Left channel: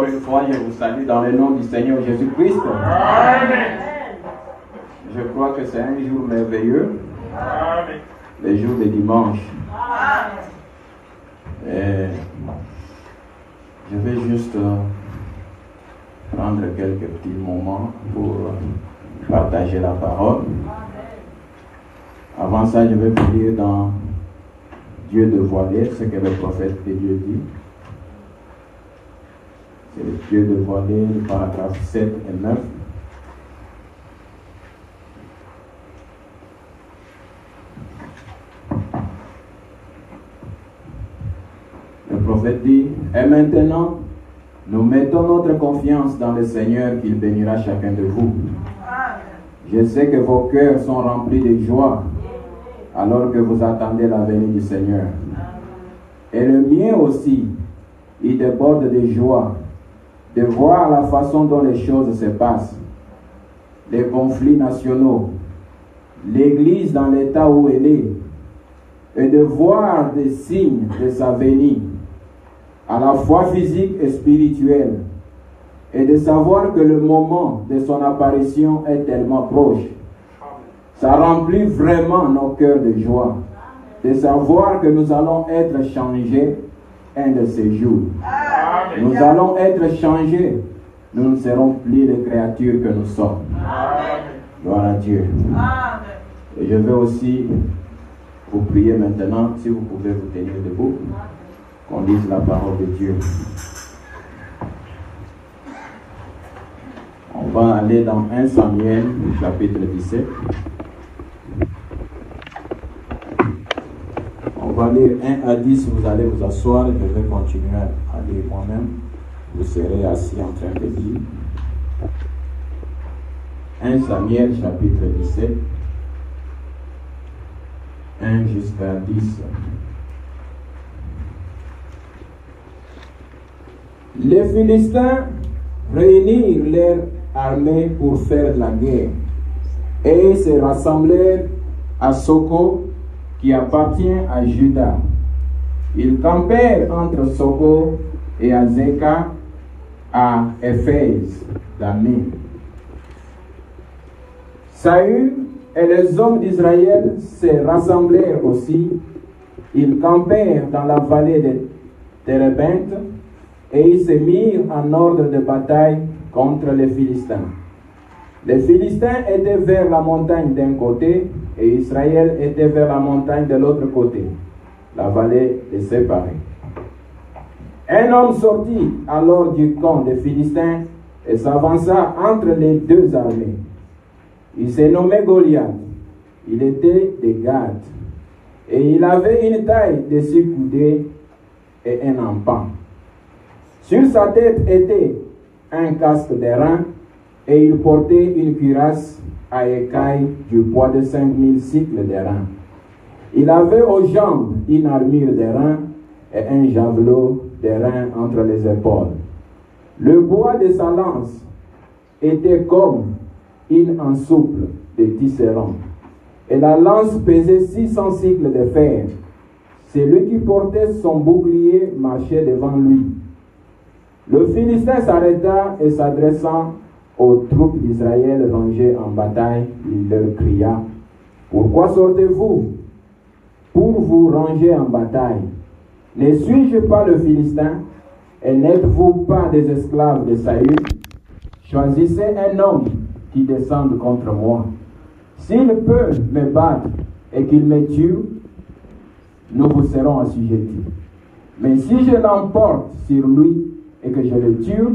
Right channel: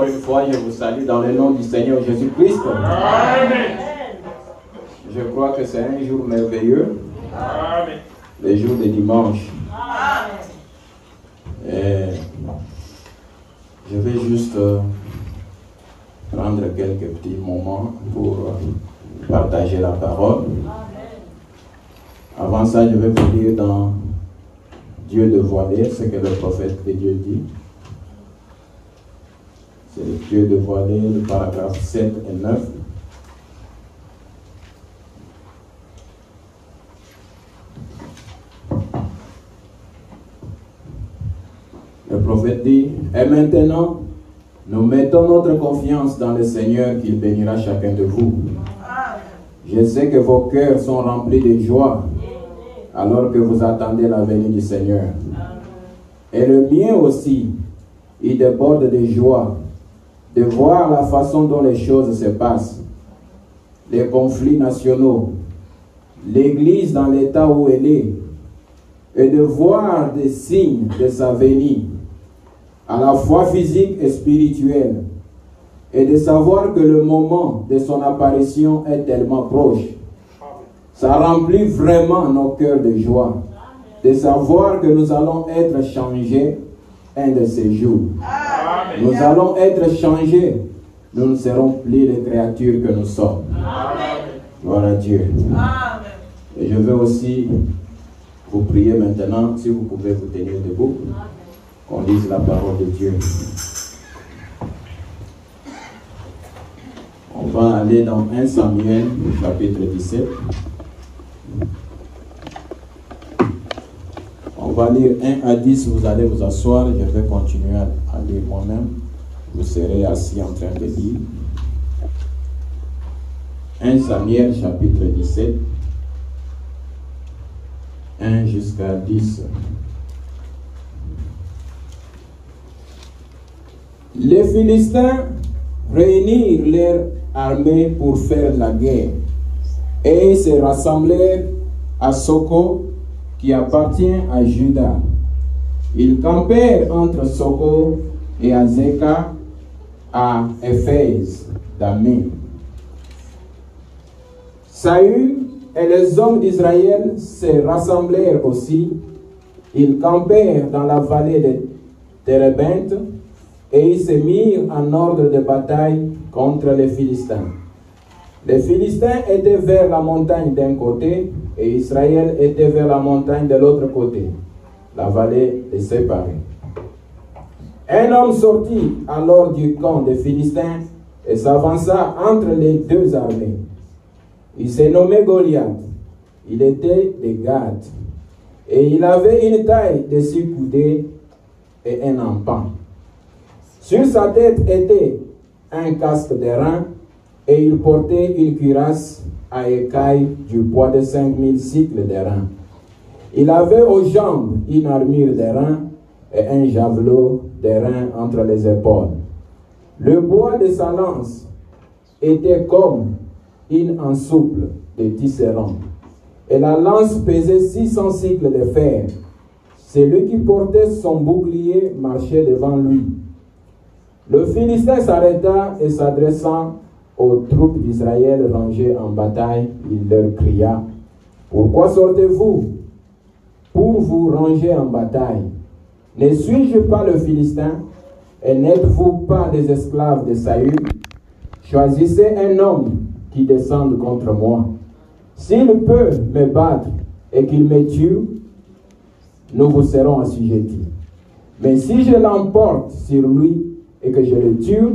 Encore une fois, je vous salue dans le nom du Seigneur Jésus-Christ. Amen. Je crois que c'est un jour merveilleux. Amen. Le jour de dimanche. Et je vais juste prendre quelques petits moments pour partager la parole. Avant ça, je vais vous lire dans Dieu dévoilé, ce que le prophète de Dieu dit. C'est le Dieu dévoilé, le paragraphe 7 et 9. Le prophète dit, et maintenant, nous mettons notre confiance dans le Seigneur qu'il bénira chacun de vous. Je sais que vos cœurs sont remplis de joie alors que vous attendez la venue du Seigneur. Et le mien aussi, il déborde de joie de voir la façon dont les choses se passent, les conflits nationaux, l'Église dans l'état où elle est, et de voir des signes de sa venue, à la fois physique et spirituelle, et de savoir que le moment de son apparition est tellement proche. Ça remplit vraiment nos cœurs de joie, de savoir que nous allons être changés un de ces jours. Amen. Nous allons être changés. Nous ne serons plus les créatures que nous sommes. Amen. Gloire à Dieu. Amen. Et je veux aussi vous prier maintenant, si vous pouvez vous tenir debout, qu'on lise la parole de Dieu. On va aller dans 1 Samuel, chapitre 17. On va lire 1 à 10, vous allez vous asseoir, je vais continuer à lire moi-même. Vous serez assis en train de lire. 1 Samuel, chapitre 17, 1 jusqu'à 10. Les Philistins réunirent leur armée pour faire la guerre et se rassemblèrent à Soko, qui appartient à Juda. Ils campèrent entre Soko et Azeka à Éphèse d'Amé. Saül et les hommes d'Israël se rassemblèrent aussi. Ils campèrent dans la vallée de Térébinthe et ils se mirent en ordre de bataille contre les Philistins. Les Philistins étaient vers la montagne d'un côté et Israël était vers la montagne de l'autre côté. La vallée est séparée. Un homme sortit alors du camp des Philistins et s'avança entre les deux armées. Il s'est nommé Goliath. Il était de Gath. Et il avait une taille de 6 coudées et un empan. Sur sa tête était un casque d'airain et il portait une cuirasse à écailles du poids de 5000 cycles d'airain. Il avait aux jambes une armure d'airain et un javelot d'airain entre les épaules. Le bois de sa lance était comme une ensouple de tisserand, et la lance pesait 600 cycles de fer. Celui qui portait son bouclier marchait devant lui. Le Philistin s'arrêta et s'adressant aux troupes d'Israël rangées en bataille, il leur cria: pourquoi sortez-vous pour vous ranger en bataille? Ne suis-je pas le Philistin? Et n'êtes-vous pas des esclaves de Saül? Choisissez un homme qui descende contre moi. S'il peut me battre et qu'il me tue, nous vous serons assujettis. Mais si je l'emporte sur lui et que je le tue,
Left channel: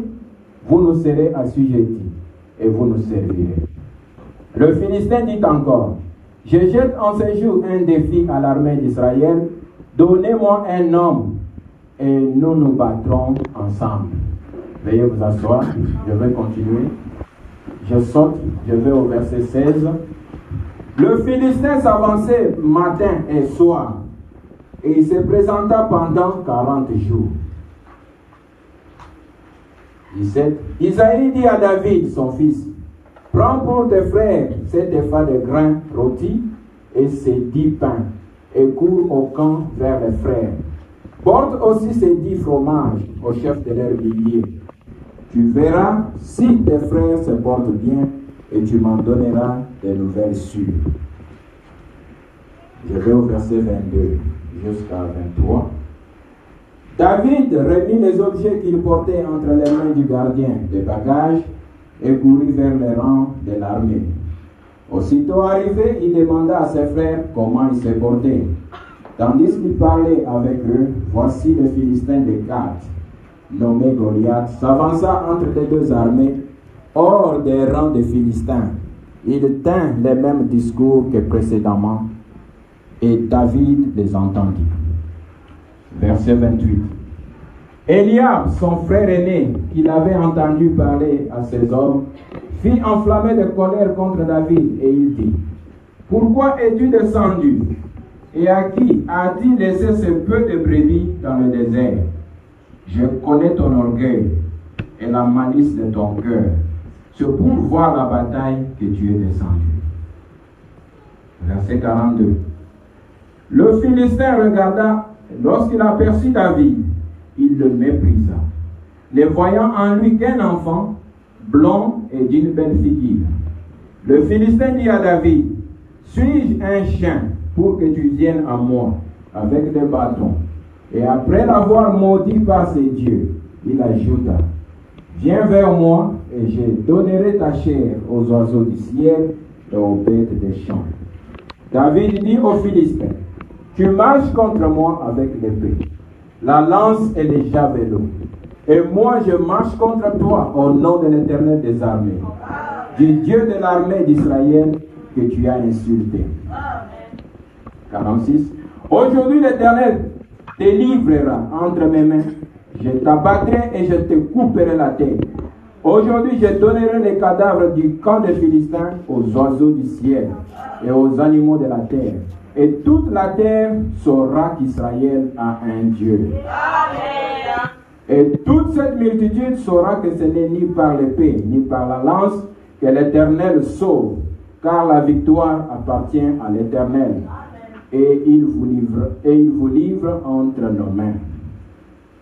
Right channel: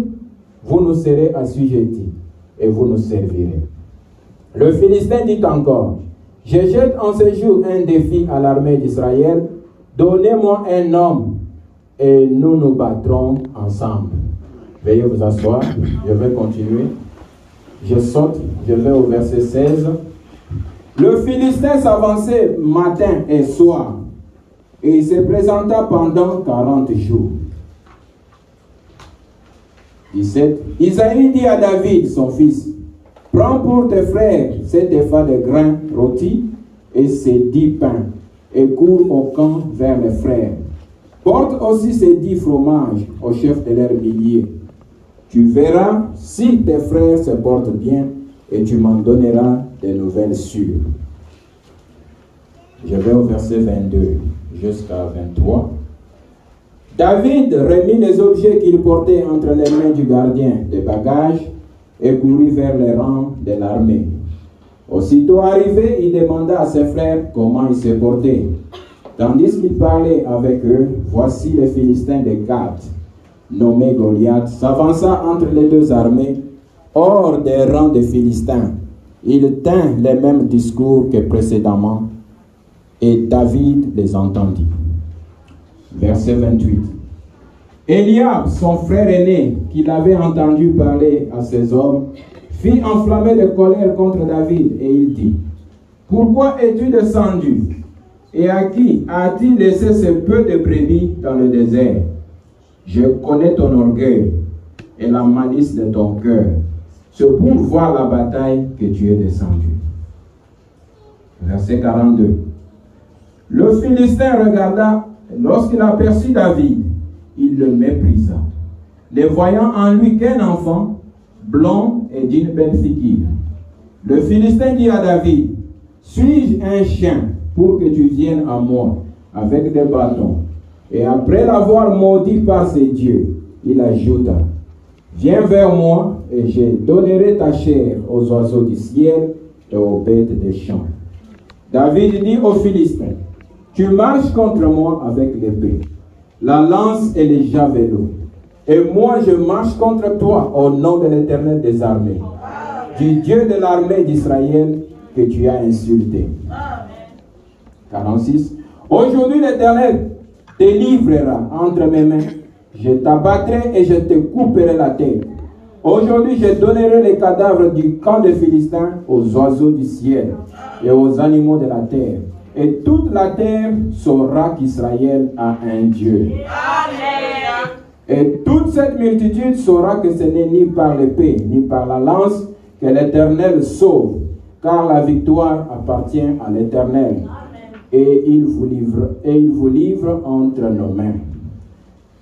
vous nous serez assujettis et vous nous servirez. Le Philistin dit encore: je jette en ce jour un défi à l'armée d'Israël. Donnez-moi un homme et nous nous battrons ensemble. Veuillez vous asseoir, je vais continuer. Je saute, je vais au verset 16. Le Philistin s'avançait matin et soir et il se présenta pendant 40 jours. 17. Isaïe dit à David, son fils: prends pour tes frères cet épha de grains rôtis et ces 10 pains, et cours au camp vers les frères. Porte aussi ces 10 fromages au chef de leurs milliers. Tu verras si tes frères se portent bien et tu m'en donneras des nouvelles sûres. Je vais au verset 22 jusqu'à 23. David remit les objets qu'il portait entre les mains du gardien des bagages et courut vers les rangs de l'armée. Aussitôt arrivé, il demanda à ses frères comment ils se portaient. Tandis qu'il parlait avec eux, voici le Philistin de Gath, nommé Goliath, s'avança entre les deux armées, hors des rangs des Philistins. Il tint les mêmes discours que précédemment, et David les entendit. Verset 28. Eliab, son frère aîné, qui l'avait entendu parler à ses hommes, fit enflammer de colère contre David, et il dit, « Pourquoi es-tu descendu? Et à qui as-tu laissé ce peu de brebis dans le désert? Je connais ton orgueil et la malice de ton cœur. C'est pour voir la bataille que tu es descendu. » Verset 42. Le Philistin regarda, lorsqu'il aperçut David, il le méprisa, ne voyant en lui qu'un enfant, blond et d'une belle figure. Le Philistin dit à David, « Suis-je un chien pour que tu viennes à moi avec des bâtons? » Et après l'avoir maudit par ses dieux, il ajouta, « Viens vers moi et je donnerai ta chair aux oiseaux du ciel et aux bêtes des champs. » David dit aux Philistins, « Tu marches contre moi avec l'épée, la lance et les javelots. Et moi je marche contre toi au nom de l'Éternel des armées, du Dieu de l'armée d'Israël que tu as insulté. » 46. Aujourd'hui l'Éternel te livrera entre mes mains. Je t'abattrai et je te couperai la tête. Aujourd'hui je donnerai les cadavres du camp des Philistins aux oiseaux du ciel et aux animaux de la terre. Et toute la terre saura qu'Israël a un Dieu. Amen. Et toute cette multitude saura que ce n'est ni par l'épée, ni par la lance que l'Éternel sauve, car la victoire appartient à l'Éternel. Et il vous livre entre nos mains.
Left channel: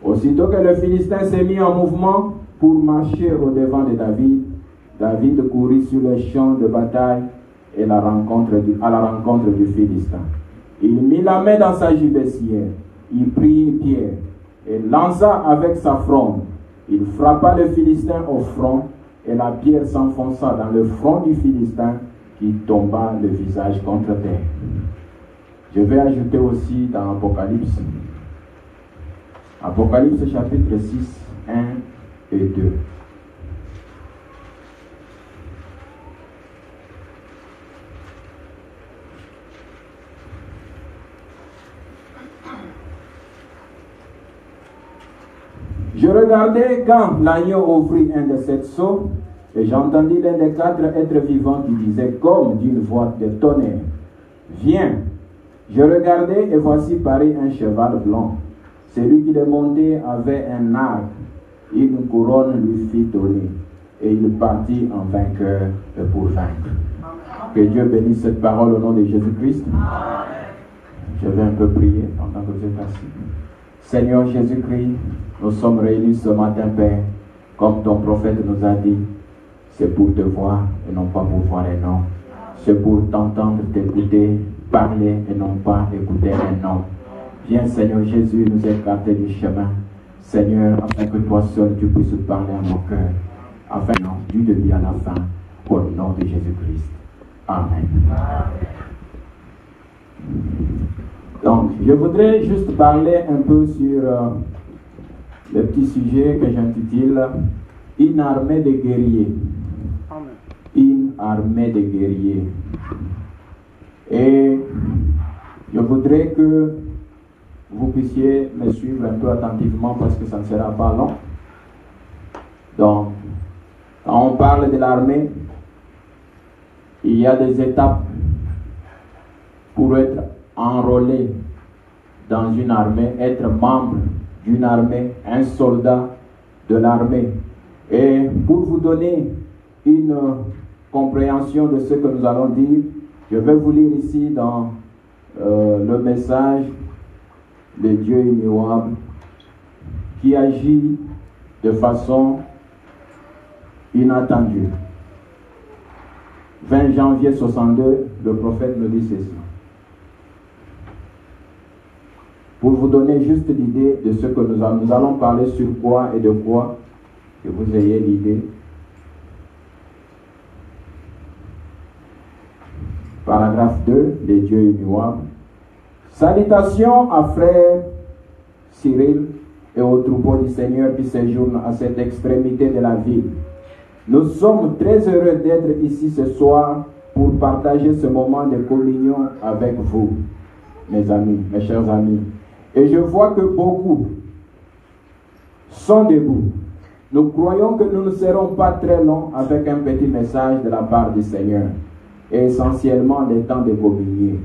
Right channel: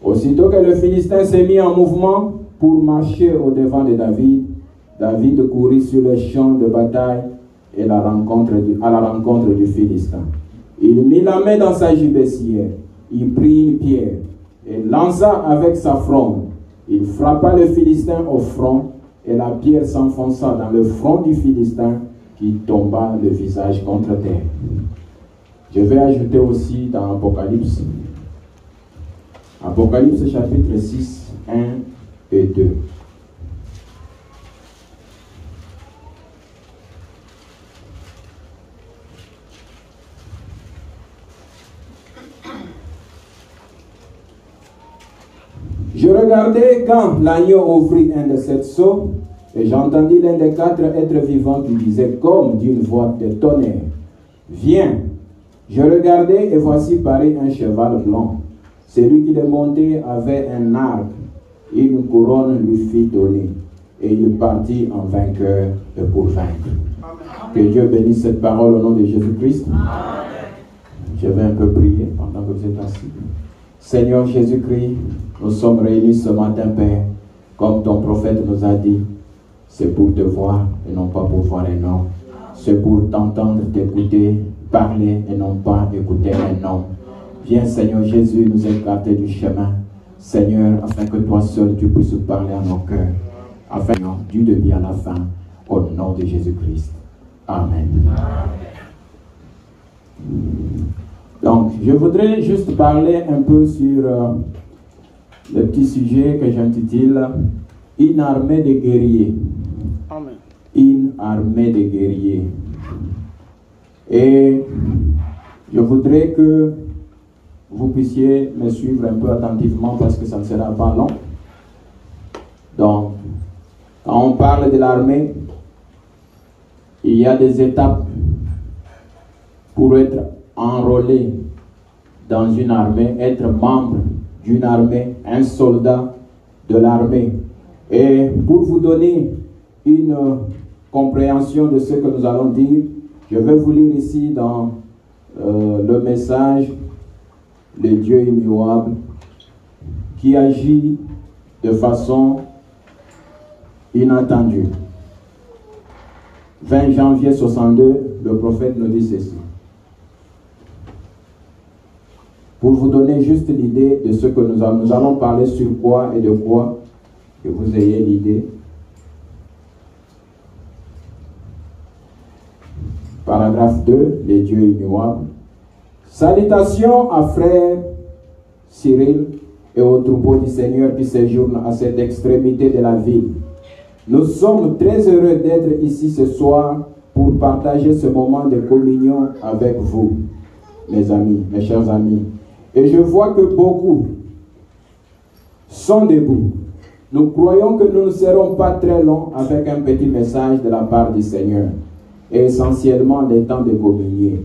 Aussitôt que le Philistin s'est mis en mouvement pour marcher au devant de David, David courut sur les champs de bataille et à la rencontre du Philistin. Il mit la main dans sa gibecière, il prit une pierre et lança avec sa fronde. Il frappa le Philistin au front et la pierre s'enfonça dans le front du Philistin qui tomba le visage contre terre. Je vais ajouter aussi dans Apocalypse. Apocalypse chapitre 6, 1 et 2. Je regardais quand l'agneau ouvrit un de sept sceaux, et j'entendis l'un des quatre êtres vivants qui disait comme d'une voix de tonnerre, « Viens !» Je regardais et voici parut un cheval blanc. Celui qui le montait avait un arc, une couronne lui fit donner, et il partit en vainqueur et pour vaincre. Que Dieu bénisse cette parole au nom de Jésus-Christ. Je vais un peu prier pendant que vous êtes assis. Seigneur Jésus-Christ, nous sommes réunis ce matin, Père, comme ton prophète nous a dit, c'est pour te voir et non pas pour voir les noms. C'est pour t'entendre, t'écouter, parler et non pas écouter un homme. Viens Seigneur Jésus nous écarter du chemin, Seigneur, afin que toi seul tu puisses parler à nos cœurs, afin du début à la fin, au nom de Jésus-Christ. Amen. Donc, je voudrais juste parler un peu sur le petit sujet que j'intitule « Une armée de guerriers ». Une armée de guerriers. Et je voudrais que vous puissiez me suivre un peu attentivement parce que ça ne sera pas long. Donc, quand on parle de l'armée, il y a des étapes pour être enrôlé dans une armée, être membre d'une armée, un soldat de l'armée. Et pour vous donner une compréhension de ce que nous allons dire, je vais vous lire ici dans le message de Dieu immuable qui agit de façon inattendu. 20 janvier 62, le prophète nous dit ceci. Pour vous donner juste l'idée de ce que nous allons parler sur quoi et de quoi, que vous ayez l'idée. Paragraphe 2, les dieux immuables. Salutations à frère Cyril et au troupeau du Seigneur qui séjourne à cette extrémité de la ville. Nous sommes très heureux d'être ici ce soir pour partager ce moment de communion avec vous, mes amis, mes chers amis. Et je vois que beaucoup sont debout. Nous croyons que nous ne serons pas très longs avec un petit message de la part du Seigneur, et essentiellement les temps de communier.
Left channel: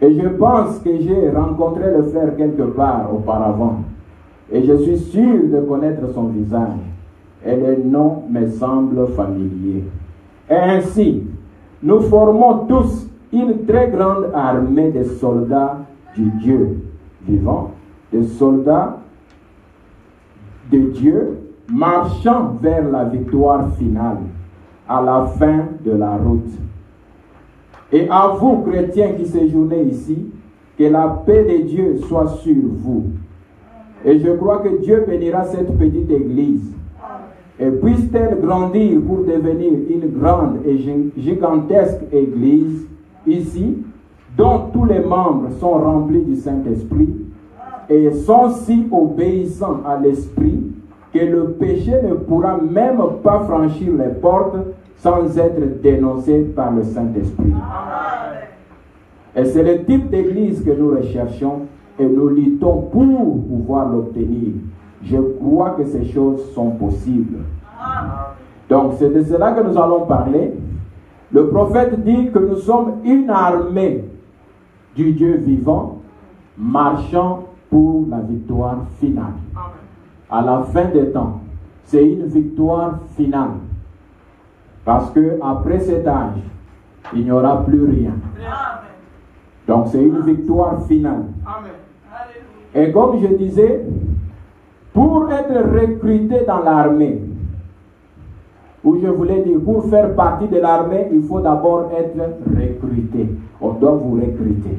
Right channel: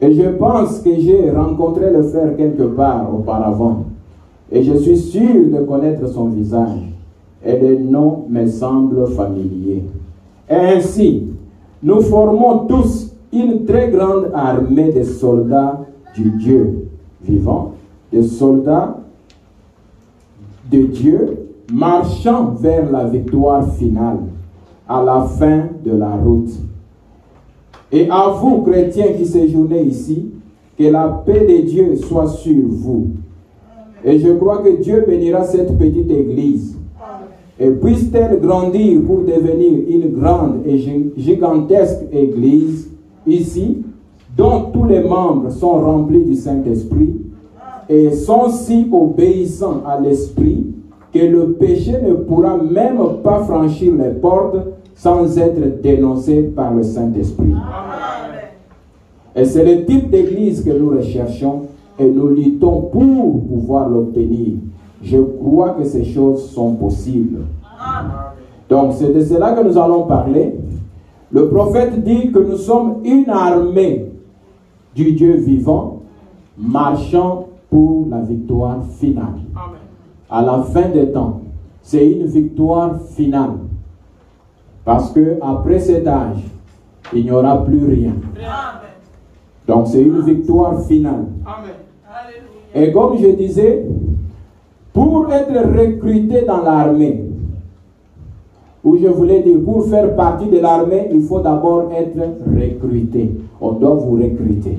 Et je pense que j'ai rencontré le frère quelque part auparavant, et je suis sûr de connaître son visage, et le nom me semble familier. Et ainsi, nous formons tous une très grande armée de soldats du Dieu vivant, de soldats de Dieu marchant vers la victoire finale à la fin de la route. Et à vous, chrétiens qui séjournez ici, que la paix de Dieu soit sur vous. Et je crois que Dieu bénira cette petite église. Et puisse-t-elle grandir pour devenir une grande et gigantesque église ici, dont tous les membres sont remplis du Saint-Esprit et sont si obéissants à l'Esprit que le péché ne pourra même pas franchir les portes sans être dénoncé par le Saint-Esprit. Et c'est le type d'église que nous recherchons et nous luttons pour pouvoir l'obtenir. Je crois que ces choses sont possibles. Donc c'est de cela que nous allons parler. Le prophète dit que nous sommes une armée du Dieu vivant, marchant pour la victoire finale. À la fin des temps, c'est une victoire finale. Parce que après cet âge, il n'y aura plus rien. Donc c'est une victoire finale. Et comme je disais, pour être recruté dans l'armée, ou je voulais dire, pour faire partie de l'armée, il faut d'abord être recruté. On doit vous recruter.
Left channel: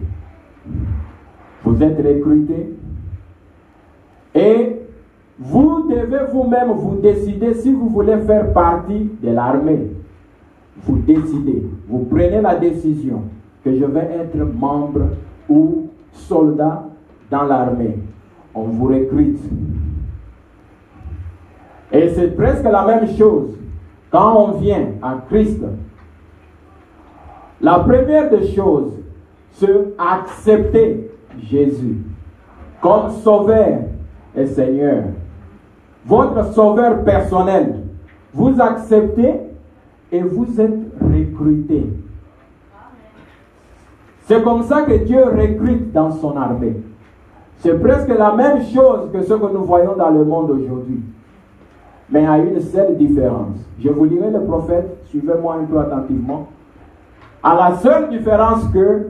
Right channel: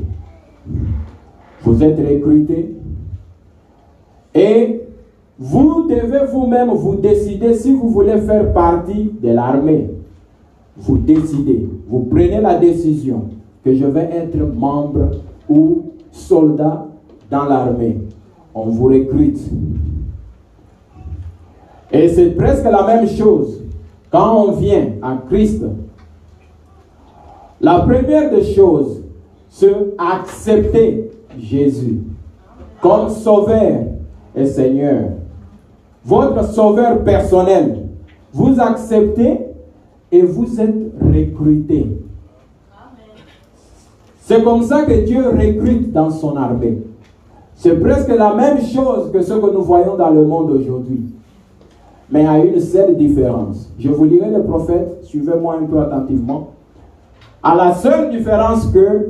Vous êtes recruté. Et vous devez vous-même vous décider si vous voulez faire partie de l'armée. Vous décidez. Vous prenez la décision que je vais être membre ou soldat dans l'armée. On vous recrute. Et c'est presque la même chose quand on vient à Christ. La première des choses, c'est accepter Jésus comme sauveur et Seigneur. Votre sauveur personnel. Vous acceptez et vous êtes recruté. C'est comme ça que Dieu recrute dans son armée. C'est presque la même chose que ce que nous voyons dans le monde aujourd'hui. Mais il y a une seule différence. Je vous lirai le prophète, suivez-moi un peu attentivement. À la seule différence que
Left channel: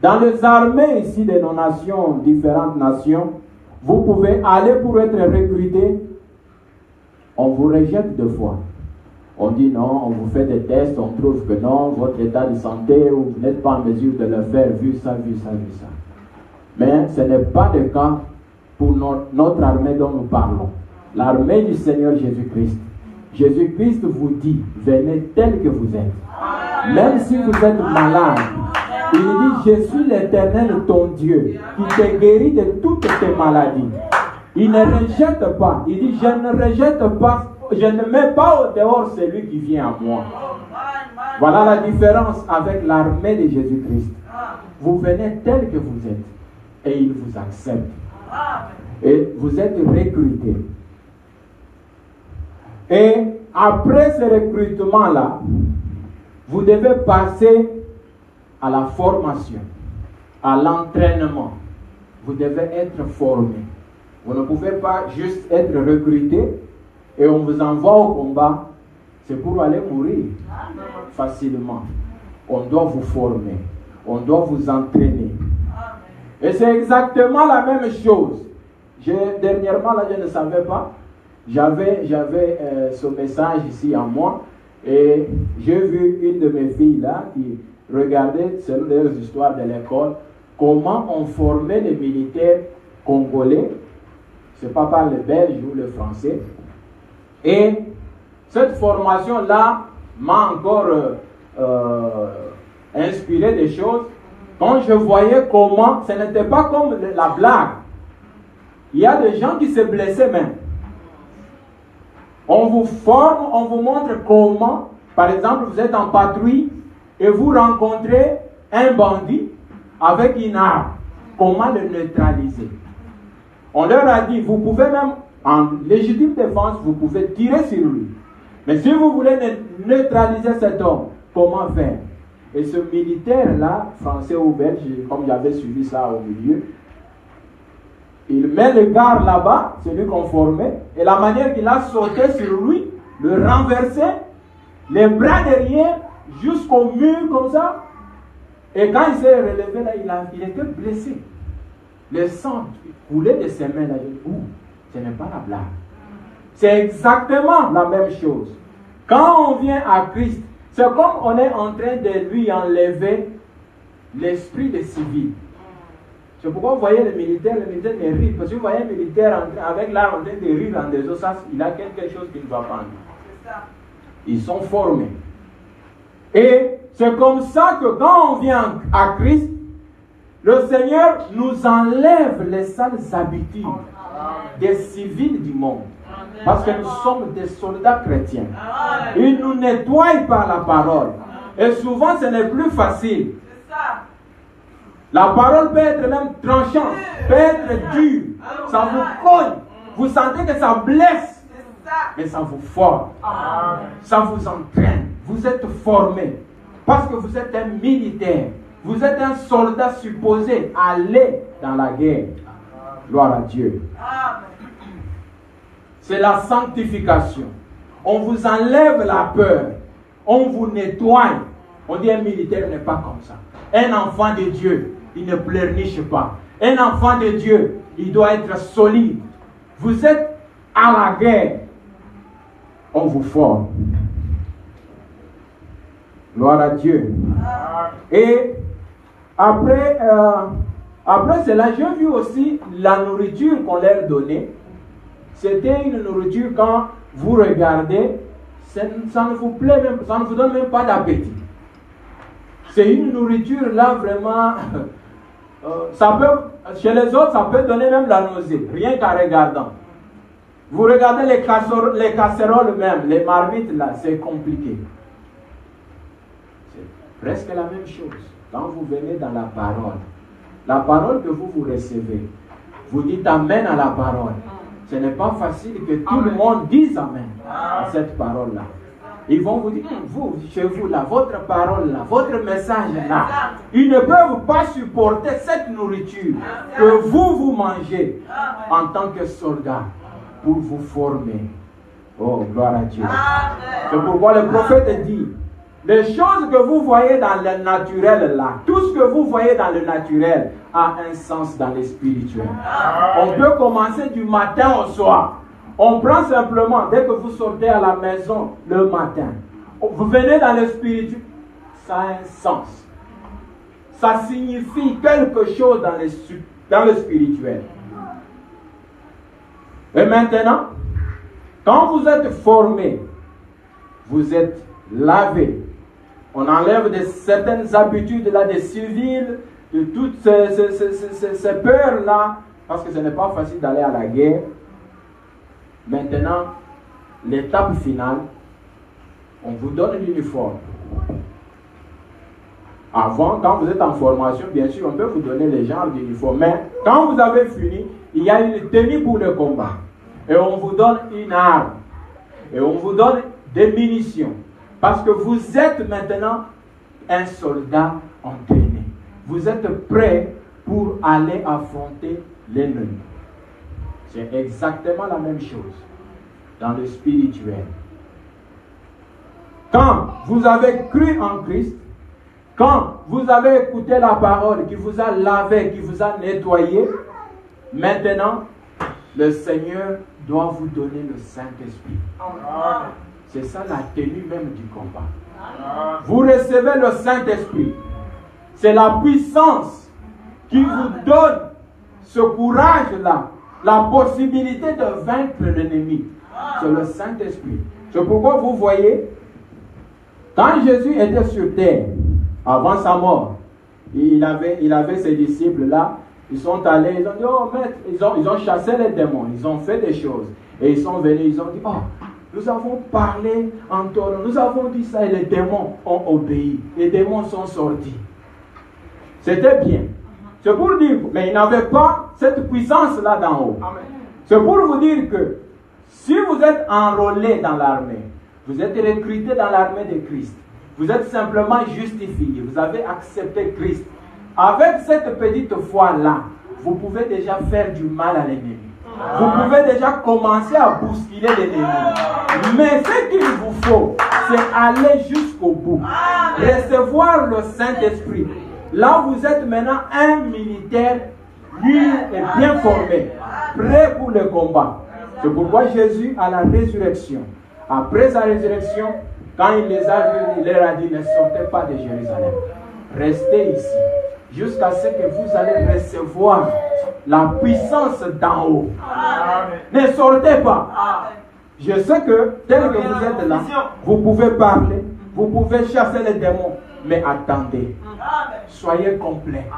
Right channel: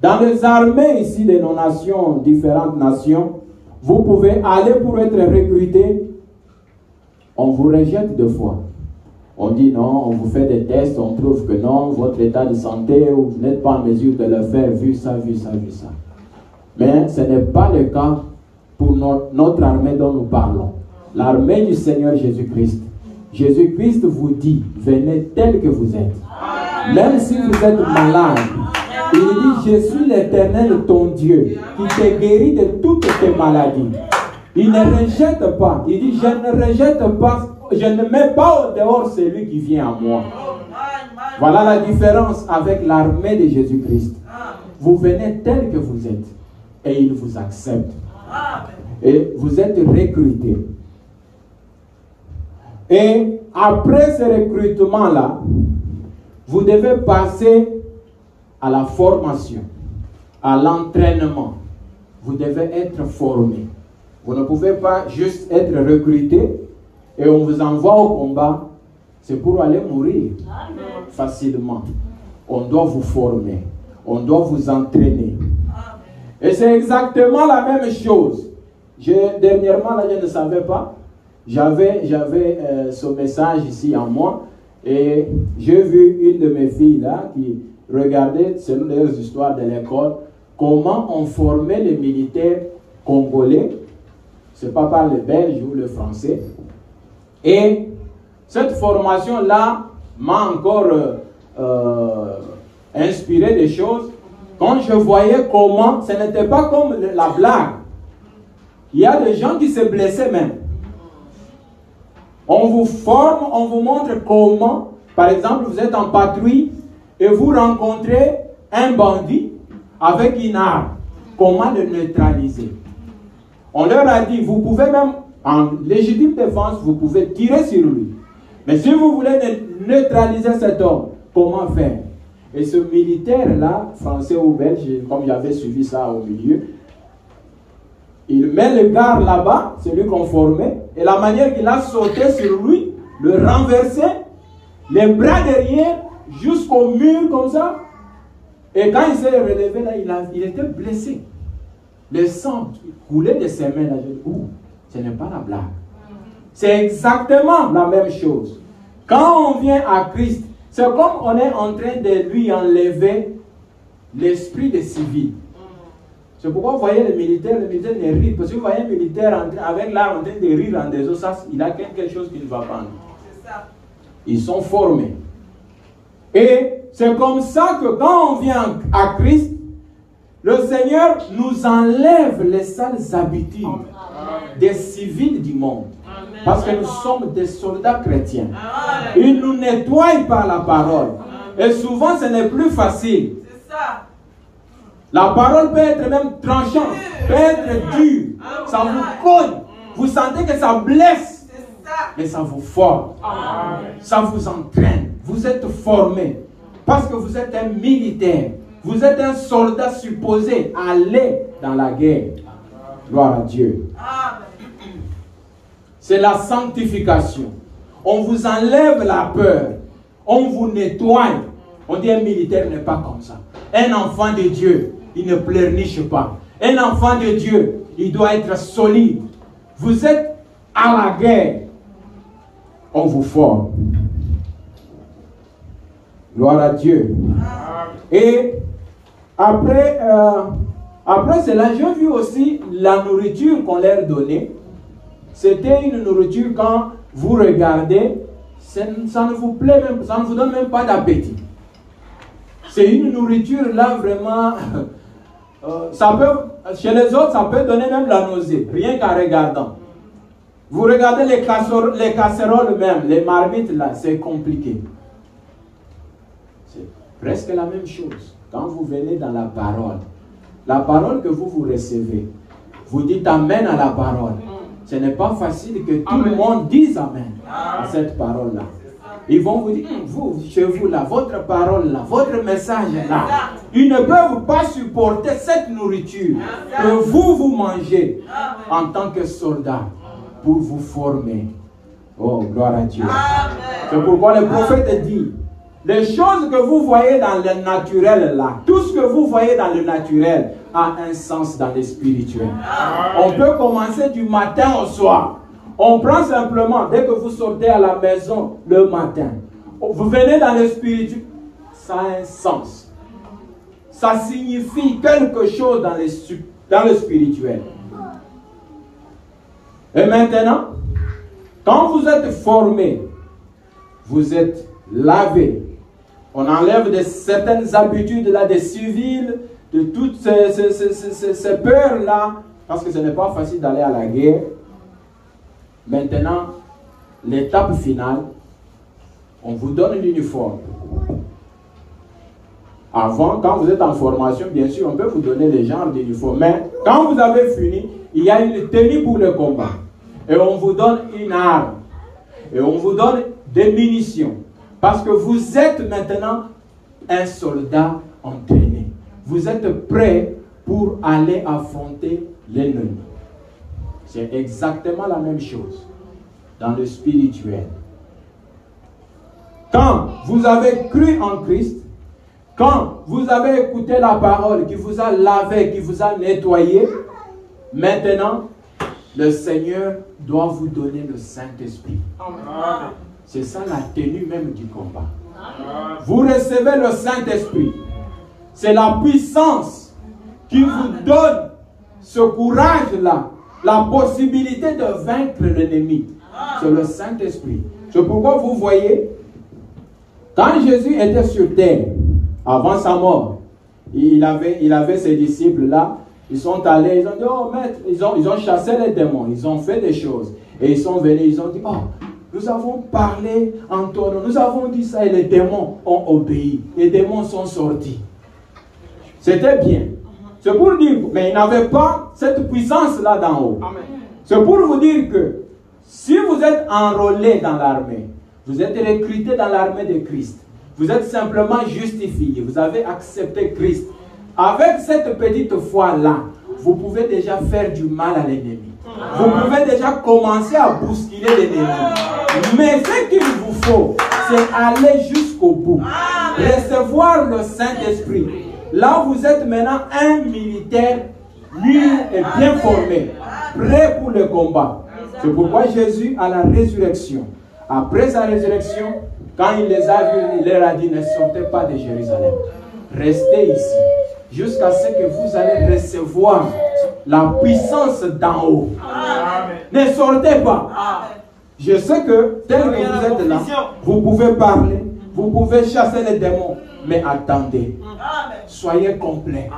dans les armées ici de nos nations, différentes nations, vous pouvez aller pour être recruté. On vous rejette deux fois. On dit non, on vous fait des tests, on trouve que non, votre état de santé, vous n'êtes pas en mesure de le faire, vu ça, vu ça, vu ça. Mais ce n'est pas le cas pour notre armée dont nous parlons. L'armée du Seigneur Jésus-Christ. Jésus-Christ vous dit, venez tel que vous êtes. Même si vous êtes malade, il dit, je suis l'Éternel ton Dieu, qui te guérit de toutes tes maladies. Il ne rejette pas. Il dit, je ne rejette pas, je ne mets pas au dehors celui qui vient à moi. Voilà la différence avec l'armée de Jésus-Christ. Vous venez tel que vous êtes et il vous accepte. Et vous êtes recruté. Et après ce recrutement-là, vous devez passer à la formation, à l'entraînement. Vous devez être formé. Vous ne pouvez pas juste être recruté et on vous envoie au combat. C'est pour aller mourir facilement. On doit vous former. On doit vous entraîner. Et c'est exactement la même chose. Dernièrement, là, je ne savais pas. j'avais ce message ici à moi et j'ai vu une de mes filles là qui regardait, selon les histoires de l'école, comment on formait les militaires congolais, c'est pas par le belge ou le français. Et cette formation-là m'a encore inspiré des choses. Quand je voyais comment, ce n'était pas comme la blague. Il y a des gens qui se blessaient même. On vous forme, on vous montre comment, par exemple, vous êtes en patrouille et vous rencontrez un bandit avec une arme. Comment le neutraliser? On leur a dit, vous pouvez même, en légitime défense, vous pouvez tirer sur lui. Mais si vous voulez neutraliser cet homme, comment faire? Et ce militaire-là, français ou belge, comme j'avais suivi ça au milieu, il met le garde là-bas, celui qu'on formait, et la manière qu'il a sauté sur lui, le renverser, les bras derrière, jusqu'au mur comme ça. Et quand il s'est relevé là, il était blessé. Le sang coulait de ses mains là. Ce n'est pas la blague. C'est exactement la même chose. Quand on vient à Christ, c'est comme on est en train de lui enlever l'esprit de civil. C'est pourquoi vous voyez le militaire ne rit. Parce que vous voyez un militaire avec l'arme en train de rire en des os, il a quelque chose qui ne va pas. Ils sont formés. Et c'est comme ça que quand on vient à Christ, le Seigneur nous enlève les sales habitudes des civils du monde. Parce que nous sommes des soldats chrétiens. Il nous nettoie par la parole. Et souvent, ce n'est plus facile. La parole peut être même tranchante, peut être dure. Ça vous colle. Vous sentez que ça blesse. Mais ça vous forme. Ça vous entraîne. Vous êtes formé. Parce que vous êtes un militaire. Vous êtes un soldat supposé aller dans la guerre. Gloire à Dieu. C'est la sanctification. On vous enlève la peur. On vous nettoie. On dit un militaire n'est pas comme ça. Un enfant de Dieu, il ne pleurniche pas. Un enfant de Dieu, il doit être solide. Vous êtes à la guerre. On vous forme. Gloire à Dieu. Et après cela, j'ai vu aussi la nourriture qu'on leur donnait. C'était une nourriture quand vous regardez, ça ne vous plaît même, ça ne vous donne même pas d'appétit. C'est une nourriture là vraiment, chez les autres ça peut donner même la nausée, rien qu'en regardant. Vous regardez les casseroles même, les marmites là, c'est compliqué. C'est presque la même chose. Quand vous venez dans la parole que vous recevez, vous dites amen à la parole. Ce n'est pas facile que tout le monde dise amen à cette parole-là. Ils vont vous dire, vous, chez vous, là, votre parole, là, votre message, là, ils ne peuvent pas supporter cette nourriture que vous mangez en tant que soldat pour vous former. Oh, gloire à Dieu. C'est pourquoi le prophète dit, les choses que vous voyez dans le naturel, là, tout ce que vous voyez dans le naturel a un sens dans le spirituel. On peut commencer du matin au soir. On prend simplement, dès que vous sortez à la maison le matin, vous venez dans le spirituel, ça a un sens. Ça signifie quelque chose dans le spirituel. Et maintenant, quand vous êtes formé, vous êtes lavé. On enlève certaines habitudes là, des civils, de toutes ces peurs-là, parce que ce n'est pas facile d'aller à la guerre. Maintenant, l'étape finale, on vous donne l'uniforme. Avant, quand vous êtes en formation, bien sûr, on peut vous donner les genres d'uniforme. Mais quand vous avez fini, il y a une tenue pour le combat. Et on vous donne une arme. Et on vous donne des munitions. Parce que vous êtes maintenant un soldat entraîné. Vous êtes prêt pour aller affronter l'ennemi. C'est exactement la même chose dans le spirituel. Quand vous avez cru en Christ, quand vous avez écouté la parole qui vous a lavé, qui vous a nettoyé, maintenant, le Seigneur doit vous donner le Saint-Esprit. Amen. C'est ça la tenue même du combat. Amen. Vous recevez le Saint-Esprit. C'est la puissance qui vous donne ce courage-là, la possibilité de vaincre l'ennemi. C'est le Saint-Esprit. C'est pourquoi vous voyez, quand Jésus était sur terre, avant sa mort, il avait ses disciples-là, ils sont allés, ils ont dit, oh maître, ils ont chassé les démons, ils ont fait des choses. Et ils sont venus, ils ont dit, oh, nous avons parlé en ton nom, nous avons dit ça et les démons ont obéi. Les démons sont sortis. C'était bien. C'est pour dire, mais ils n'avaient pas cette puissance-là d'en haut. C'est pour vous dire que si vous êtes enrôlé dans l'armée, vous êtes recruté dans l'armée de Christ, vous êtes simplement justifié, vous avez accepté Christ. Avec cette petite foi-là, vous pouvez déjà faire du mal à l'ennemi. Vous pouvez déjà commencer à bousculer l'ennemi. Mais ce qu'il vous faut, c'est aller jusqu'au bout. Recevoir le Saint-Esprit. Là, vous êtes maintenant un militaire mûr et bien formé, prêt pour le combat. C'est pourquoi Jésus, à la résurrection, après sa résurrection, quand il les a vus, il leur a dit, ne sortez pas de Jérusalem. Restez ici, jusqu'à ce que vous allez recevoir la puissance d'en haut. Amen. Ne sortez pas. Je sais que, tel que vous êtes là, vous pouvez parler, vous pouvez chasser les démons, mais attendez. Soyez complet.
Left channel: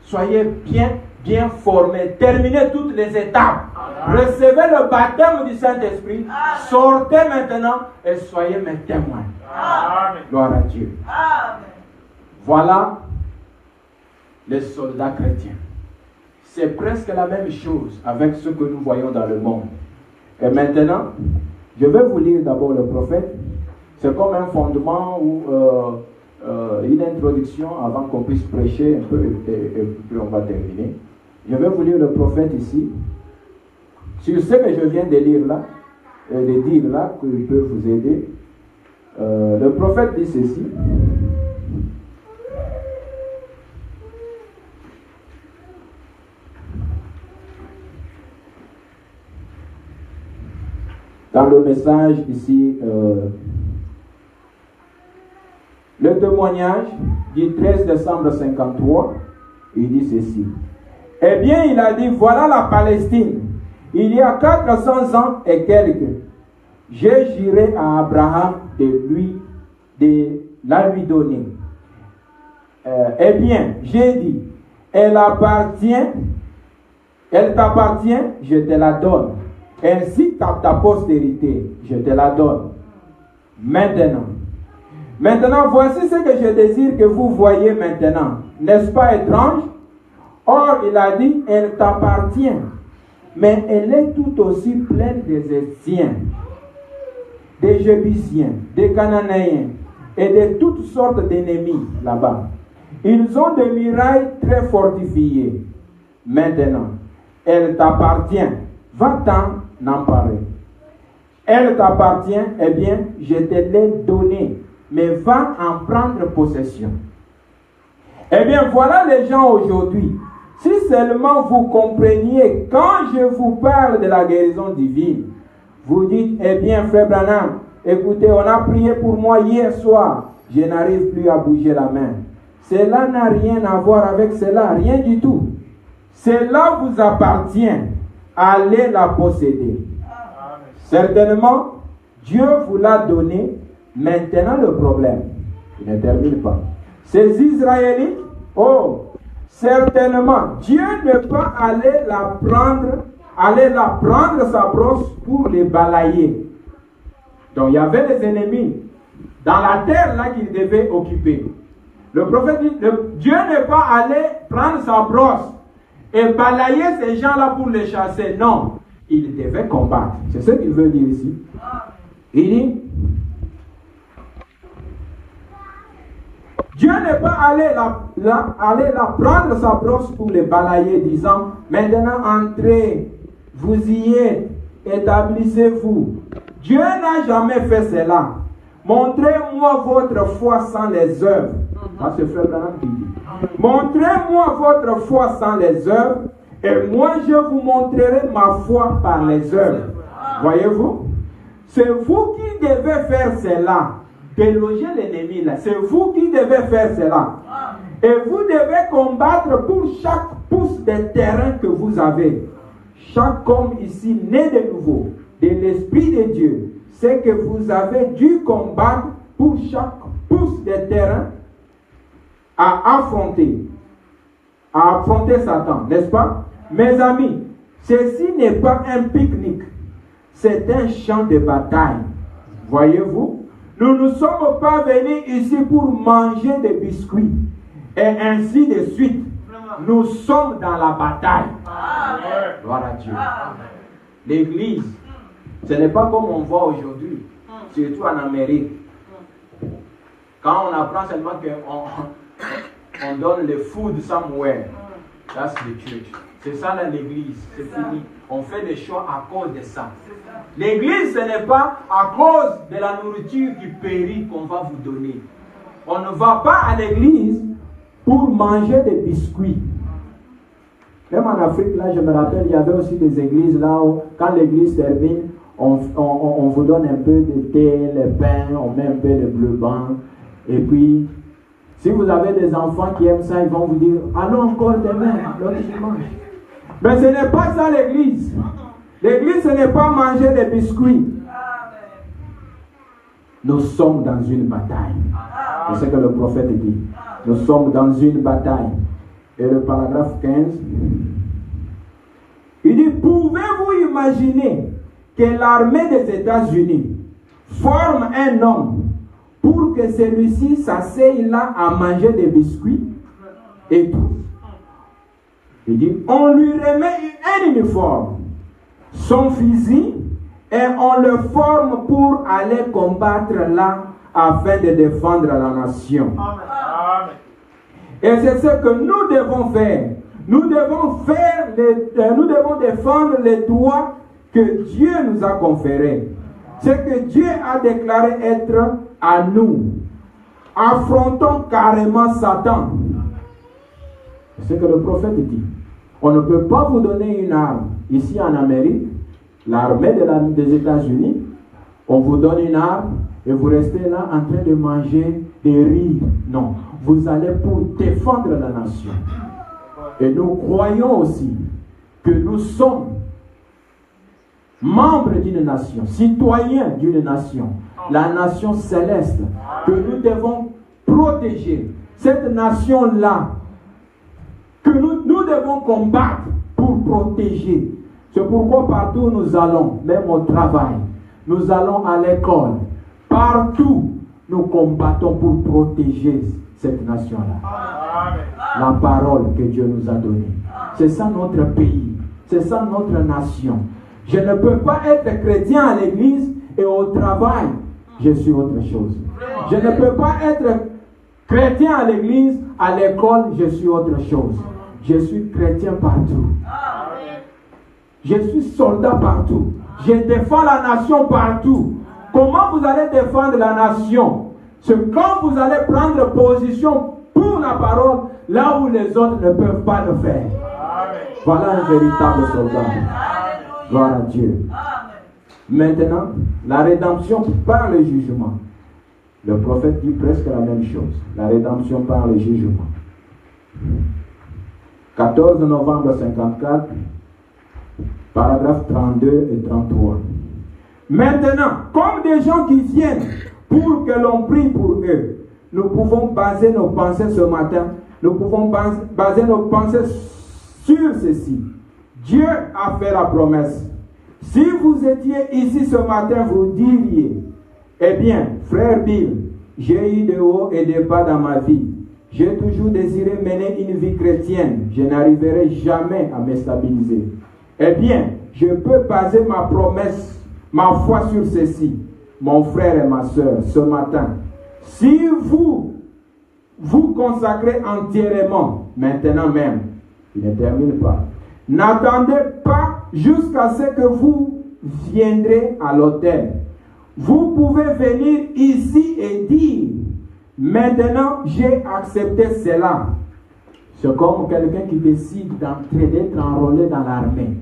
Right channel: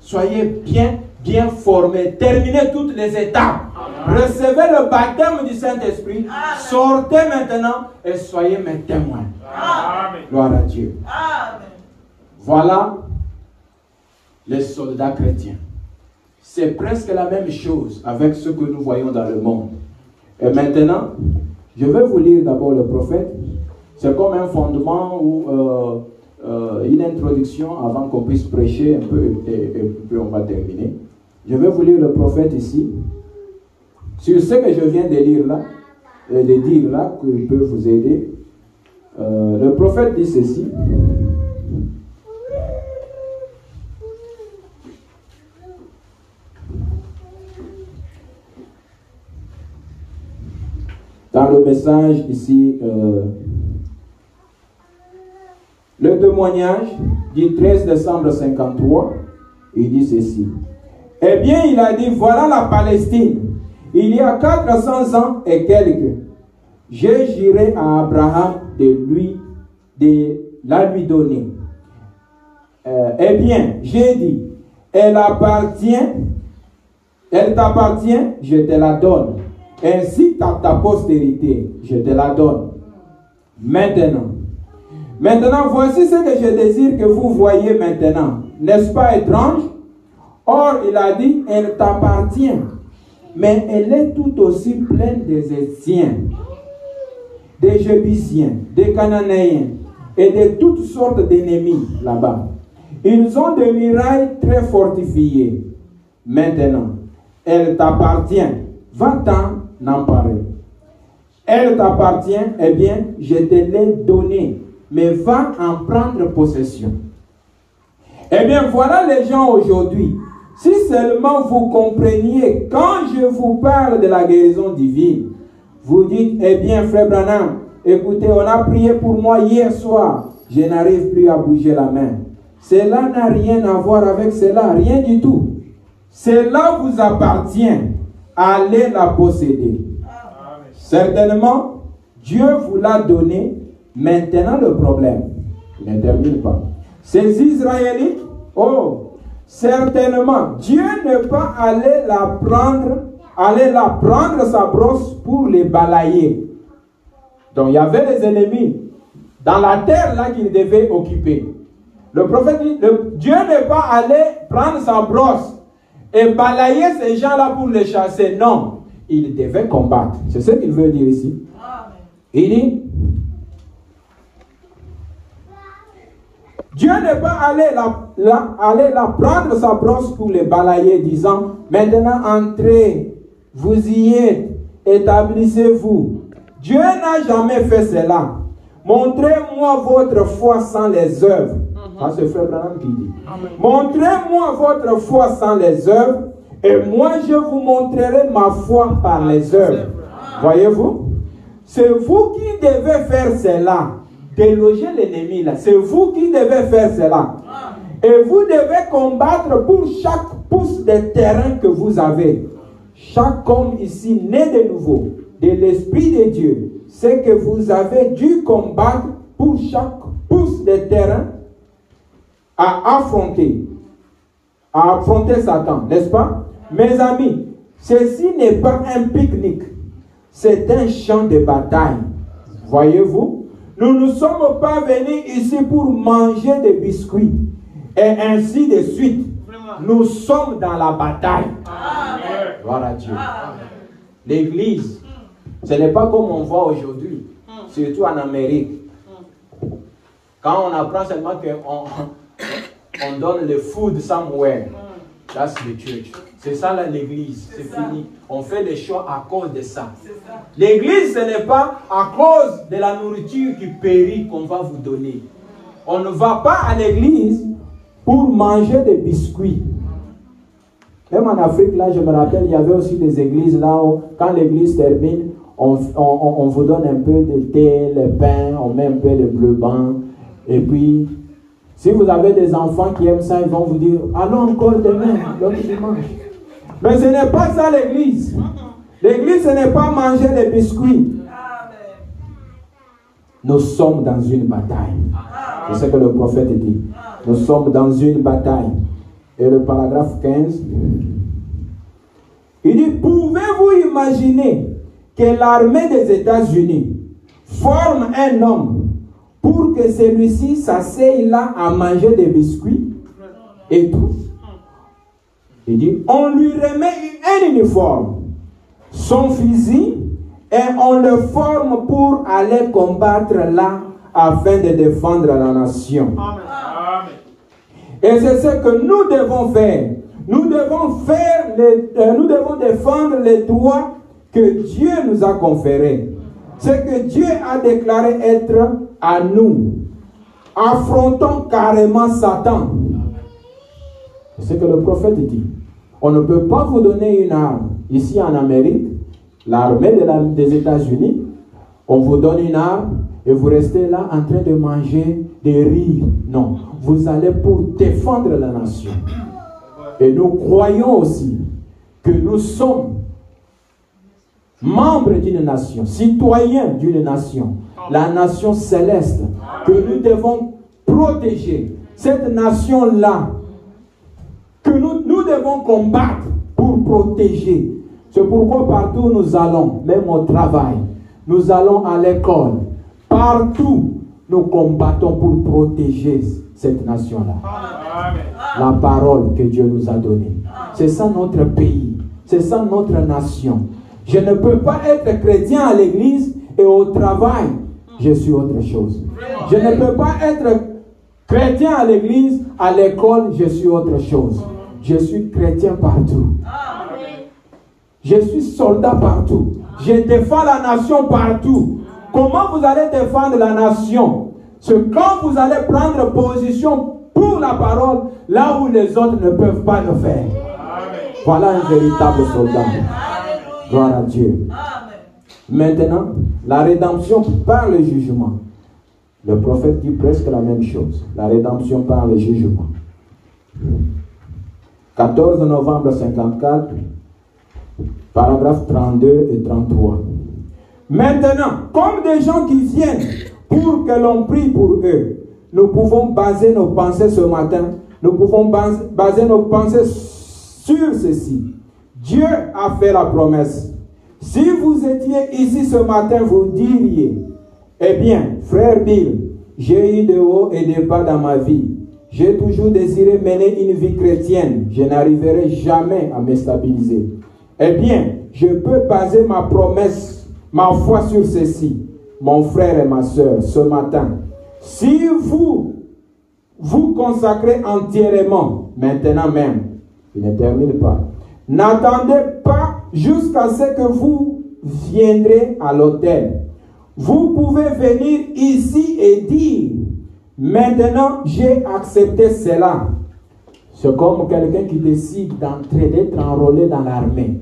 Soyez bien formés. Terminez toutes les étapes. Recevez le baptême du Saint-Esprit. Sortez maintenant et soyez mes témoins. Amen. Gloire à Dieu. Voilà les soldats chrétiens. C'est presque la même chose avec ce que nous voyons dans le monde. Et maintenant, je vais vous lire d'abord le prophète. C'est comme un fondement ou une introduction avant qu'on puisse prêcher un peu et puis on va terminer. Je vais vous lire le prophète ici. Sur ce que je viens de lire là, de dire là, qu'il peut vous aider. Le prophète dit ceci. Dans le message ici, le témoignage du 13 décembre 53, il dit ceci. Eh bien, il a dit, voilà la Palestine. Il y a 400 ans et quelques, j'ai juré à Abraham de la lui donner. Eh bien, j'ai dit, elle t'appartient, je te la donne. Ainsi qu'à ta postérité, je te la donne. Maintenant, voici ce que je désire que vous voyez maintenant. N'est-ce pas étrange? Or, il a dit, elle t'appartient. Mais elle est tout aussi pleine des Hétiens, des Jébusiens, des Cananéens et de toutes sortes d'ennemis là-bas. Ils ont des murailles très fortifiées. Maintenant, elle t'appartient. Va-t'en emparer. Elle t'appartient, eh bien, je te l'ai donnée, mais va en prendre possession. Eh bien, voilà les gens aujourd'hui. Si seulement vous compreniez, quand je vous parle de la guérison divine, vous dites, eh bien, frère Branham, écoutez, on a prié pour moi hier soir, je n'arrive plus à bouger la main. Cela n'a rien à voir avec cela, rien du tout. Cela vous appartient, allez la posséder. Amen. Certainement, Dieu vous l'a donné, maintenant le problème, il ne termine pas. Ces Israélites, oh, certainement, Dieu ne peut pas aller la prendre sa brosse pour les balayer. Donc il y avait les ennemis dans la terre là qu'il devait occuper. Le prophète dit, Dieu ne peut pas aller prendre sa brosse et balayer ces gens-là pour les chasser. Non, il devait combattre. C'est ce qu'il veut dire ici. Il dit, Dieu ne peut pas aller la prendre sa brosse pour les balayer, disant, maintenant entrez, vous y êtes, établissez-vous. Dieu n'a jamais fait cela. Montrez-moi votre foi sans les œuvres. Ça, c'est Frère Branham qui dit. Montrez-moi votre foi sans les œuvres, Et moi, je vous montrerai ma foi par les œuvres. Voyez-vous? C'est vous qui devez faire cela. Déloger l'ennemi là. C'est vous qui devez faire cela. Et vous devez combattre pour chaque pouce de terrain que vous avez. Chaque homme ici né de nouveau, de l'Esprit de Dieu, c'est que vous avez dû combattre pour chaque pouce de terrain à affronter Satan, n'est-ce pas? Mes amis, ceci n'est pas un pique-nique, c'est un champ de bataille. Voyez-vous? Nous ne sommes pas venus ici pour manger des biscuits et ainsi de suite. Nous sommes dans la bataille. Gloire à Dieu. L'église, ce n'est pas comme on voit aujourd'hui, surtout en Amérique. Quand on apprend seulement qu'on donne le food somewhere, that's the church. C'est ça là l'église, c'est fini. On fait des choix à cause de ça. L'église, ce n'est pas à cause de la nourriture qui périt qu'on va vous donner. On ne va pas à l'église pour manger des biscuits. Même en Afrique, là, je me rappelle, il y avait aussi des églises là où, quand l'église termine, on vous donne un peu de thé, le pain, on met un peu de bleu blanc. Et puis, si vous avez des enfants qui aiment ça, ils vont vous dire, allons encore demain, l'autre dimanche. Mais ce n'est pas ça l'église. L'église, ce n'est pas manger des biscuits. Nous sommes dans une bataille. C'est ce que le prophète dit. Nous sommes dans une bataille. Et le paragraphe 15, il dit, pouvez-vous imaginer que l'armée des États-Unis forme un homme pour que celui-ci s'asseye là à manger des biscuits et tout? Il dit, on lui remet un uniforme, son fusil, et on le forme pour aller combattre là afin de défendre la nation. Et c'est ce que nous devons faire. Nous devons défendre les droits que Dieu nous a conférés. Ce que Dieu a déclaré être à nous. Affrontons carrément Satan. C'est ce que le prophète dit. On ne peut pas vous donner une arme. Ici en Amérique, l'armée des États-Unis, on vous donne une arme et vous restez là en train de manger, de rire. Non, vous allez pour défendre la nation. Et nous croyons aussi que nous sommes membres d'une nation, citoyens d'une nation, la nation céleste, que nous devons protéger. Cette nation-là, que nous devons combattre pour protéger. C'est pourquoi partout où nous allons, même au travail, nous allons à l'école, partout, nous combattons pour protéger cette nation-là. La parole que Dieu nous a donnée. C'est ça notre pays. C'est ça notre nation. Je ne peux pas être chrétien à l'église et au travail, je suis autre chose. Je ne peux pas être chrétien à l'église, à l'école, je suis autre chose. Je suis chrétien partout. Je suis soldat partout. Je défends la nation partout. Comment vous allez défendre la nation? C'est quand vous allez prendre position pour la parole, là où les autres ne peuvent pas le faire. Voilà un véritable soldat. Gloire à Dieu. Maintenant, la rédemption par le jugement. Le prophète dit presque la même chose. La rédemption par le jugement. 14 novembre 54, paragraphes 32 et 33. Maintenant, comme des gens qui viennent pour que l'on prie pour eux, nous pouvons baser nos pensées ce matin. Nous pouvons baser nos pensées sur ceci. Dieu a fait la promesse. Si vous étiez ici ce matin, vous diriez, eh bien, frère Bill, j'ai eu de hauts et de bas dans ma vie. J'ai toujours désiré mener une vie chrétienne. Je n'arriverai jamais à me stabiliser. Eh bien, je peux baser ma promesse, ma foi sur ceci. Mon frère et ma soeur, ce matin, si vous vous consacrez entièrement, maintenant même, il ne termine pas, n'attendez pas jusqu'à ce que vous viendrez à l'autel. Vous pouvez venir ici et dire, maintenant j'ai accepté cela. C'est comme quelqu'un qui décide d'entrer, d'être enrôlé dans l'armée.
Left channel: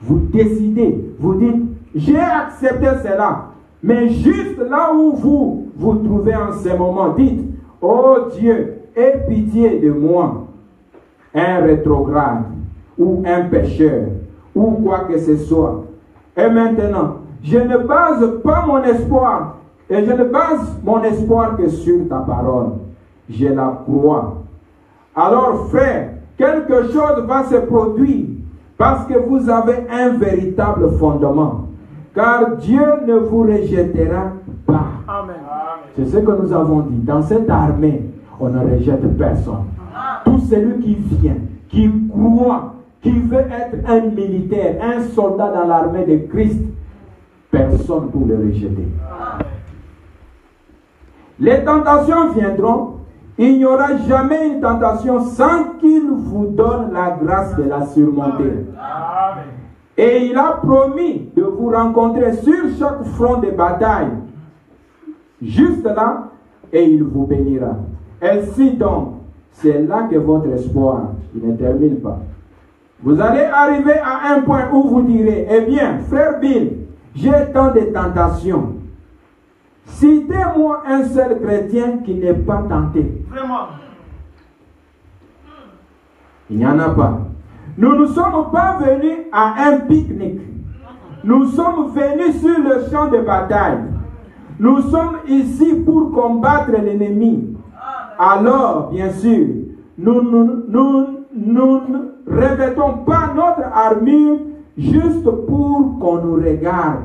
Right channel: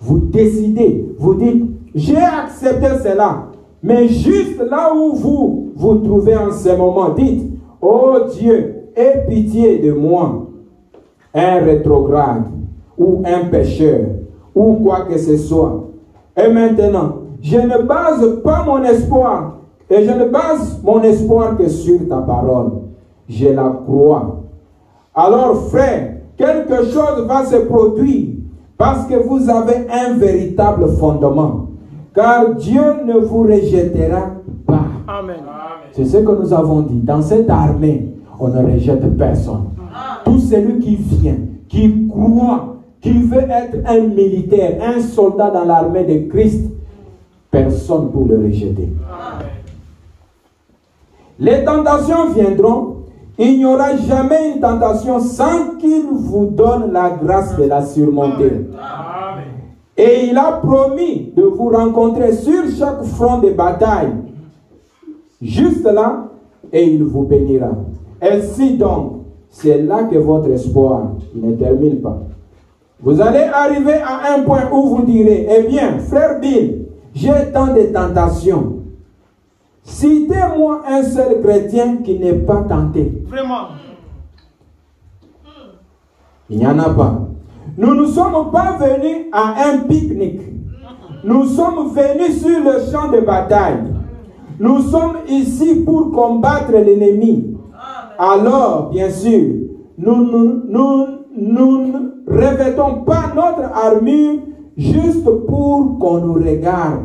Vous décidez, vous dites, j'ai accepté cela. Mais juste là où vous vous trouvez en ce moment, dites, oh Dieu, aie pitié de moi, un rétrograde, ou un pécheur, ou quoi que ce soit. Et maintenant, je ne base pas mon espoir, et je ne base mon espoir que sur ta parole. Je la crois. Alors, frère, quelque chose va se produire, parce que vous avez un véritable fondement. Car Dieu ne vous rejettera pas. Amen. C'est ce que nous avons dit. Dans cette armée, on ne rejette personne. Tout celui qui vient, qui croit, qui veut être un militaire, un soldat dans l'armée de Christ, personne pour le rejeter. Les tentations viendront. Il n'y aura jamais une tentation sans qu'il vous donne la grâce de la surmonter. Amen. Et il a promis de vous rencontrer sur chaque front de bataille. Juste là, et il vous bénira. Ainsi donc, c'est là que votre espoir ne termine pas. Vous allez arriver à un point où vous direz, eh bien, frère Bill, j'ai tant de tentations. Citez-moi un seul chrétien qui n'est pas tenté. Vraiment. Il n'y en a pas. Nous ne sommes pas venus à un pique-nique. Nous sommes venus sur le champ de bataille. Nous sommes ici pour combattre l'ennemi. Alors, bien sûr, nous ne revêtons pas notre armure juste pour qu'on nous regarde.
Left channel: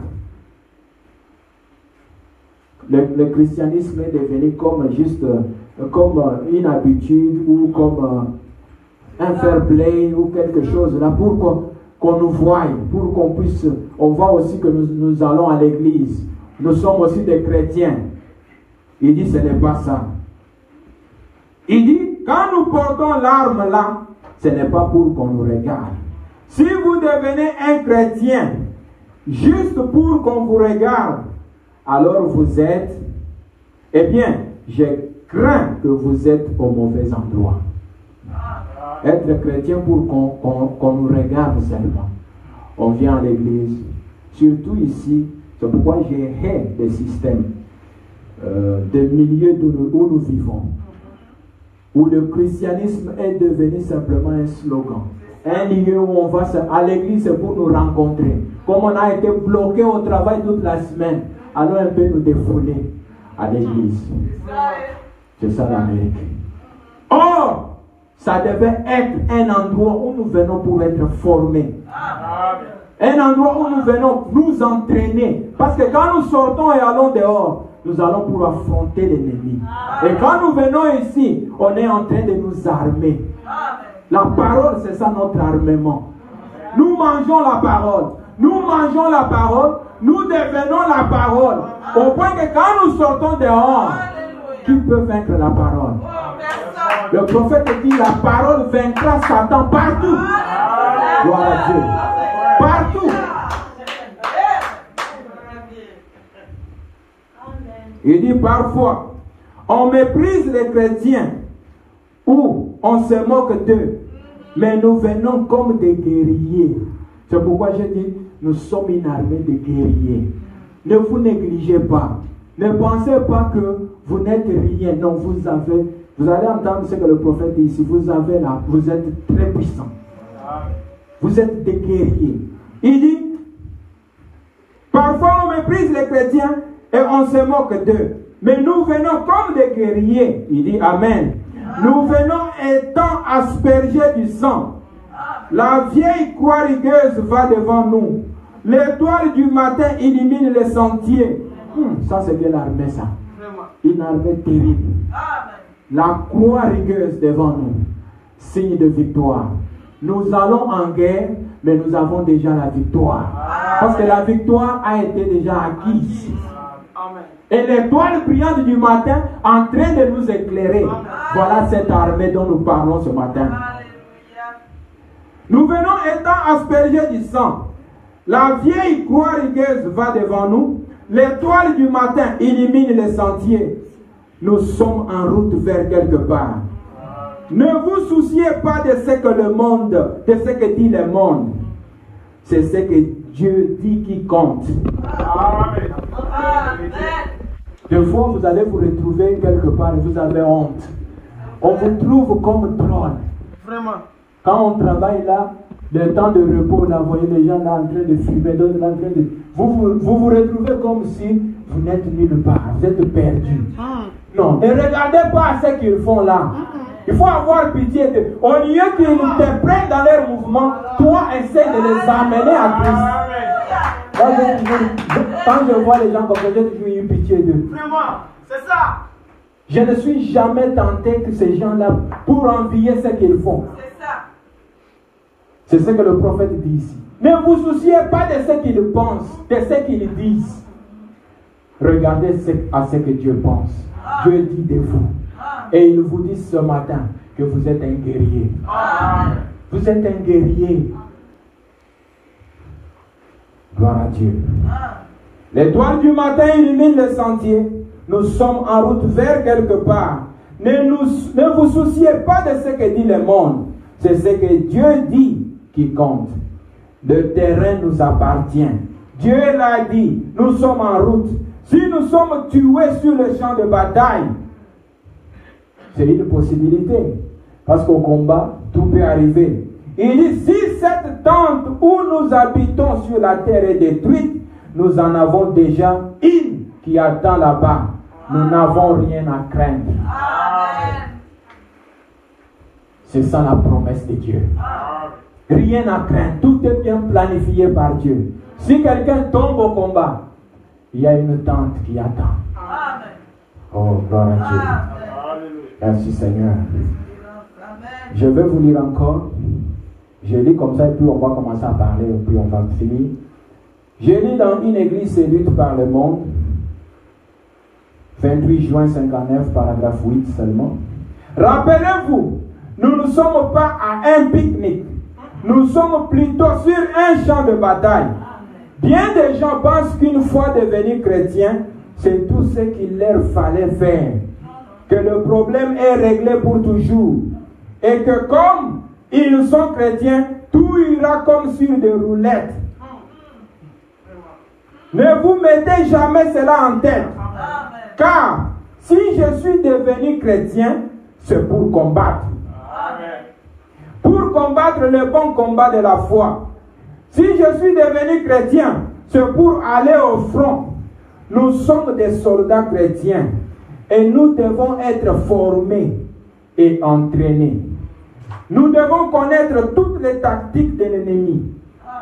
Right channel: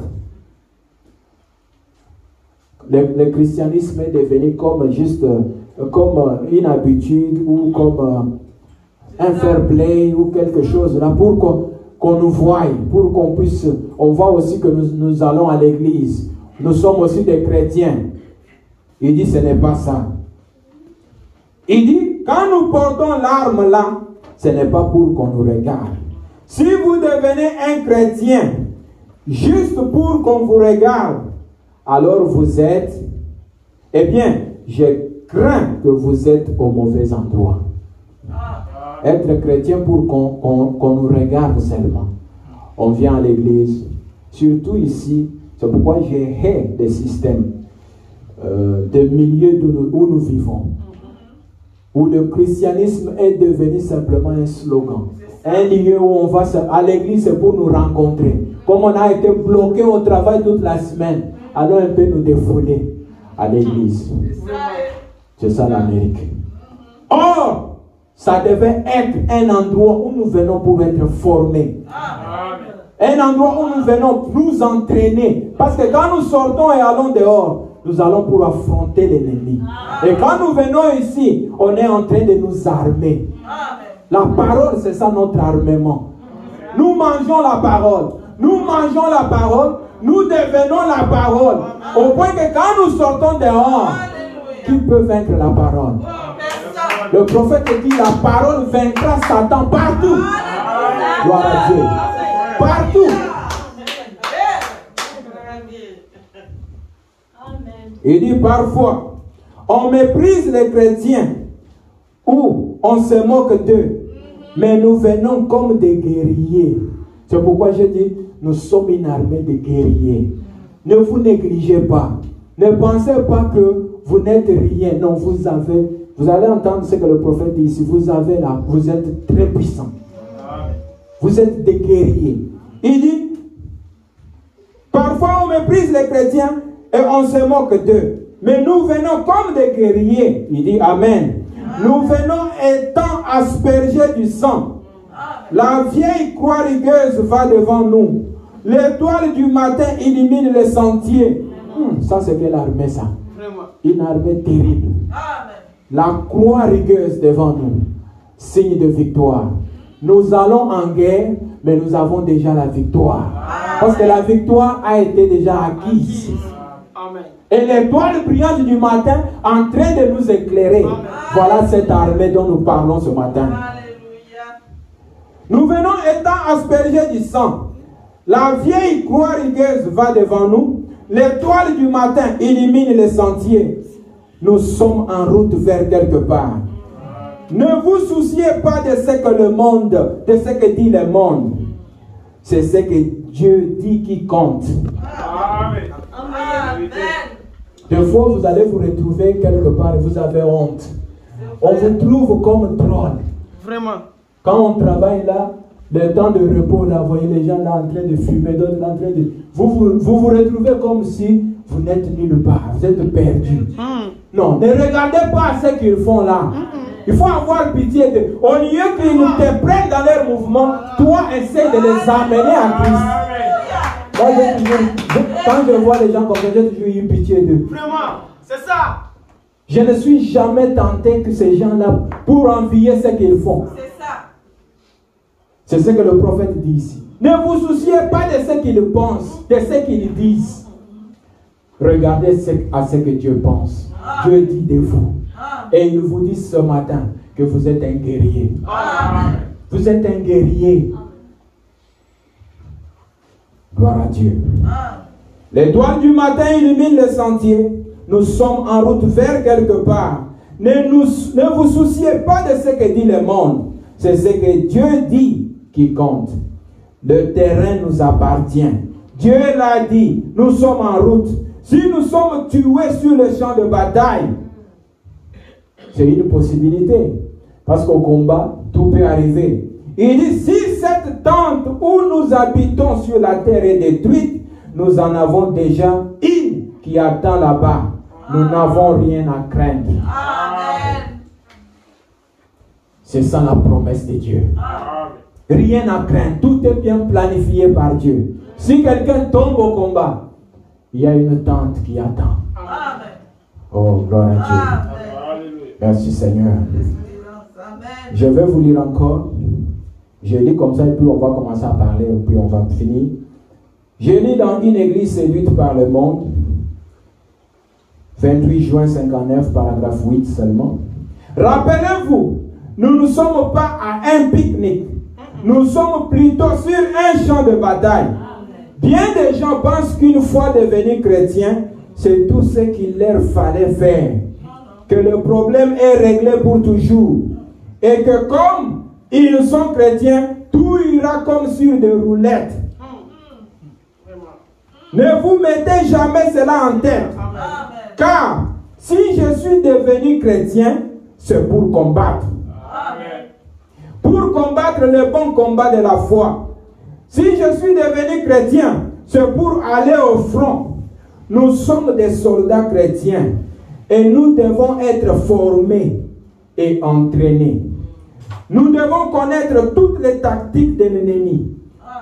Le christianisme est devenu comme juste comme une habitude ou comme un fair play ou quelque chose là pour qu'on nous voie, pour qu'on puisse, on voit aussi que nous allons à l'église. Nous sommes aussi des chrétiens. Il dit ce n'est pas ça. Il dit quand nous portons l'arme là, ce n'est pas pour qu'on nous regarde. Si vous devenez un chrétien juste pour qu'on vous regarde, alors vous êtes, eh bien, je crains que vous êtes au mauvais endroit. Être chrétien pour qu'on nous regarde seulement. On vient à l'église, surtout ici, c'est pourquoi j'ai hais des systèmes de milieux où nous vivons, où le christianisme est devenu simplement un slogan. Un lieu où on va à l'église, c'est pour nous rencontrer. Comme on a été bloqué au travail toute la semaine, alors on peut nous défouler à l'église. C'est ça l'Amérique. Or, ça devait être un endroit où nous venons pour être formés. Un endroit où nous venons nous entraîner. Parce que quand nous sortons et allons dehors, nous allons pour affronter l'ennemi. Et quand nous venons ici, on est en train de nous armer. La parole, c'est ça notre armement. Nous mangeons la parole. Nous mangeons la parole. Nous devenons la parole. Au point que quand nous sortons dehors, qui peut vaincre la parole? Le prophète dit la parole vaincra Satan partout. Gloire à Dieu. Partout. Il dit parfois, on méprise les chrétiens ou on se moque d'eux, mais nous venons comme des guerriers. C'est pourquoi je dis, nous sommes une armée de guerriers. Ne vous négligez pas. Ne pensez pas que vous n'êtes rien. Non, vous allez entendre ce que le prophète dit ici. Vous êtes très puissants. Vous êtes des guerriers. Il dit, parfois on méprise les chrétiens et on se moque d'eux. Mais nous venons comme des guerriers. Il dit Amen. Nous venons étant aspergés du sang. La vieille croix rigueuse va devant nous. L'étoile du matin illumine les sentiers. Ça c'est quelle armée ça? Une armée terrible. La croix rigueuse devant nous. Signe de victoire. Nous allons en guerre, mais nous avons déjà la victoire. Parce que la victoire a été déjà acquise. Et l'étoile brillante du matin en train de nous éclairer. Voilà cette armée dont nous parlons ce matin. Nous venons étant aspergés du sang. La vieille croix rigueuse va devant nous. L'étoile du matin illumine les sentiers. Nous sommes en route vers quelque part. Ne vous souciez pas de ce que le monde, de ce que dit le monde. C'est ce que Dieu dit qui compte. Amen. Des fois, vous allez vous retrouver quelque part et vous avez honte. On vous trouve comme troll. Vraiment. Quand on travaille là, le temps de repos, là, vous voyez les gens là en train de fumer, d'autres là en train de... Vous retrouvez comme si vous n'êtes nulle part, vous êtes perdu. Non, ne regardez pas ce qu'ils font là. Il faut avoir pitié de... Au lieu qu'ils te prennent dans leur mouvement, toi, essaie de les amener à Christ. Moi, quand je vois les gens comme ça, j'ai toujours eu pitié d'eux. Vraiment, c'est ça. Je ne suis jamais tenté que ces gens-là, pour envier ce qu'ils font. C'est ça. C'est ce que le prophète dit ici. Ne vous souciez pas de ce qu'ils pensent, de ce qu'ils disent. Regardez à ce que Dieu pense. Dieu dit de vous. Et il vous dit ce matin que vous êtes un guerrier. Vous êtes un guerrier. Gloire à Dieu. L'étoile du matin illumine le sentier. Nous sommes en route vers quelque part. Ne vous souciez pas de ce que dit le monde. C'est ce que Dieu dit qui compte. Le terrain nous appartient. Dieu l'a dit. Nous sommes en route. Si nous sommes tués sur le champ de bataille, c'est une possibilité. Parce qu'au combat, tout peut arriver. Il dit, si cette tente où nous habitons sur la terre est détruite, nous en avons déjà une qui attend là-bas. Nous n'avons rien à craindre. Amen. C'est ça la promesse de Dieu. Rien à craindre. Tout est bien planifié par Dieu. Si quelqu'un tombe au combat, il y a une tente qui attend. Amen. Oh, gloire à Dieu. Amen. Merci Seigneur. Amen. Je vais vous lire encore. Je lis comme ça et puis on va commencer à parler et puis on va finir. Je lis dans une église séduite par le monde. 28 juin 59, paragraphe 8 seulement. Rappelez-vous, nous ne sommes pas à un pique-nique. Nous sommes plutôt sur un champ de bataille. Bien des gens pensent qu'une fois devenus chrétiens, c'est tout ce qu'il leur fallait faire. Que le problème est réglé pour toujours. Et que comme ils sont chrétiens, tout ira comme sur des roulettes. Ne vous mettez jamais cela en tête. Car si je suis devenu chrétien, c'est pour combattre. Pour combattre le bon combat de la foi. Si je suis devenu chrétien, c'est pour aller au front. Nous sommes des soldats chrétiens et nous devons être formés et entraînés. Nous devons connaître toutes les tactiques de l'ennemi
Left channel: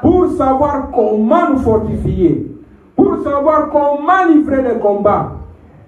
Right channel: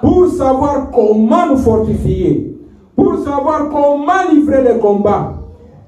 pour savoir comment nous fortifier, pour savoir comment livrer les combats.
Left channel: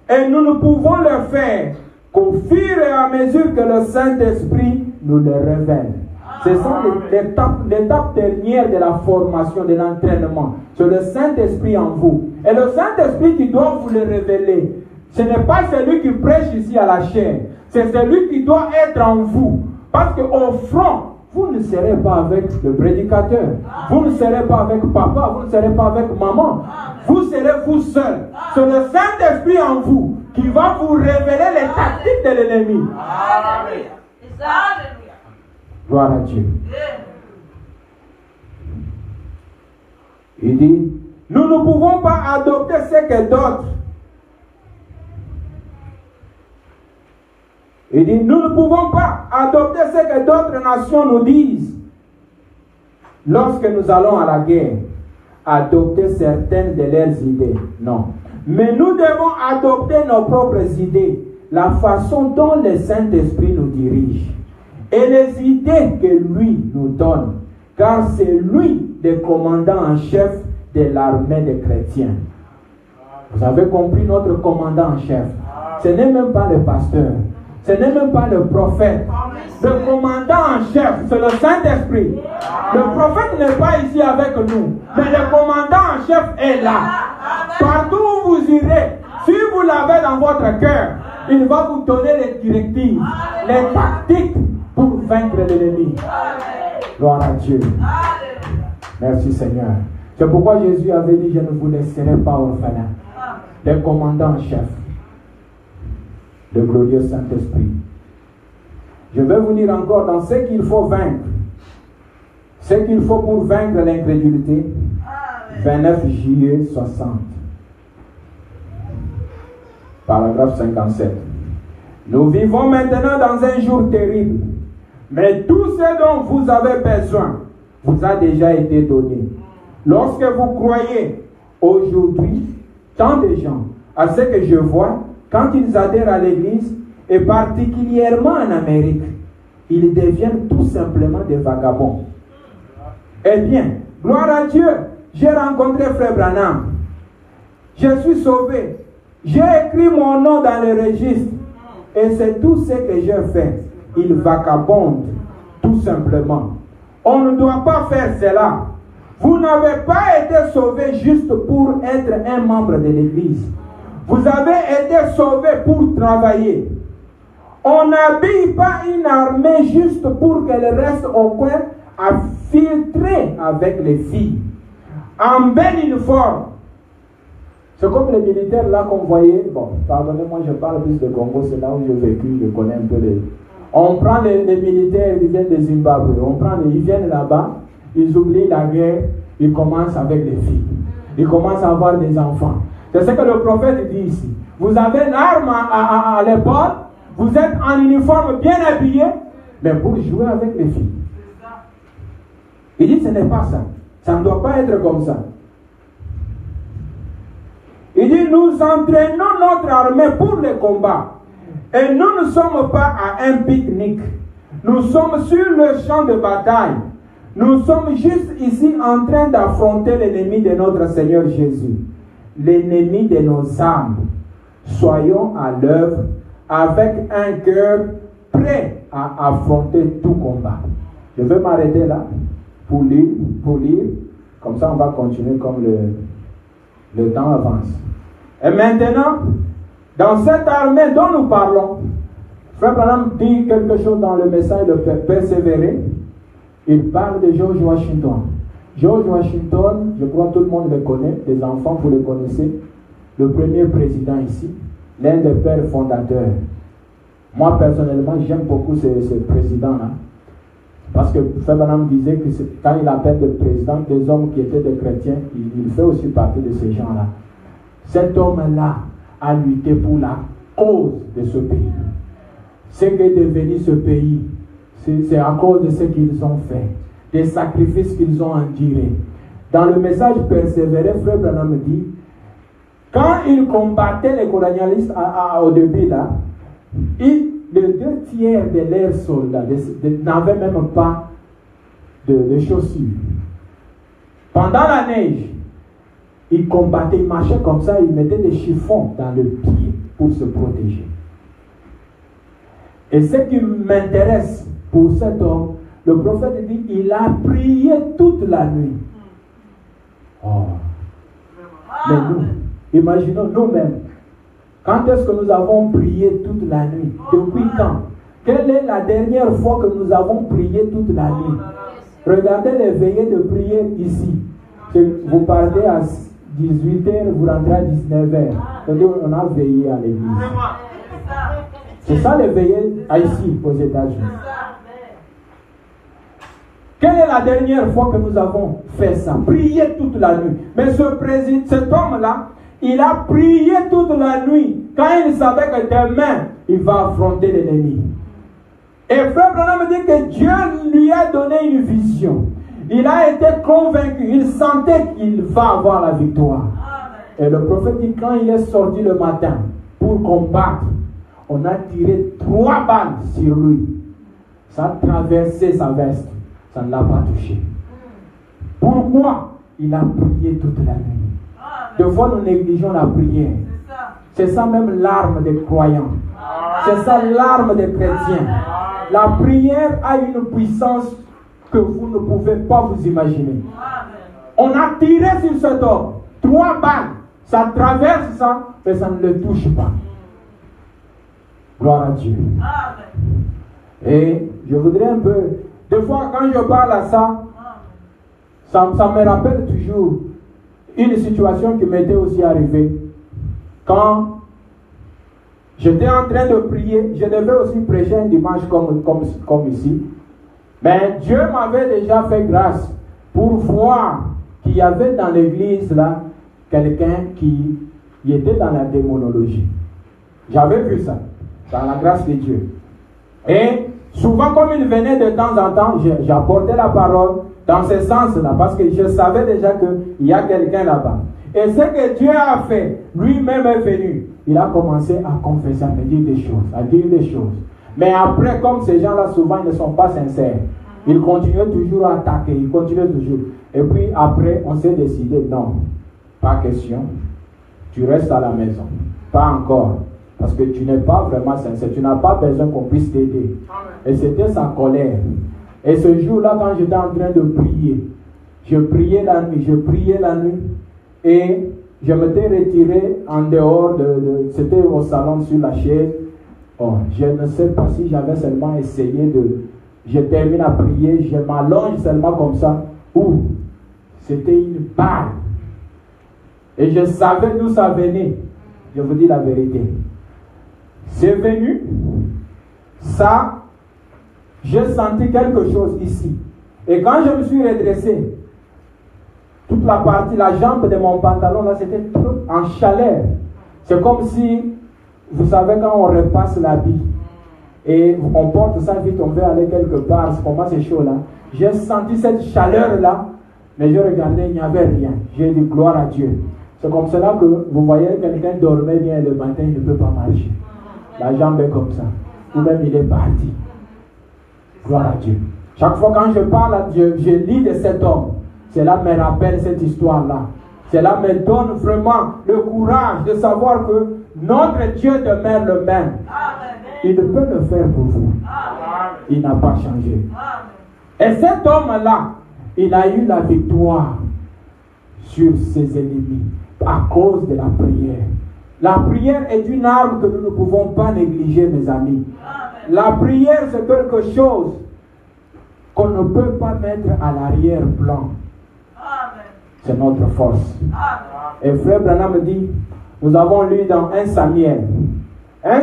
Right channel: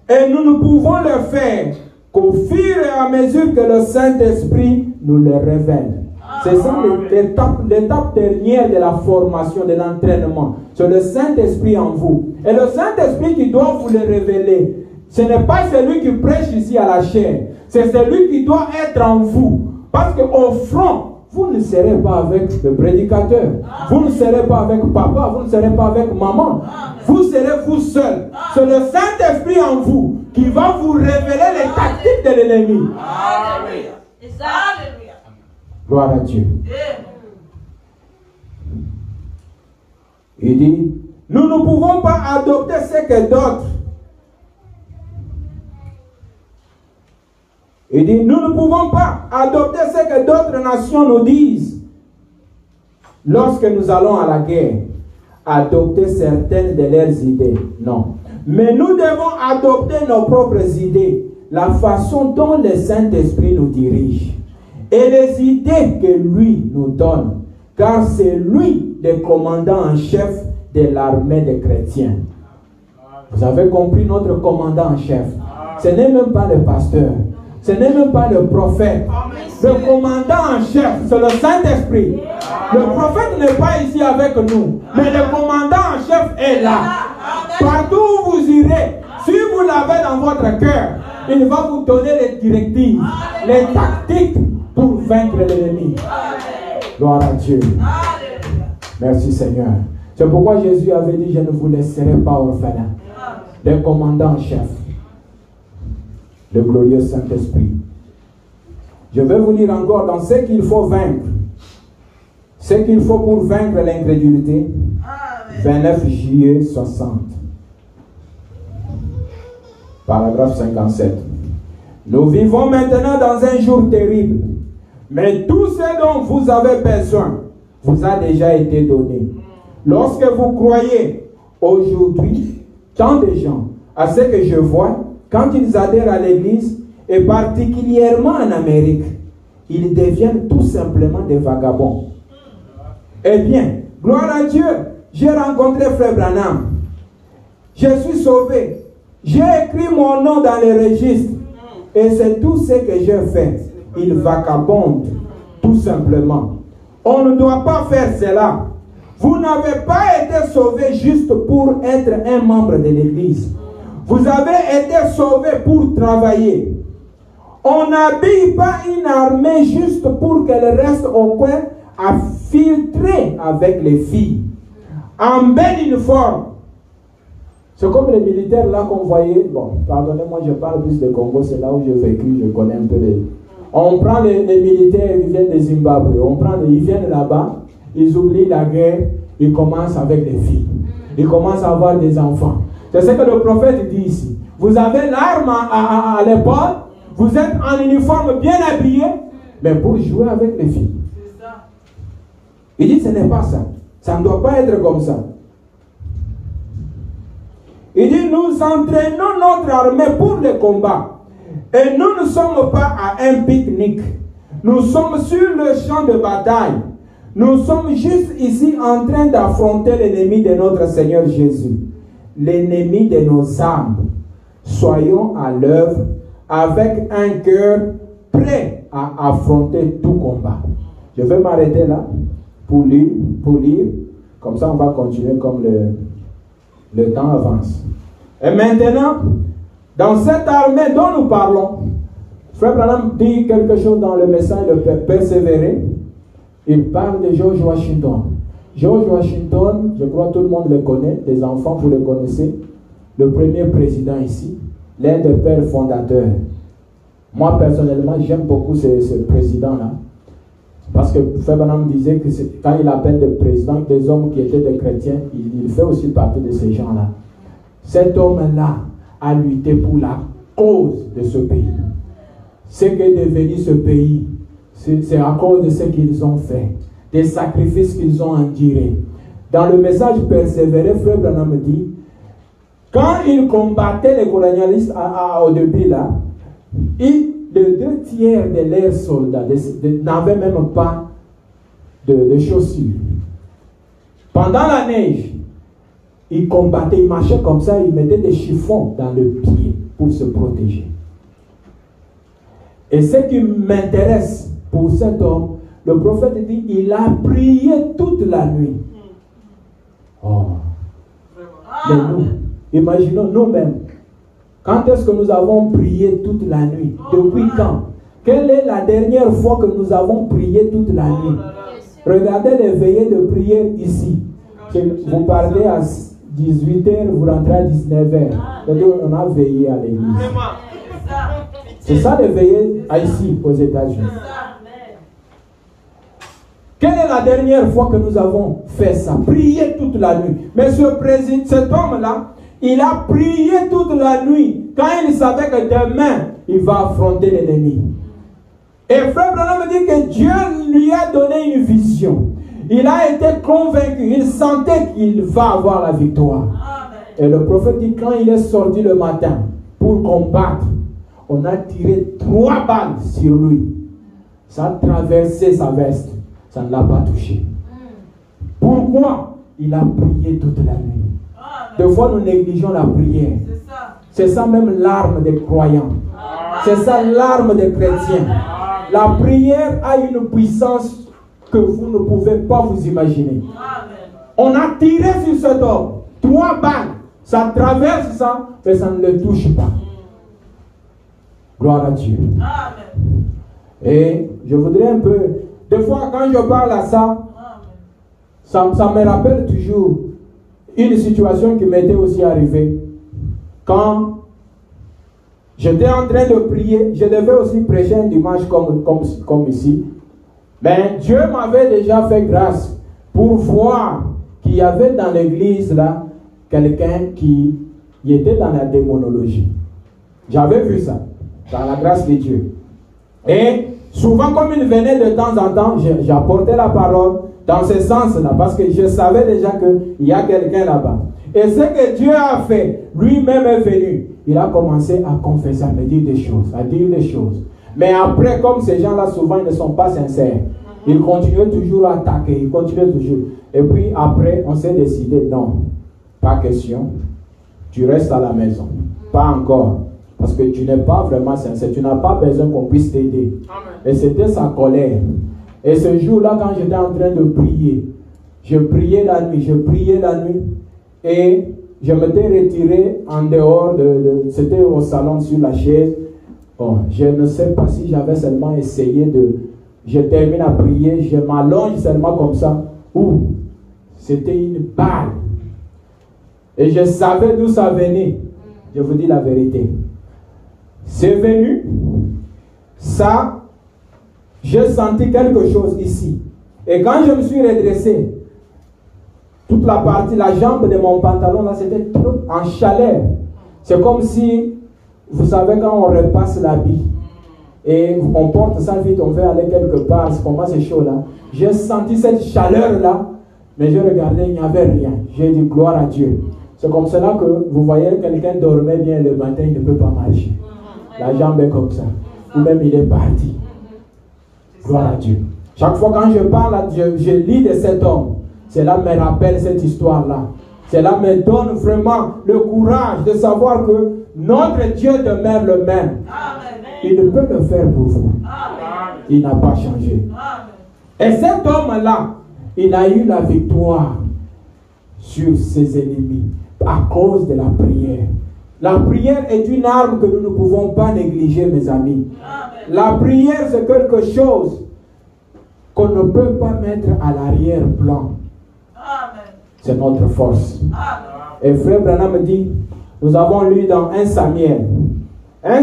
Et nous ne pouvons le faire qu'au fur et à mesure que le Saint-Esprit nous le révèle. C'est ça l'étape dernière de la formation, de l'entraînement. C'est le Saint-Esprit en vous. Et le Saint-Esprit qui doit vous le révéler. Ce n'est pas celui qui prêche ici à la chair. C'est celui qui doit être en vous. Parce qu'au front, vous ne serez pas avec le prédicateur. Vous ne serez pas avec papa. Vous ne serez pas avec maman. Vous serez vous seul. C'est le Saint-Esprit en vous qui va vous révéler les tactiques de l'ennemi. Alléluia. Alléluia. Gloire à Dieu. Il dit, nous ne pouvons pas adopter ce que d'autres. Il dit, nous ne pouvons pas adopter ce que d'autres nations nous disent. Lorsque nous allons à la guerre, adopter certaines de leurs idées. Non. Mais nous devons adopter nos propres idées, la façon dont le Saint-Esprit nous dirige. Et les idées que lui nous donne, car c'est lui le commandant en chef de l'armée des chrétiens. Vous avez compris notre commandant en chef. Ce n'est même pas le pasteur, ce n'est même pas le prophète. Le commandant en chef, c'est le Saint-Esprit. Le prophète n'est pas ici avec nous, mais le commandant en chef est là. Partout où vous irez, si vous l'avez dans votre cœur, il va vous donner les directives, les tactiques pour vaincre l'ennemi. Gloire à Dieu. Merci Seigneur. C'est pourquoi Jésus avait dit, je ne vous laisserai pas orphelin. Le commandant en chef, le glorieux Saint-Esprit. Je vais vous lire encore dans ce qu'il faut vaincre. Ce qu'il faut pour vaincre l'incrédulité. 29 juillet 60. Paragraphe 57. Nous vivons maintenant dans un jour terrible. Mais tout ce dont vous avez besoin vous a déjà été donné. Lorsque vous croyez aujourd'hui, tant de gens, à ce que je vois, quand ils adhèrent à l'Église, et particulièrement en Amérique, ils deviennent tout simplement des vagabonds. Eh bien, gloire à Dieu, j'ai rencontré Frère Branham. Je suis sauvé. J'ai écrit mon nom dans le registre. Et c'est tout ce que j'ai fait. Il vagabonde, tout simplement. On ne doit pas faire cela. Vous n'avez pas été sauvé juste pour être un membre de l'Église. Vous avez été sauvé pour travailler. On n'habille pas une armée juste pour qu'elle reste au coin à filtrer avec les filles. En bel uniforme. C'est comme les militaires là qu'on voyait. Bon, pardonnez-moi, je parle plus de Congo, c'est là où j'ai vécu, je connais un peu les... On prend les militaires, ils viennent de Zimbabwe, ils viennent là-bas, ils oublient la guerre, ils commencent avec des filles. Ils commencent à avoir des enfants. C'est ce que le prophète dit ici. Vous avez l'arme à l'épaule, vous êtes en uniforme bien habillé, mais pour jouer avec les filles. Il dit ce n'est pas ça. Ça ne doit pas être comme ça. Il dit nous entraînons notre armée pour le combat. Et nous ne sommes pas à un pique-nique. Nous sommes sur le champ de bataille. Nous sommes juste ici en train d'affronter l'ennemi de notre Seigneur Jésus. L'ennemi de nos âmes. Soyons à l'œuvre avec un cœur prêt à affronter tout combat. Je vais m'arrêter là pour lire. Comme ça, on va continuer comme le temps avance. Et maintenant, dans cette armée dont nous parlons, Frère Branham dit quelque chose dans le message de persévérer. Il parle de George Washington. George Washington, je crois que tout le monde le connaît, les enfants vous le connaissez, le premier président ici, l'un des pères fondateurs. Moi personnellement, j'aime beaucoup ce président-là. Parce que Frère Branham disait que quand il appelle des présidents, des hommes qui étaient des chrétiens, il fait aussi partie de ces gens-là. Cet homme-là a lutté pour la cause de ce pays. Ce qu'est devenu ce pays, c'est à cause de ce qu'ils ont fait, des sacrifices qu'ils ont endurés. Dans le message persévéré, Frère Branham dit, quand ils combattaient les colonialistes au début là, les 2/3 de leurs soldats n'avaient même pas de chaussures. Pendant la neige, ils combattaient, ils marchaient comme ça, ils mettaient des chiffons dans le pied pour se protéger. Et ce qui m'intéresse pour cet homme, le prophète dit, il a prié toute la nuit. Oh. Mais nous, imaginons nous-mêmes. Quand est-ce que nous avons prié toute la nuit? Depuis quand? Quelle est la dernière fois que nous avons prié toute la nuit? Regardez les veillées de prière ici. Vous partez à 18h, vous rentrez à 19h. Donc on a veillé à l'église. C'est ça les veillées ici aux États-Unis. Quelle est la dernière fois que nous avons fait ça? Prier toute la nuit. Mais cet homme-là, il a prié toute la nuit quand il savait que demain, il va affronter l'ennemi. Et Frère Branham dit que Dieu lui a donné une vision. Il a été convaincu, il sentait qu'il va avoir la victoire. Et le prophète dit quand il est sorti le matin pour combattre, on a tiré 3 balles sur lui. Ça a traversé sa veste. Ça ne l'a pas touché. Pourquoi? Il a prié toute la nuit. Des fois, nous négligeons la prière. C'est ça même l'arme des croyants. C'est ça l'arme des chrétiens. La prière a une puissance que vous ne pouvez pas vous imaginer. On a tiré sur cet homme 3 balles. Ça traverse ça, mais ça ne le touche pas. Gloire à Dieu. Et je voudrais un peu... Des fois, quand je parle à ça, ça me rappelle toujours une situation qui m'était aussi arrivée. Quand J'étais en train de prier. Je devais aussi prêcher un dimanche comme ici. Mais Dieu m'avait déjà fait grâce pour voir qu'il y avait dans l'église là quelqu'un qui était dans la démonologie. J'avais vu ça, par la grâce de Dieu. Et souvent, comme il venait de temps en temps, j'apportais la parole dans ce sens-là, parce que je savais déjà qu'il y a quelqu'un là-bas. Et ce que Dieu a fait, lui-même est venu. Il a commencé à confesser, à me dire des choses, Mais après, comme ces gens-là, souvent, ils ne sont pas sincères. Ils continuent toujours à attaquer, ils continuent toujours. Et puis après, on s'est décidé, non, pas question. Tu restes à la maison. Pas encore. Parce que tu n'es pas vraiment sincère. Tu n'as pas besoin qu'on puisse t'aider. Et c'était sa colère. Et ce jour-là, quand j'étais en train de prier, je priais la nuit. Et je m'étais retiré en dehors c'était au salon sur la chaise. Bon, je ne sais pas si j'avais seulement essayé je termine à prier, je m'allonge seulement comme ça. Ouh, c'était une balle. Et je savais d'où ça venait. Je vous dis la vérité. C'est venu. Ça, j'ai senti quelque chose ici. Et quand je me suis redressé, toute la partie, la jambe de mon pantalon, là, c'était trop en chaleur. C'est comme si, vous savez, quand on repasse l'habit, et on porte ça vite, on veut aller quelque part, c'est comment c'est chaud là. J'ai senti cette chaleur-là, mais je regardais, il n'y avait rien. J'ai dit gloire à Dieu. C'est comme cela que vous voyez quelqu'un dormait bien le matin, il ne peut pas marcher. La jambe est comme ça. Ou même il est parti. Gloire à Dieu. Chaque fois quand je parle, je lis de cet homme. Cela me rappelle cette histoire-là. Cela me donne vraiment le courage de savoir que notre Dieu demeure le même. Il ne peut le faire pour vous. Il n'a pas changé. Et cet homme-là, il a eu la victoire sur ses ennemis à cause de la prière. La prière est une arme que nous ne pouvons pas négliger, mes amis. La prière, c'est quelque chose qu'on ne peut pas mettre à l'arrière-plan. C'est notre force. Et frère Branham me dit, nous avons lu dans 1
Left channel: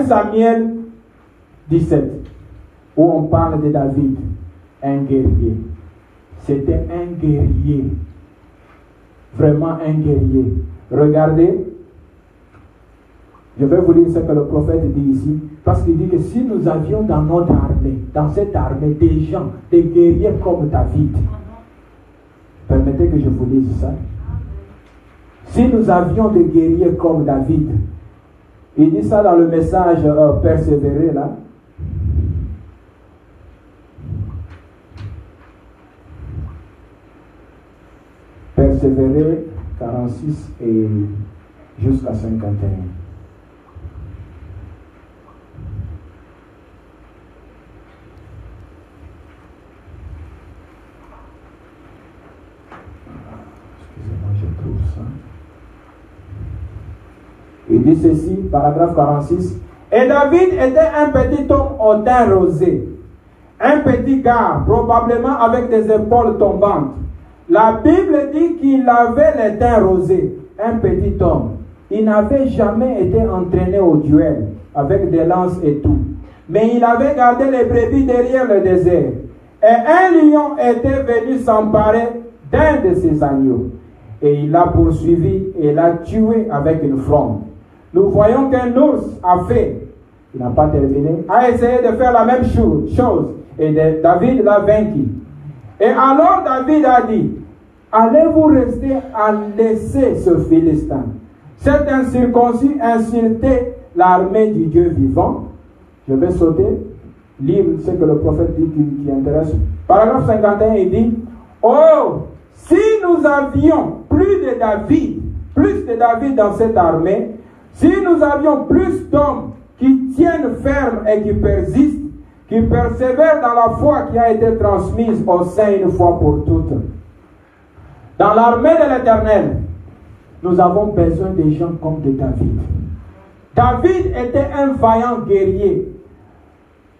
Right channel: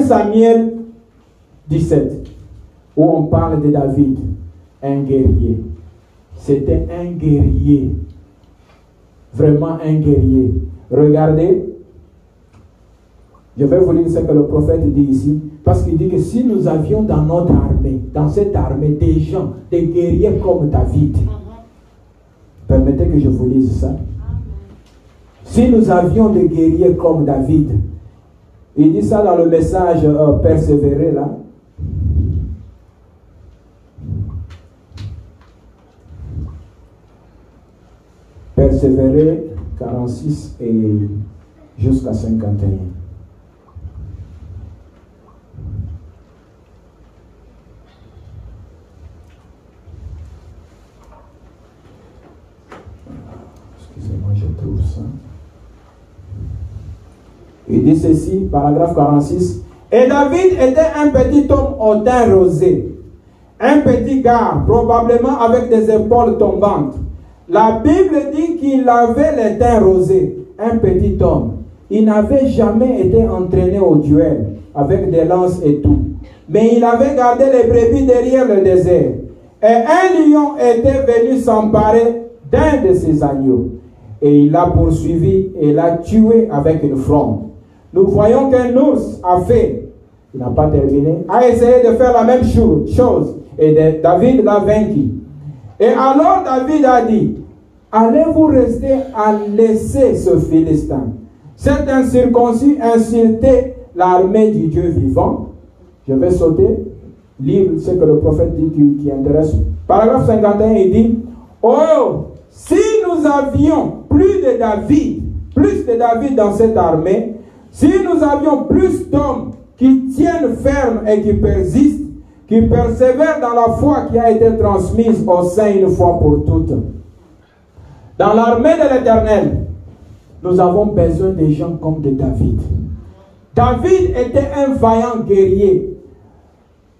Samuel 17, où on parle de David, un guerrier. C'était un guerrier. Vraiment un guerrier. Regardez, je vais vous lire ce que le prophète dit ici, parce qu'il dit que si nous avions dans notre armée, dans cette armée, des gens, des guerriers comme David, permettez que je vous dise ça. Si nous avions des guerriers comme David, il dit ça dans le message persévérer là. Persévérer 46 et jusqu'à 51. Il dit ceci, paragraphe 46. Et David était un petit homme au teint rosé, un petit gars, probablement avec des épaules tombantes. La Bible dit qu'il avait les teints rosés, un petit homme. Il n'avait jamais été entraîné au duel avec des lances et tout. Mais il avait gardé les brebis derrière le désert. Et un lion était venu s'emparer d'un de ses agneaux. Et il l'a poursuivi et l'a tué avec une fronde. Nous voyons qu'un ours a fait, il n'a pas terminé, a essayé de faire la même chose. Et David l'a vaincu. Et alors David a dit, allez-vous rester à laisser ce Philistin, cet incirconcis, insulter l'armée du Dieu vivant? Je vais sauter, lire ce que le prophète dit qui intéresse. Paragraphe 51, il dit, oh, si nous avions plus de David dans cette armée, si nous avions plus d'hommes qui tiennent ferme et qui persistent, qui persévèrent dans la foi qui a été transmise au sein une fois pour toutes. Dans l'armée de l'Éternel, nous avons besoin des gens comme de David. David était un vaillant guerrier.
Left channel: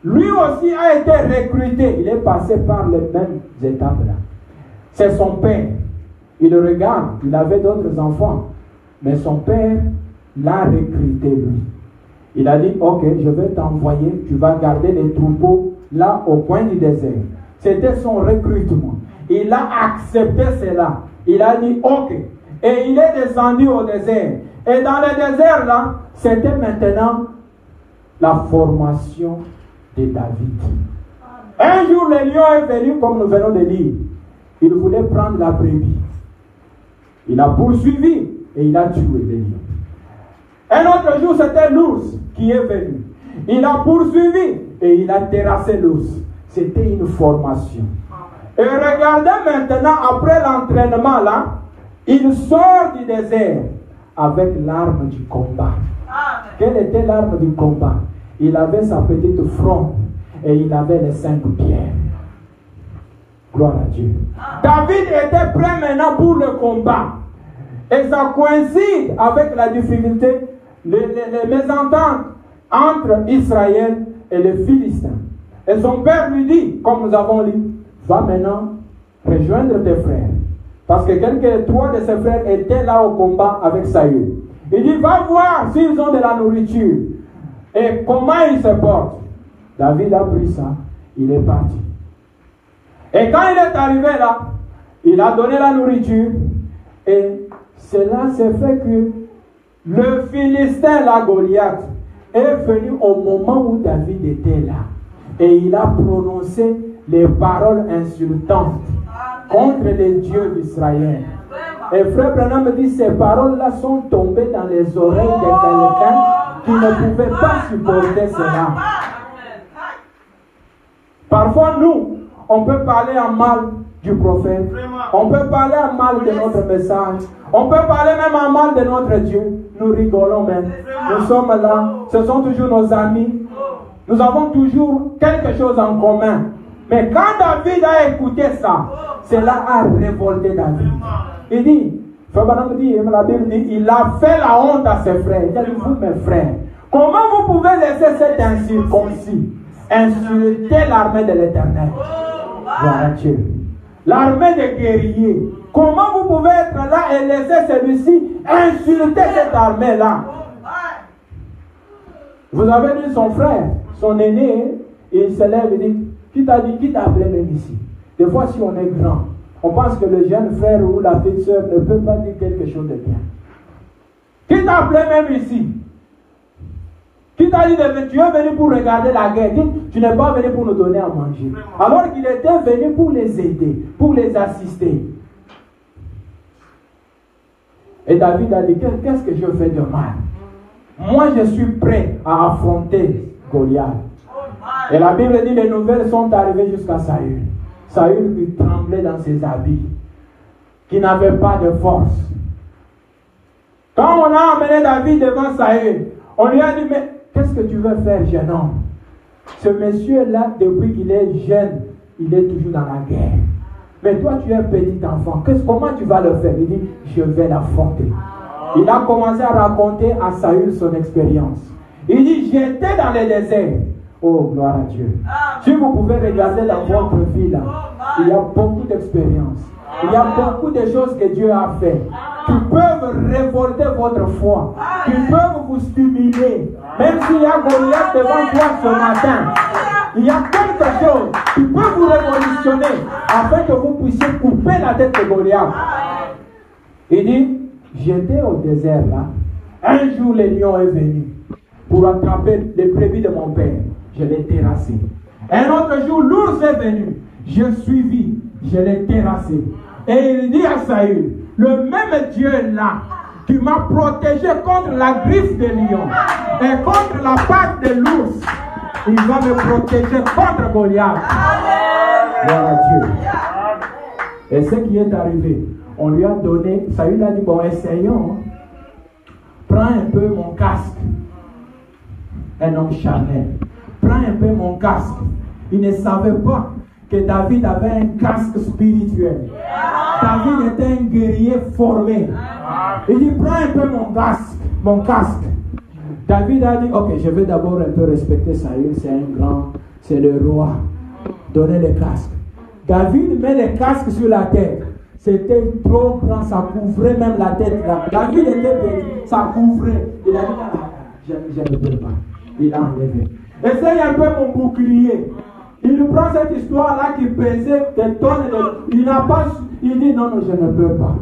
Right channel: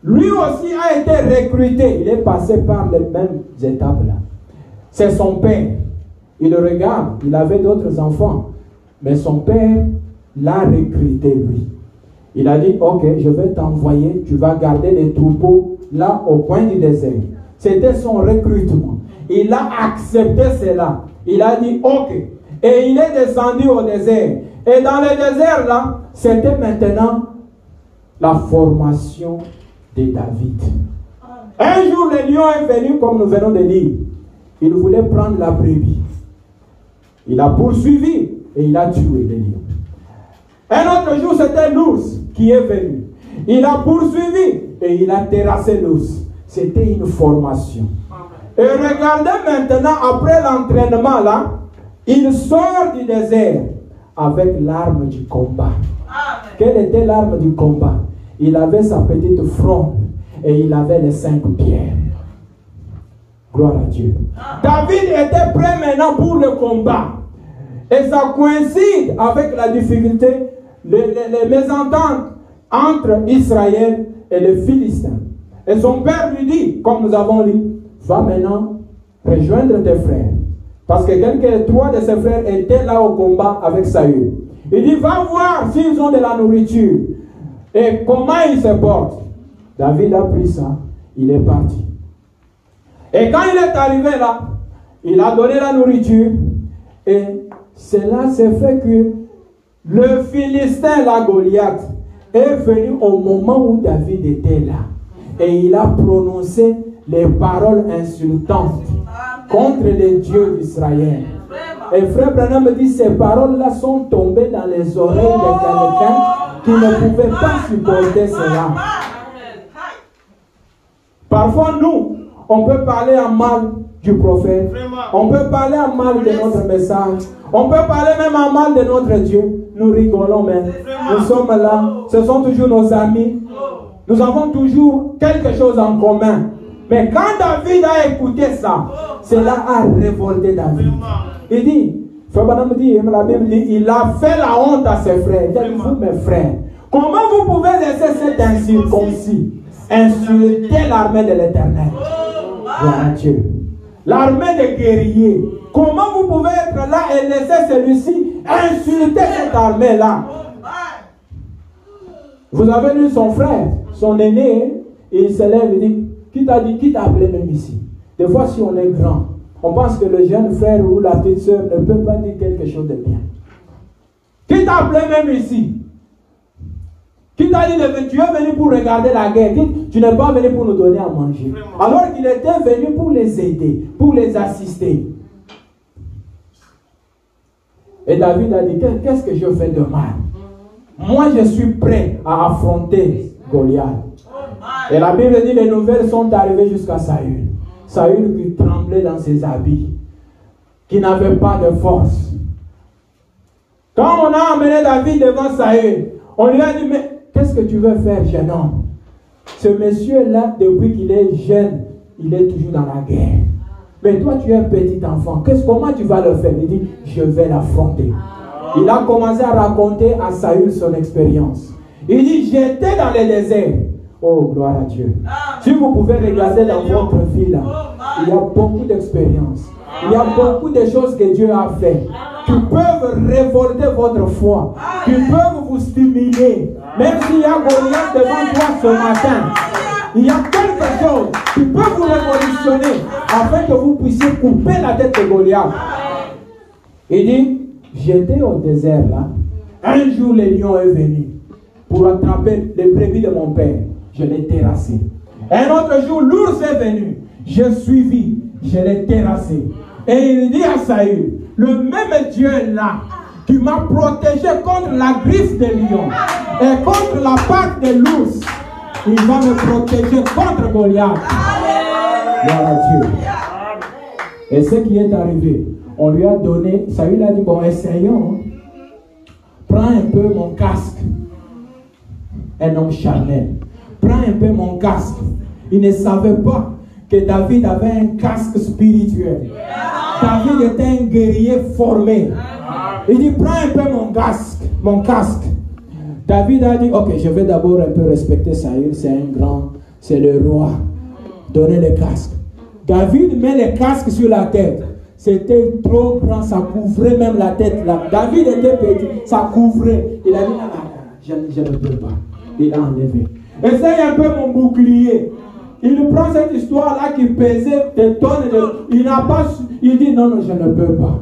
Lui aussi a été recruté. Il est passé par les mêmes étapes là. C'est son père. Il le regarde. Il avait d'autres enfants. Mais son père l'a recruté lui. Il a dit, ok, je vais t'envoyer, tu vas garder les troupeaux là au coin du désert. C'était son recrutement. Il a accepté cela. Il a dit, ok. Et il est descendu au désert. Et dans le désert là, c'était maintenant la formation de David. Un jour, le lion est venu, comme nous venons de lire. Il voulait prendre la brebis. Il a poursuivi et il a tué le lion. Un autre jour, c'était l'ours qui est venu. Il a poursuivi et il a terrassé l'ours. C'était une formation. Et regardez maintenant, après l'entraînement là, il sort du désert avec l'arme du combat. Quelle était l'arme du combat? Il avait sa petite fronde et il avait les 5 pierres. Gloire à Dieu. David était prêt maintenant pour le combat. Et ça coïncide avec la difficulté, les mésententes entre Israël et les Philistins. Et son père lui dit, comme nous avons lu, va maintenant rejoindre tes frères. Parce que trois de ses frères étaient là au combat avec Saül. Il dit, va voir s'ils ont de la nourriture. Et comment ils se portent. David a pris ça, il est parti. Et quand il est arrivé là, il a donné la nourriture. Et cela s'est fait que le Philistin, la Goliath, est venu au moment où David était là. Et il a prononcé des paroles insultantes contre les dieux d'Israël. Et frère Branham me dit, ces paroles-là sont tombées dans les oreilles de quelqu'un qui ne pouvait pas supporter cela. Parfois, nous, on peut parler en mal du prophète. On peut parler en mal de notre message. On peut parler même en mal de notre Dieu. Nous rigolons même. Nous sommes là. Ce sont toujours nos amis. Nous avons toujours quelque chose en commun. Mais quand David a écouté ça, cela a révolté David. Il dit, la Bible dit, il a fait la honte à ses frères. Il dit, vous mes frères, comment vous pouvez laisser cet incirconcis insulter l'armée de l'Éternel? Gloire à Dieu. L'armée des guerriers. Comment vous pouvez être là et laisser celui-ci insulter cette armée-là? Vous avez lu son frère, son aîné, et il se lève et dit, qui t'a appelé même ici? Des fois, si on est grand, on pense que le jeune frère ou la petite soeur ne peut pas dire quelque chose de bien. Qui t'a appelé même ici? Qui t'a dit que tu es venu pour regarder la guerre? Tu n'es pas venu pour nous donner à manger. Alors qu'il était venu pour les aider, pour les assister. Et David a dit, qu'est-ce que je fais de mal? Moi, je suis prêt à affronter Goliath. Et la Bible dit, les nouvelles sont arrivées jusqu'à Saül. Saül qui tremblait dans ses habits, qui n'avait pas de force. Quand on a emmené David devant Saül, on lui a dit, mais qu'est-ce que tu veux faire, jeune homme? Ce monsieur-là, depuis qu'il est jeune, il est toujours dans la guerre. Mais toi, tu es un petit enfant. Comment tu vas le faire? Il dit, je vais l'affronter. Il a commencé à raconter à Saül son expérience. Il dit, j'étais dans le désert. Oh, gloire à Dieu. Si vous pouvez regarder dans votre vie là, il y a beaucoup d'expériences. Il y a beaucoup de choses que Dieu a fait qui peuvent révolter votre foi, qui peuvent vous stimuler. Même s'il y a Goliath devant toi ce matin, il y a quelque chose qui peut vous révolutionner afin que vous puissiez couper la tête de Goliath. Il dit, j'étais au désert là. Un jour, le lion est venu pour attraper les brebis de mon père. Je l'ai terrassé. Un autre jour, l'ours est venu. Je suivi. Je l'ai terrassé. Et il dit à Saül, le même Dieu là, qui m'a protégé contre la griffe de lion et contre la patte de l'ours, il va me protéger contre Goliath. Gloire à Dieu. Et ce qui est arrivé, on lui a donné, Saül a dit, bon, essayons. Prends un peu mon casque. Un homme charnel. Prends un peu mon casque. Il ne savait pas que David avait un casque spirituel. David était un guerrier formé. Il dit, prends un peu mon casque. David a dit, ok, je vais d'abord un peu respecter Saül, c'est un grand, c'est le roi. Donnez le casque. David met le casque sur la tête. C'était trop grand, ça couvrait même la tête là. David était petit, ça couvrait. Il a dit, je ne peux pas. Il a enlevé. Essaye un peu mon bouclier. Il prend cette histoire-là qui pesait des tonnes. Il n'a pas. Il dit non, je ne peux pas.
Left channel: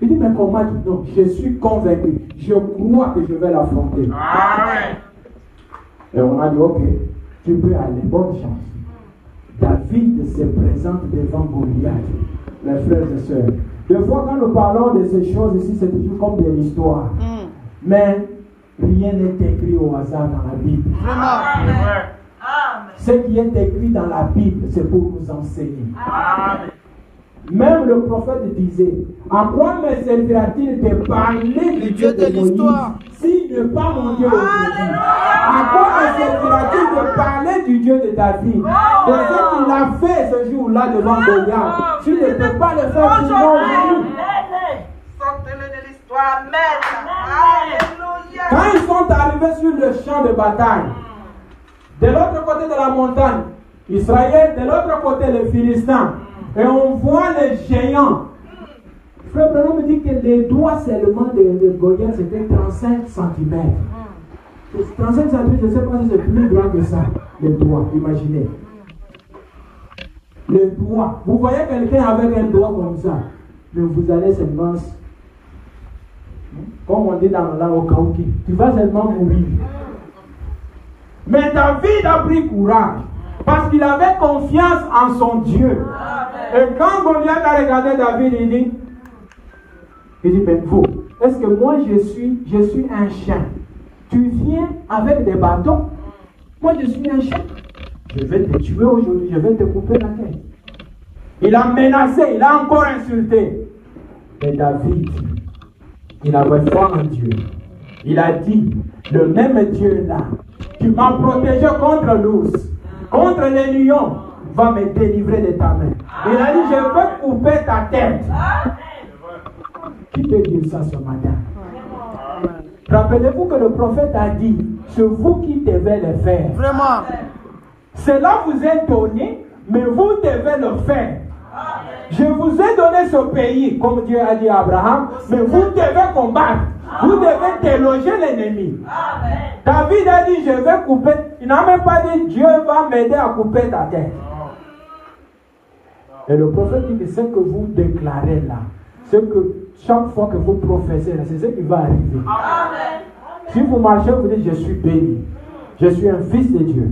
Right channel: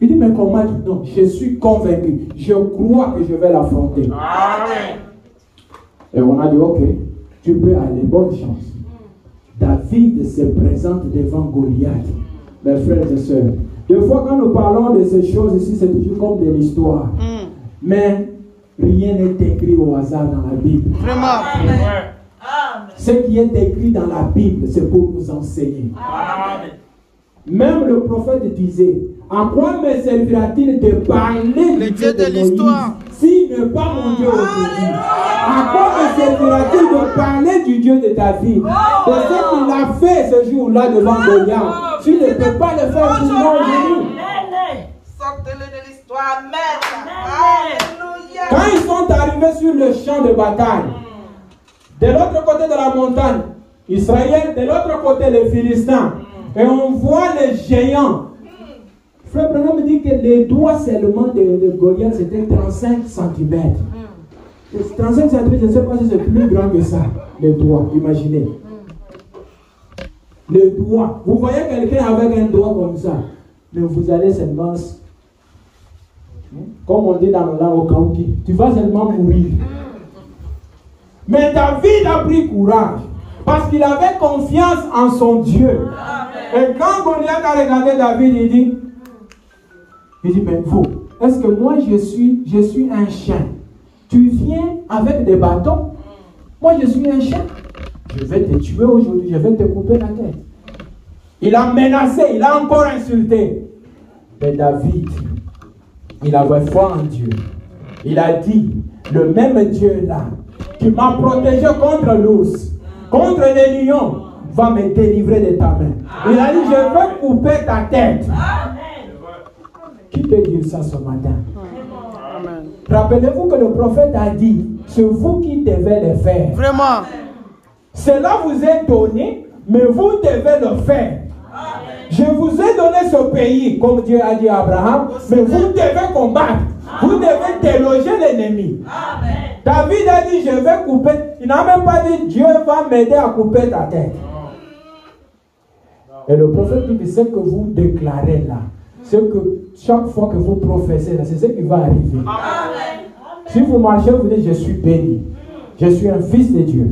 Il dit mais comment? Non, je suis convaincu. Je crois que je vais l'affronter. Amen. Et on a dit ok, tu peux aller, bonne chance. David se présente devant Goliath. Mes frères et sœurs, des fois quand nous parlons de ces choses ici, c'est toujours comme de l'histoire. Mais rien n'est écrit au hasard dans la Bible. Vraiment. Amen. Ce qui est écrit dans la Bible, c'est pour nous enseigner. Amen. Même le prophète disait, à quoi me servira-t-il de parler du Dieu de l'histoire s'il n'est pas mon Dieu aujourd'hui? À quoi me servira-t-il de parler du Dieu de David? De ce qu'il a fait ce jour-là devant Goliath. Tu ne peux pas le faire aujourd'hui. Sortez-le de l'histoire, maître. Alléluia. Quand ils sont arrivés sur le champ de bataille, de l'autre côté de la montagne, Israël, de l'autre côté les Philistins, et on voit les géants. Frère Branham me dit que les doigts seulement de Goliath c'était 35 cm. 35 cm, je ne sais pas si c'est plus grand que ça, les doigts, imaginez. Le doigt. Vous voyez quelqu'un avec un doigt comme ça, mais vous allez seulement, comme on dit dans le langue au Kaouki, tu vas seulement mourir. Mais David a pris courage parce qu'il avait confiance en son Dieu. Et quand Goliath a regardé David, il dit, mais vous, est-ce que moi je suis un chien? Tu viens avec des bâtons? Moi je suis un chien. Je vais te tuer aujourd'hui, je vais te couper la tête. Il a menacé, il a encore insulté. Mais David, il avait foi en Dieu. Il a dit, le même Dieu là, qui m'a protégé contre l'ours, contre les lions, va me délivrer de ta main. Il a dit, je vais couper ta tête. Qui peut dire ça ce matin? Rappelez-vous que le prophète a dit, c'est vous qui devez le faire. Vraiment. Cela vous est donné, mais vous devez le faire. Je vous ai donné ce pays, comme Dieu a dit à Abraham, mais vous devez combattre. Vous devez déloger l'ennemi. David a dit, je vais couper. Il n'a même pas dit, Dieu va m'aider à couper ta tête. Et le prophète dit, ce que vous déclarez là, ce que chaque fois que vous professez là, c'est ce qui va arriver. Amen. Si vous marchez, vous dites, je suis béni. Je suis un fils de Dieu.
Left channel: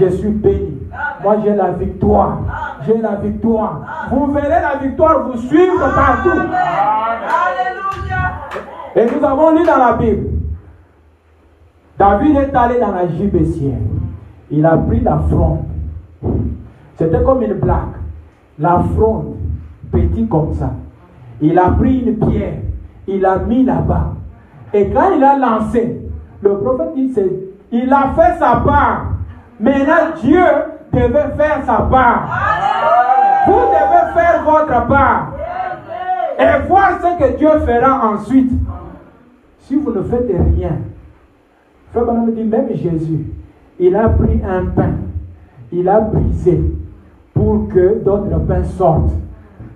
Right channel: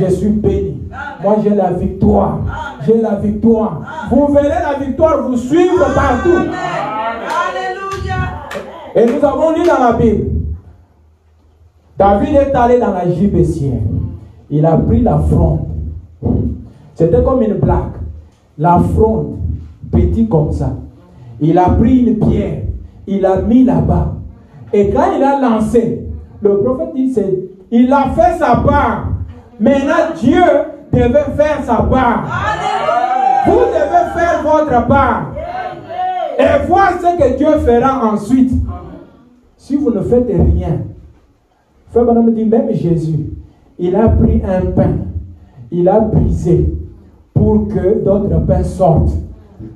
Je suis béni. Moi, j'ai la victoire. J'ai la victoire. Vous verrez la victoire vous suivre partout. Alléluia. Et nous avons lu dans la Bible. David est allé dans la gibecière. Il a pris la fronde. C'était comme une blague. La fronde, petit comme ça. Il a pris une pierre. Il l'a mis là-bas. Et quand il a lancé, le prophète dit, il a fait sa part. Maintenant, Dieu devait faire sa part. Vous devez faire votre part. Et voir ce que Dieu fera ensuite. Si vous ne faites rien. Frère Branham me dit, même Jésus, il a pris un pain. Il a brisé pour que d'autres pains sortent.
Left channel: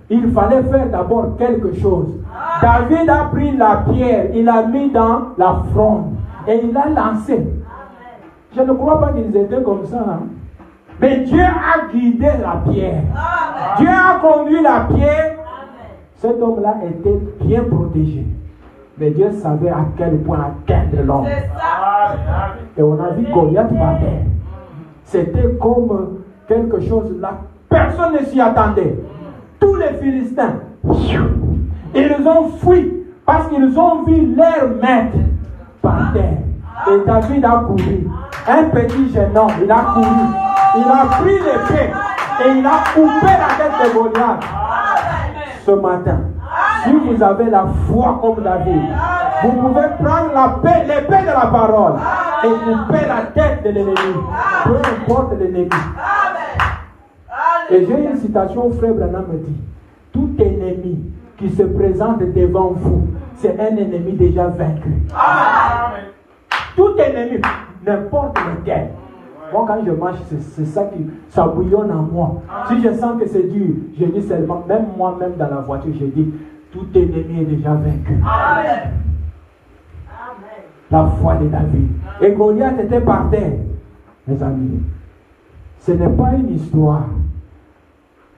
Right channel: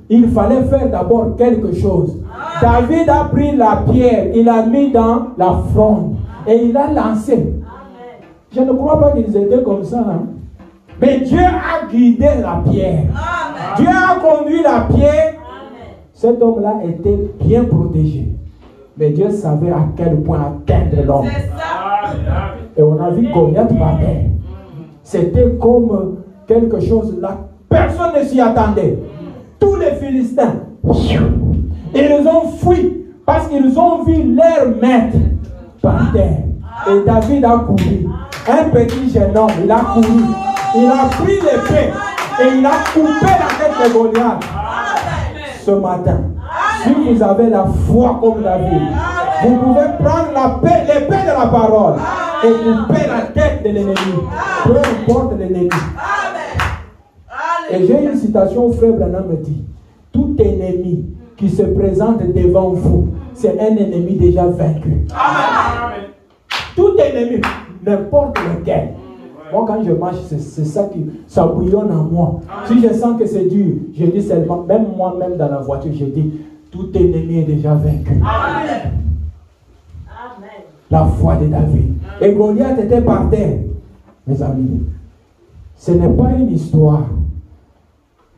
Il fallait faire d'abord quelque chose. David a pris la pierre, il l'a mis dans la fronde et il a lancé. Je ne crois pas qu'ils étaient comme ça. Hein? Mais Dieu a guidé la pierre. Dieu a conduit la pierre. Cet homme-là était bien protégé. Mais Dieu savait à quel point atteindre l'homme. Et on a vu Goliath battait. C'était comme quelque chose là. Personne ne s'y attendait. Tous les Philistins, ils ont fui parce qu'ils ont vu leur maître par terre. Et David a couru. Un petit jeune homme, il a couru. Il a pris l'épée et il a coupé la tête de Goliath. Ce matin, si vous avez la foi comme David, vous pouvez prendre l'épée de la parole et couper la tête de l'ennemi. Peu importe l'ennemi. Et j'ai une citation où Frère Branham me dit, tout ennemi qui se présente devant vous, c'est un ennemi déjà vaincu. Amen. Tout ennemi, n'importe lequel. Moi, quand je marche, c'est ça qui ça bouillonne en moi. Si je sens que c'est dur, je dis seulement, même moi-même dans la voiture, je dis, tout ennemi est déjà vaincu. Amen. la foi de David. Et Goliath était par terre. Mes amis, ce n'est pas une histoire.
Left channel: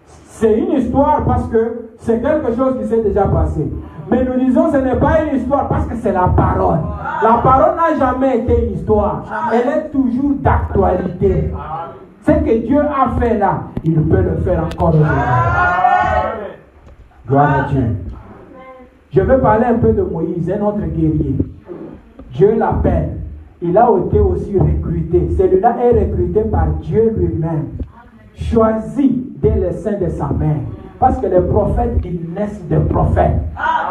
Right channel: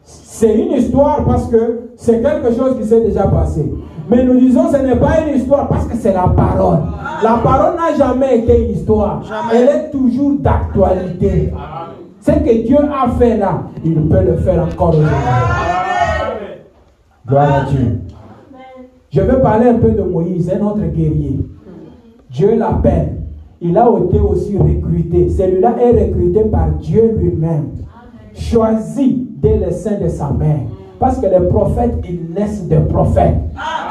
C'est une histoire parce que c'est quelque chose qui s'est déjà passé. Mais nous disons ce n'est pas une histoire parce que c'est la parole. La parole n'a jamais été une histoire. Elle est toujours d'actualité. Ce que Dieu a fait là, il peut le faire encore aujourd'hui. Gloire à Dieu. Je vais parler un peu de Moïse, un autre guerrier. Dieu l'appelle. Il a été aussi recruté. Celui-là est recruté par Dieu lui-même. Choisi dès le sein de sa mère. Parce que les prophètes, ils naissent des prophètes.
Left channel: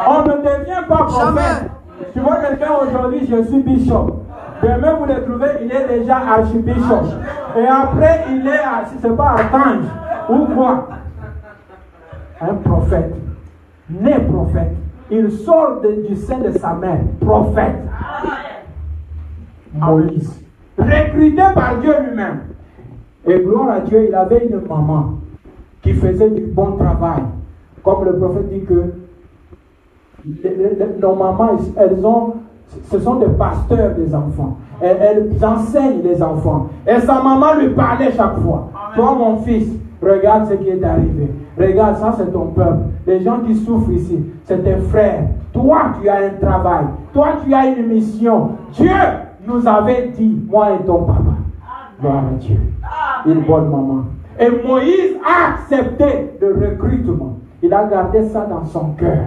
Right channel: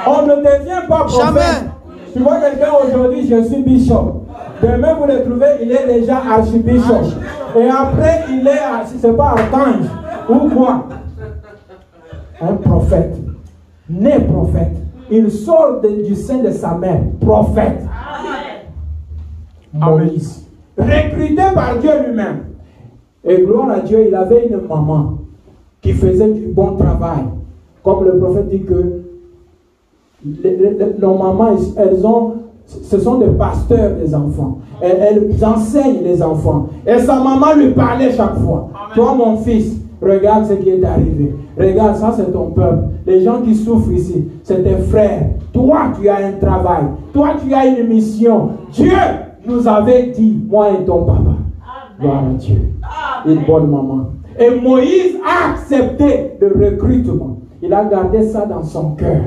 On ne devient pas prophète. Jamais. Tu vois quelqu'un aujourd'hui, je suis bishop. Demain, vous le trouvez, il est déjà archibishop. Et après, il est, si ce n'est pas archange, ou quoi? Un prophète. Né prophète. Il sort du sein de sa mère. Prophète. Moïse. Recruté par Dieu lui-même. Et gloire à Dieu, il avait une maman qui faisait du bon travail. Comme le prophète dit que nos mamans, ce sont des pasteurs des enfants. Elles enseignent les enfants. Et sa maman lui parlait chaque fois. Toi, mon fils, regarde ce qui est arrivé. Regarde, ça c'est ton peuple. Les gens qui souffrent ici, c'est tes frères. Toi, tu as un travail. Toi, tu as une mission. Dieu nous avait dit, moi et ton papa. Gloire à Dieu. Une bonne maman. Et Moïse a accepté le recrutement. Il a gardé ça dans son cœur.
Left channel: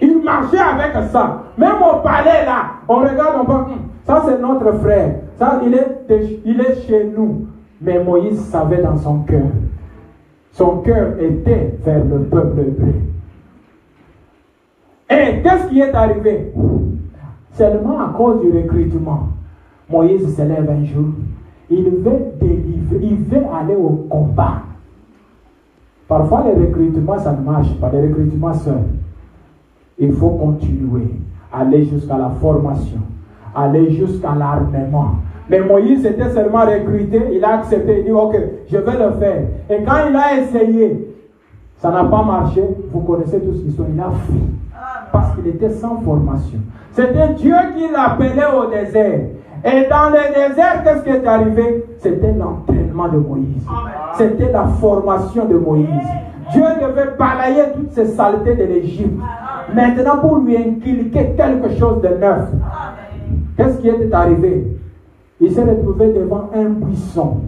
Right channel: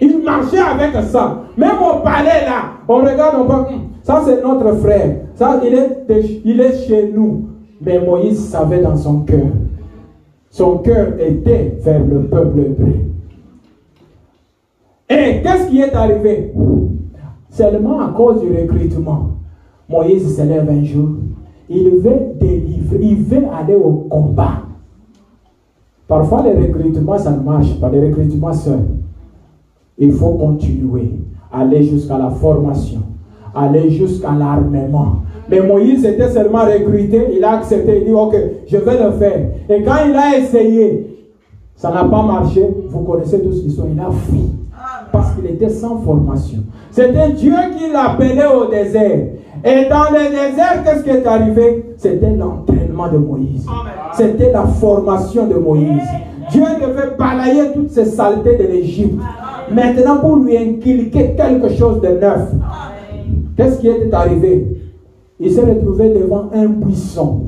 Il marchait avec ça. Même au palais là, on regarde, on voit, ça c'est notre frère. Ça, il est chez nous. Mais Moïse savait dans son cœur. Son cœur était vers le peuple hébreu. Et qu'est-ce qui est arrivé? Seulement à cause du recrutement. Moïse se lève un jour. Il veut délivrer, il veut aller au combat. Parfois, les recrutements, ça ne marche pas. Les recrutements seuls. Il faut continuer. Aller jusqu'à la formation. Aller jusqu'à l'armement. Mais Moïse était seulement recruté. Il a accepté. Il dit, ok, je vais le faire. Et quand il a essayé, ça n'a pas marché. Vous connaissez tous l'histoire. Il a fui. Parce qu'il était sans formation. C'était Dieu qui l'appelait au désert. Et dans le désert, qu'est-ce qui est arrivé? C'était l'entraînement de Moïse. C'était la formation de Moïse. Dieu devait balayer toutes ces saletés de l'Égypte. Maintenant, pour lui inculquer quelque chose de neuf. Qu'est-ce qui est arrivé? Il s'est retrouvé devant un buisson.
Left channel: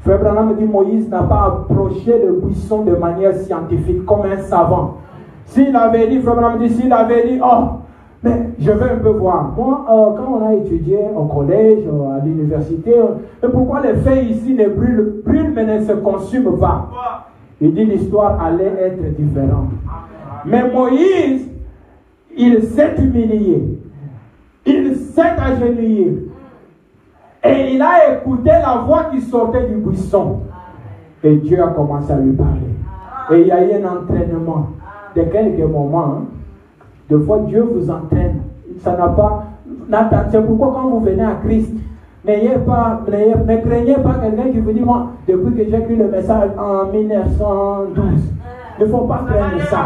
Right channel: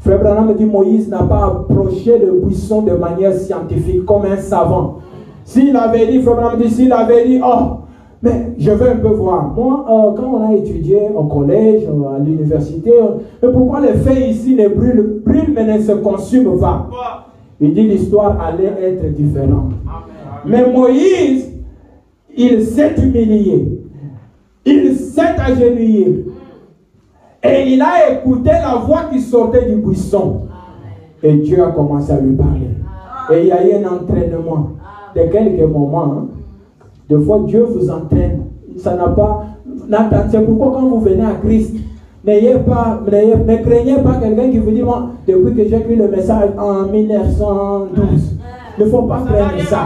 Frère Branham me dit, Moïse n'a pas approché le buisson de manière scientifique, comme un savant. S'il avait dit, Frère Branham me dit, s'il avait dit, oh, mais je veux un peu voir. Moi, quand on a étudié au collège, à l'université, mais pourquoi les feux ici ne brûlent mais ne se consument pas? Il dit l'histoire allait être différente. Mais Moïse, il s'est humilié. Il s'est agenouillé. Et il a écouté la voix qui sortait du buisson. Et Dieu a commencé à lui parler. Et il y a eu un entraînement de quelques moments. Des fois, Dieu vous entraîne. Ça n'a pas. C'est pourquoi quand vous venez à Christ, ne craignez pas quelqu'un qui vous dit, moi, depuis que j'ai écrit le message en 1912, il ne faut pas craindre ça.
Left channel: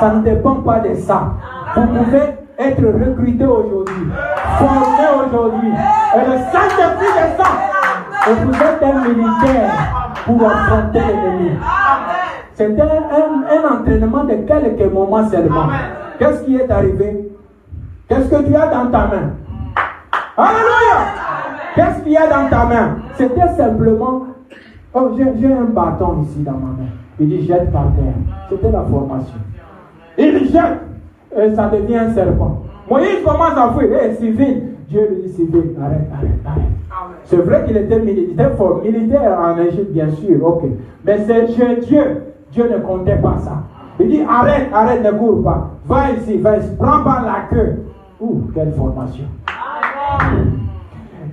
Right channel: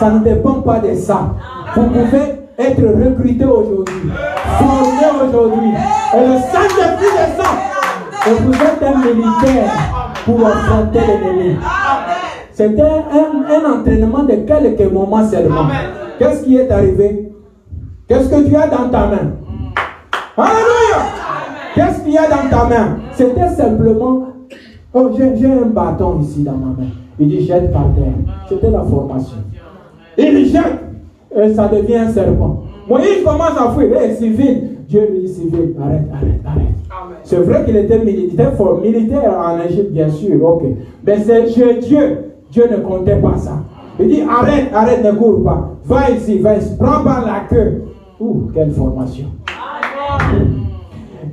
Ça ne dépend pas de ça. Vous pouvez être recruté aujourd'hui, formé aujourd'hui. Et le Saint-Esprit de ça. Et vous êtes un militaire pour affronter l'ennemi. C'était un entraînement de quelques moments seulement. Qu'est-ce qui est arrivé? Qu'est-ce que tu as dans ta main? Alléluia! Qu'est-ce qu'il y a dans ta main? C'était simplement, oh, j'ai un bâton ici dans ma main. Il dit jette par terre. C'était la formation. Il jette et ça devient un serpent. Moïse commence à fuir. Hé, civil. Dieu lui dit civil, arrête. C'est vrai qu'il était militaire en Égypte, bien sûr, ok. Mais c'est chez Dieu. Dieu ne comptait pas ça. Il dit arrête, ne cours pas. Va ici, prends par la queue. Ouh, quelle formation.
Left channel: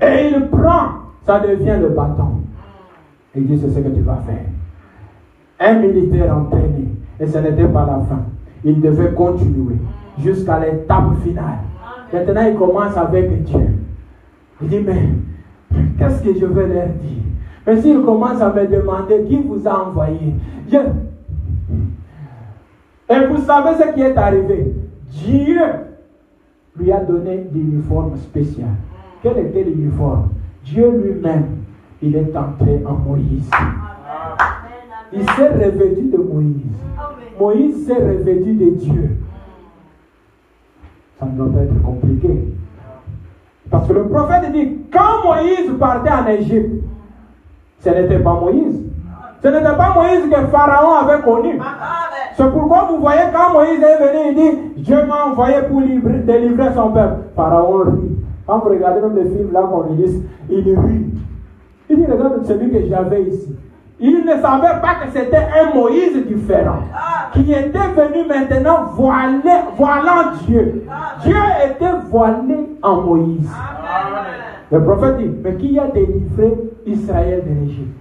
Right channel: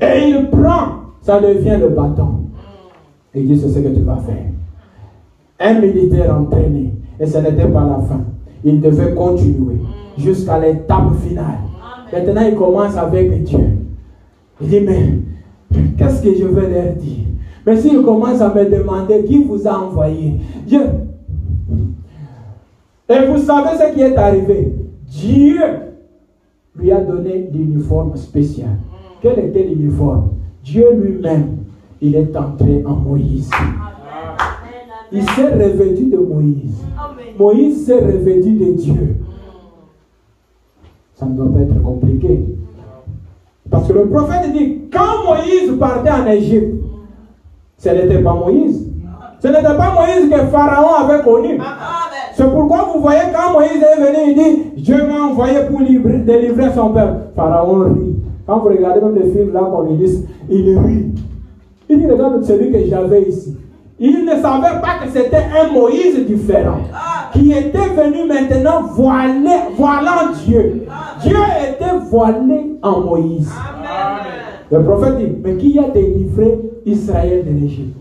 Et il prend, ça devient le bâton. Il dit c'est ce que tu vas faire. Un militaire entraîné. Et ce n'était pas la fin. Il devait continuer jusqu'à l'étape finale. Maintenant il commence avec Dieu. Il dit mais qu'est-ce que je vais leur dire? Mais s'il commence à me demander qui vous a envoyé, Dieu. Et vous savez ce qui est arrivé? Dieu lui a donné l'uniforme spécial. Quel était l'uniforme? Dieu lui-même, il est entré en Moïse. Il s'est revêtu de Moïse. Moïse s'est revêtu de Dieu. Ça ne doit pas être compliqué. Parce que le prophète dit, quand Moïse partait en Égypte, ce n'était pas Moïse. Ce n'était pas Moïse que Pharaon avait connu. C'est pourquoi vous voyez quand Moïse est venu, il dit, Dieu m'a envoyé pour délivrer son peuple. Pharaon rit. Quand vous regardez même les films là qu'on lit, il rit. Il dit, regarde celui que j'avais ici. Il ne savait pas que c'était un Moïse différent, qui était venu maintenant voilant Dieu. Dieu était voilé en Moïse. Le prophète dit, mais qui a délivré Israël de l'Égypte?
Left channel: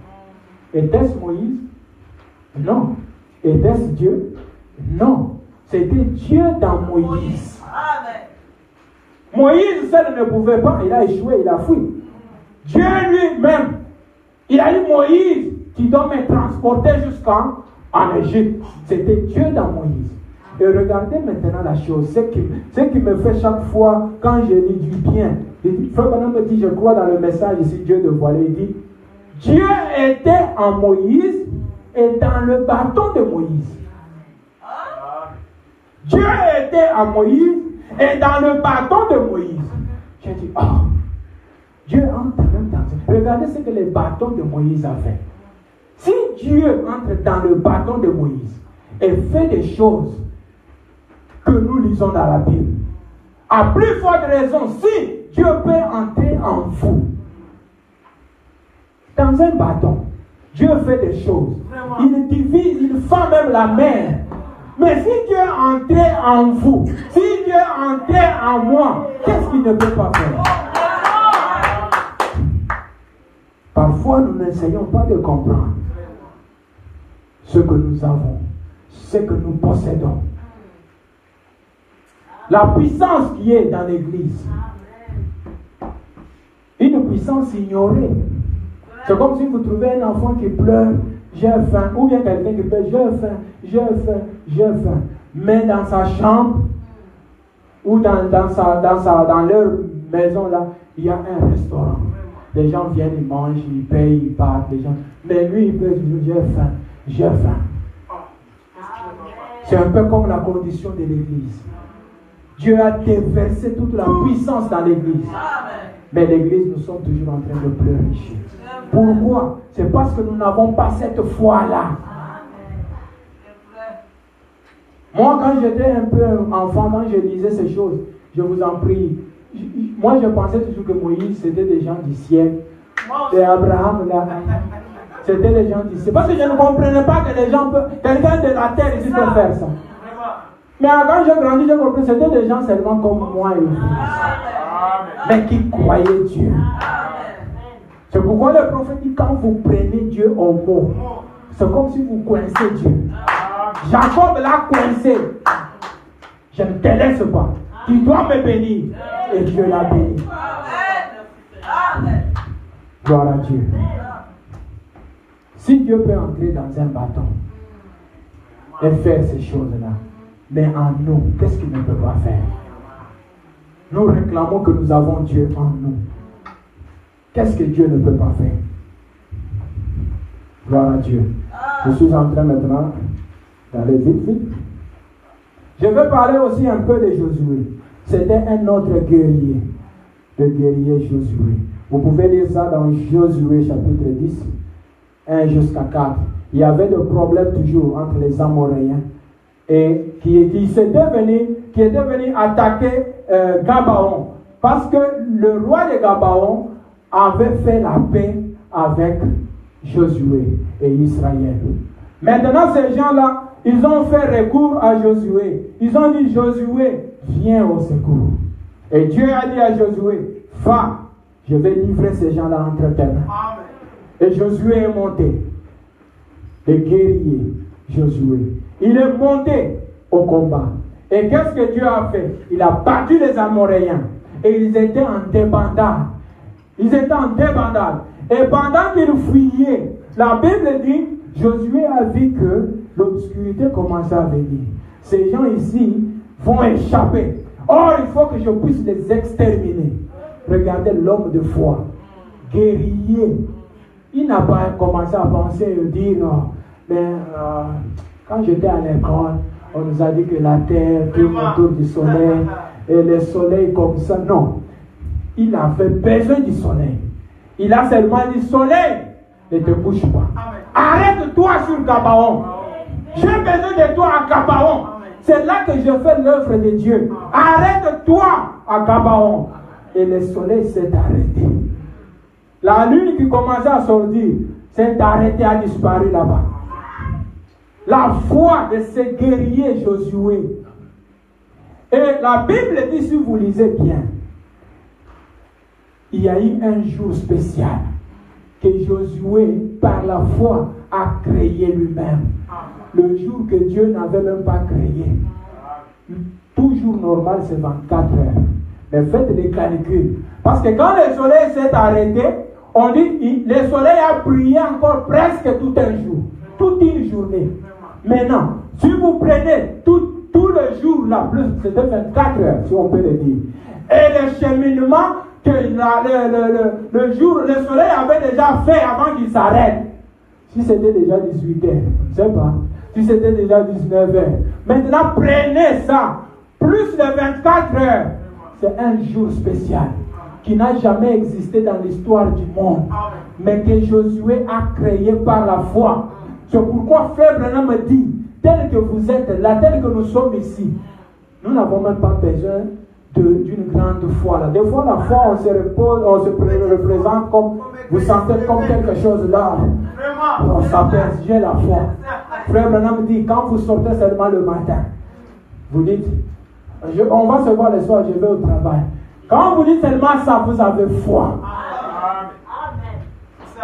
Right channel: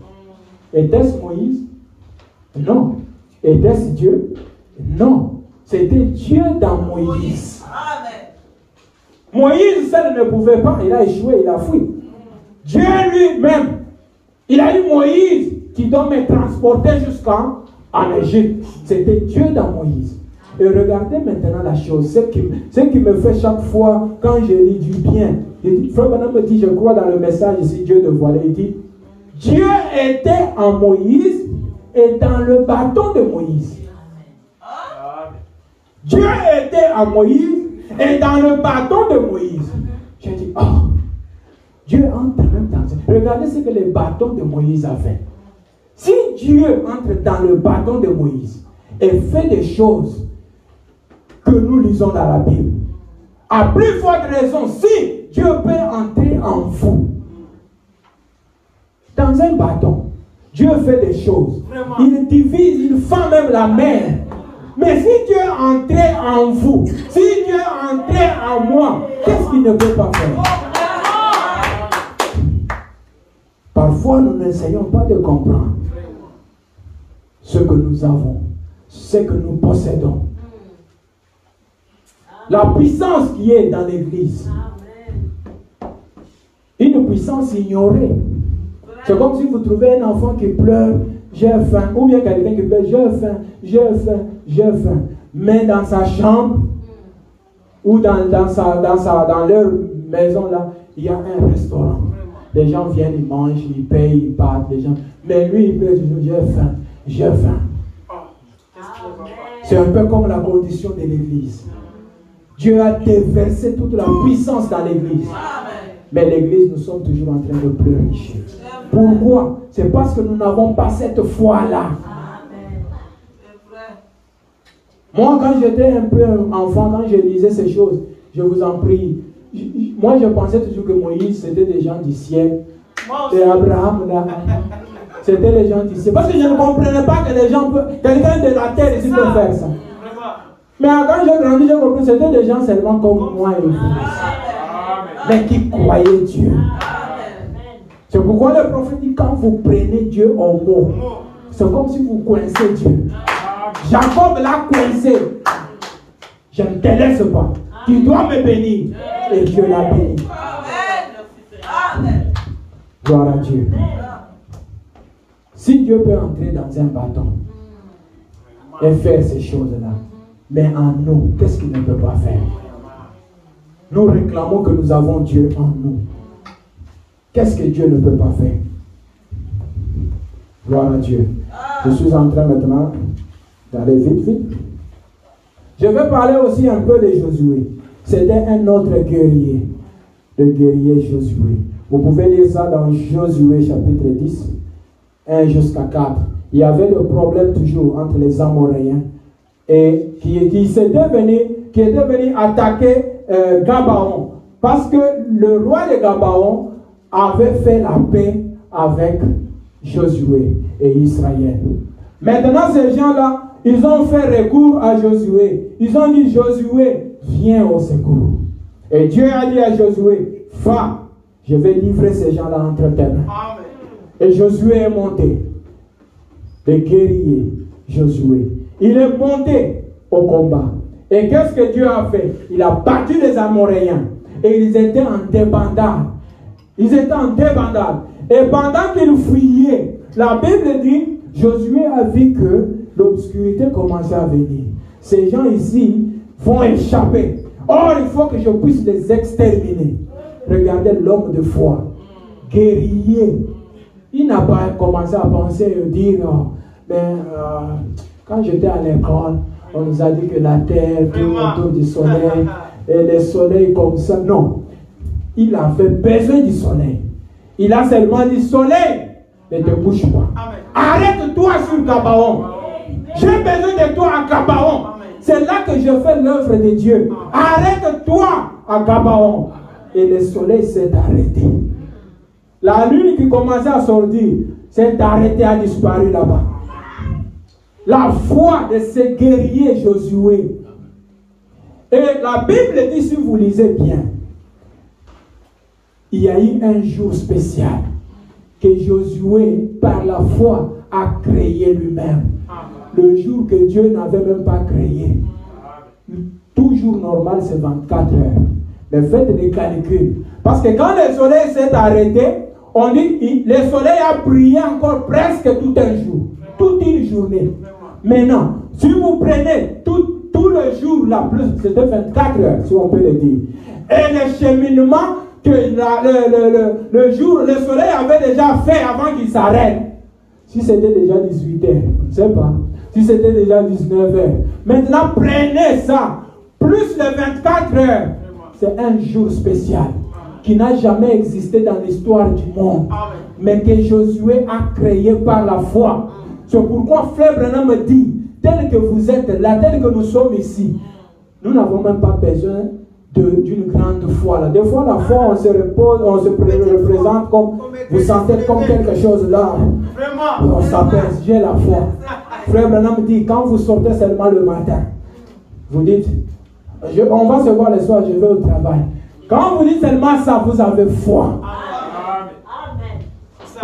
Était-ce Moïse? Non. Était-ce Dieu? Non. C'était Dieu dans Moïse. Moïse seul ne pouvait pas, il a échoué, il a fui. Dieu lui-même, il a eu Moïse qui doit me transporter jusqu'en Égypte. C'était Dieu dans Moïse. Et regardez maintenant la chose, ce qui me fait chaque fois quand je lis du bien. Frère Branham me dit, je crois dans le message ici, Dieu de voilé, il dit, Dieu était en Moïse et dans le bâton de Moïse. Dieu était en Moïse et dans le bâton de Moïse. J'ai dit, oh, Dieu entre même dans ça. Regardez ce que les bâtons de Moïse avaient. Si Dieu entre dans le bâton de Moïse et fait des choses que nous lisons dans la Bible, à plus forte raison, si Dieu peut entrer en vous, dans un bâton, Dieu fait des choses. Il divise, il fait même la mer. Mais si Dieu entrait en vous, si Dieu entrait en moi, qu'est-ce qu'il ne peut pas faire? Parfois, nous n'essayons pas de comprendre ce que nous avons, ce que nous possédons. La puissance qui est dans l'Église. Une puissance ignorée. C'est comme si vous trouvez un enfant qui pleure, j'ai faim, ou bien quelqu'un qui pleure, j'ai faim. Mais dans sa chambre, ou dans leur maison là, il y a un restaurant. Les gens viennent, ils mangent, ils payent, ils partent, les gens. Mais lui, il peut dire, j'ai faim. C'est un peu comme la condition de l'Église. Dieu a déversé toute la puissance dans l'Église. Mais l'Église, nous sommes toujours en train de pleurer. Pourquoi? C'est parce que nous n'avons pas cette foi-là. Moi, quand j'étais un peu enfant, quand je lisais ces choses, je vous en prie, moi je pensais toujours que Moïse, c'était des gens du ciel. Et Abraham, là, c'était les gens du ciel. Parce que je ne comprenais pas que les gens peuvent, quelqu'un de la terre ici peut faire ça. Mais quand j'ai grandi, j'ai compris que c'était des gens seulement comme moi et vous. Mais qui croyaient Dieu. C'est pourquoi le prophète dit, quand vous prenez Dieu au mot, c'est comme si vous coincez Dieu. Jacob l'a coincé. Je ne te laisse pas. Tu dois me bénir. Et Dieu l'a béni. Gloire à Dieu. Si Dieu peut entrer dans un bâton et faire ces choses-là, mais en nous, qu'est-ce qu'il ne peut pas faire? Nous réclamons que nous avons Dieu en nous. Qu'est-ce que Dieu ne peut pas faire? Gloire à Dieu. Je suis en train maintenant d'aller vite. Je vais parler aussi un peu de Josué. C'était un autre guerrier. Le guerrier Josué. Vous pouvez lire ça dans Josué chapitre 10, 1 jusqu'à 4. Il y avait des problèmes toujours entre les Amoréens et qui était venu attaquer Gabaon. Parce que le roi de Gabaon avait fait la paix avec Josué et Israël. Maintenant, ces gens-là, ils ont fait recours à Josué. Ils ont dit, Josué, viens au secours. Et Dieu a dit à Josué, va, je vais livrer ces gens-là entre tes mains. Et Josué est monté. Le guerrier Josué. Il est monté au combat. Et qu'est-ce que Dieu a fait? Il a battu les Amoréens. Et ils étaient en débandade. Et pendant qu'ils fuyaient, la Bible dit, Josué a vu que l'obscurité commençait à venir. Ces gens ici vont échapper. Or, il faut que je puisse les exterminer. Regardez l'homme de foi, guerrier. Il n'a pas commencé à penser et dire, quand j'étais à l'école, on nous a dit que la terre tourne autour du soleil et le soleil comme ça. Non. Il avait besoin du soleil. Il a seulement dit soleil, ne te bouge pas. Arrête-toi sur Gabaon. J'ai besoin de toi à Gabaon. C'est là que je fais l'œuvre de Dieu. Arrête-toi à Gabaon. Et le soleil s'est arrêté. La lune qui commençait à sortir s'est arrêtée, a disparu là-bas. La foi de ce guerrier Josué. Et la Bible dit, si vous lisez bien, il y a eu un jour spécial que Josué, par la foi, a créé lui-même. Le jour que Dieu n'avait même pas créé. Tout jour normal, c'est 24 heures. Mais faites des calculs. Parce que quand le soleil s'est arrêté, on dit le soleil a brillé encore presque tout un jour. Toute une journée. Maintenant, si vous prenez tout le jour, là, plus c'était 24 heures, si on peut le dire. Et le cheminement que le soleil avait déjà fait avant qu'il s'arrête. Si c'était déjà 18 heures, je ne sais pas. Si c'était déjà 19 heures. Maintenant, prenez ça. Plus les 24 heures. C'est un jour spécial qui n'a jamais existé dans l'histoire du monde. Mais que Josué a créé par la foi. C'est pourquoi Frère Branham me dit, tel que vous êtes là, tel que nous sommes ici, nous n'avons même pas besoin d'une grande foi. Là. Des fois, la foi, on se représente comme, vous sentez comme quelque chose là. On s'appelle, j'ai la foi. Frère Branham me dit, quand vous sortez seulement le matin, vous dites, on va se voir le soir, je vais au travail. Quand vous dites seulement ça, vous avez foi.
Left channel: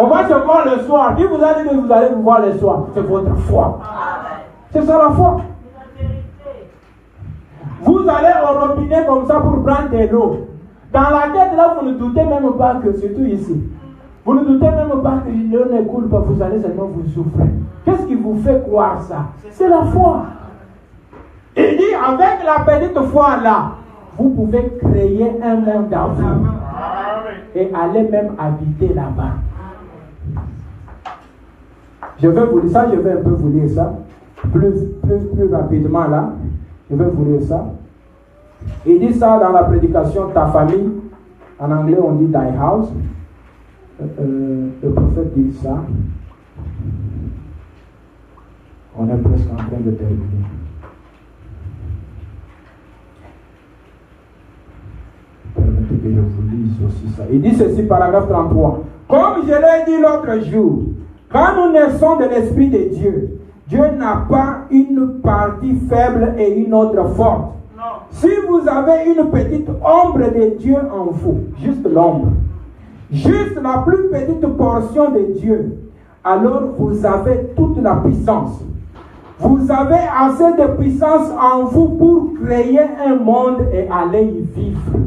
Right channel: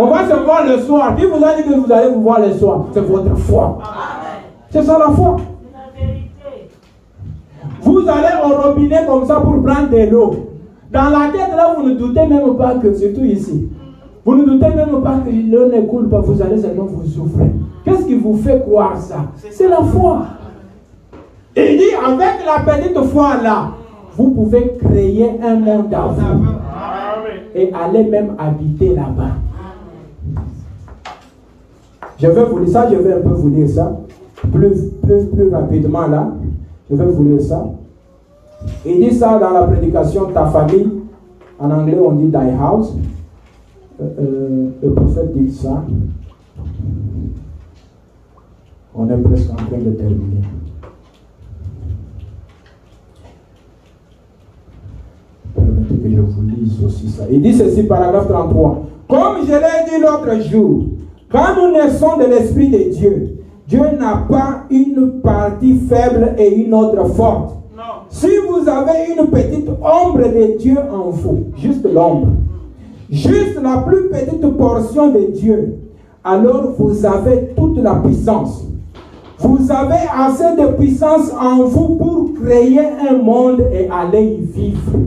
On va se voir le soir. Qui vous a dit que vous allez vous voir le soir? C'est votre foi. C'est ça la foi. Vous allez au robinet comme ça pour prendre de l'eau. Dans la tête là, vous ne doutez même pas que, surtout ici, vous ne doutez même pas que l'eau ne coule pas, vous allez seulement vous souffrir. Qu'est-ce qui vous fait croire ça? C'est la foi. Il dit, avec la petite foi là, vous pouvez créer un monde à vous. Et aller même habiter là-bas. Je vais vous lire ça, je vais un peu vous lire ça. Plus rapidement là. Je vais vous lire ça. Il dit ça dans la prédication Ta famille. En anglais, on dit Thy house. Le prophète dit ça. On est presque en train de terminer. Permettez que je vous lise aussi ça. Il dit ceci, paragraphe 33. Comme je l'ai dit l'autre jour, quand nous naissons de l'Esprit de Dieu, Dieu n'a pas une partie faible et une autre forte. Non. Si vous avez une petite ombre de Dieu en vous, juste l'ombre, juste la plus petite portion de Dieu, alors vous avez toute la puissance. Vous avez assez de puissance en vous pour créer un monde et aller y vivre.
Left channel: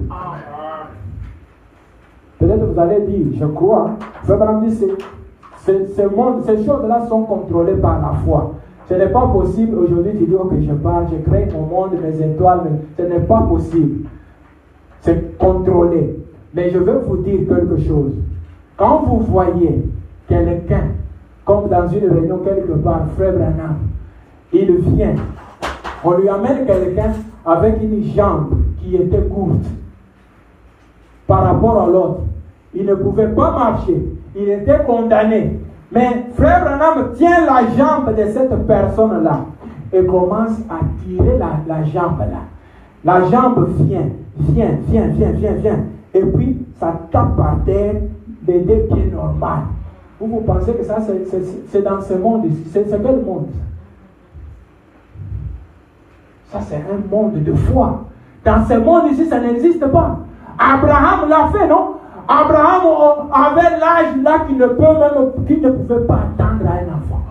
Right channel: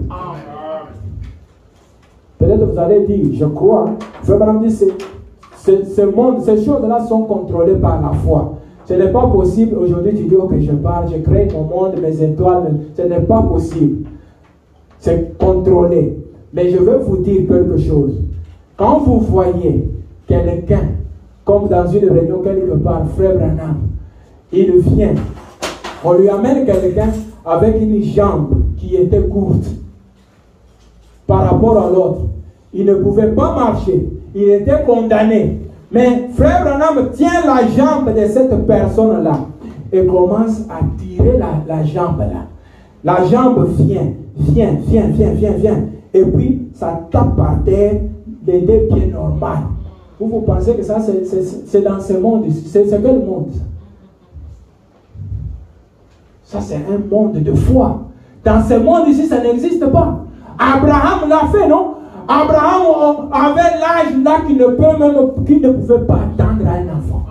Peut-être vous allez dire, je crois, vraiment dire, ce monde, ces choses-là sont contrôlées par la foi. Ce n'est pas possible aujourd'hui, tu dis que je parle, je crée mon monde, mes étoiles, ce n'est pas possible. C'est contrôlé. Mais je veux vous dire quelque chose. Quand vous voyez quelqu'un, comme dans une réunion quelque part, Frère Branham, il vient, on lui amène quelqu'un avec une jambe qui était courte par rapport à l'autre. Il ne pouvait pas marcher. Il était condamné. Mais Frère Branham tient la jambe de cette personne-là et commence à tirer la jambe là. La jambe vient. Et puis, ça tape par terre des deux pieds normaux. Vous pensez que ça, c'est dans ce monde ici. C'est quel monde? Ça, c'est un monde de foi. Dans ce monde ici, ça n'existe pas. Abraham l'a fait, non? Abraham avait l'âge là qui ne pouvait pas attendre à un enfant.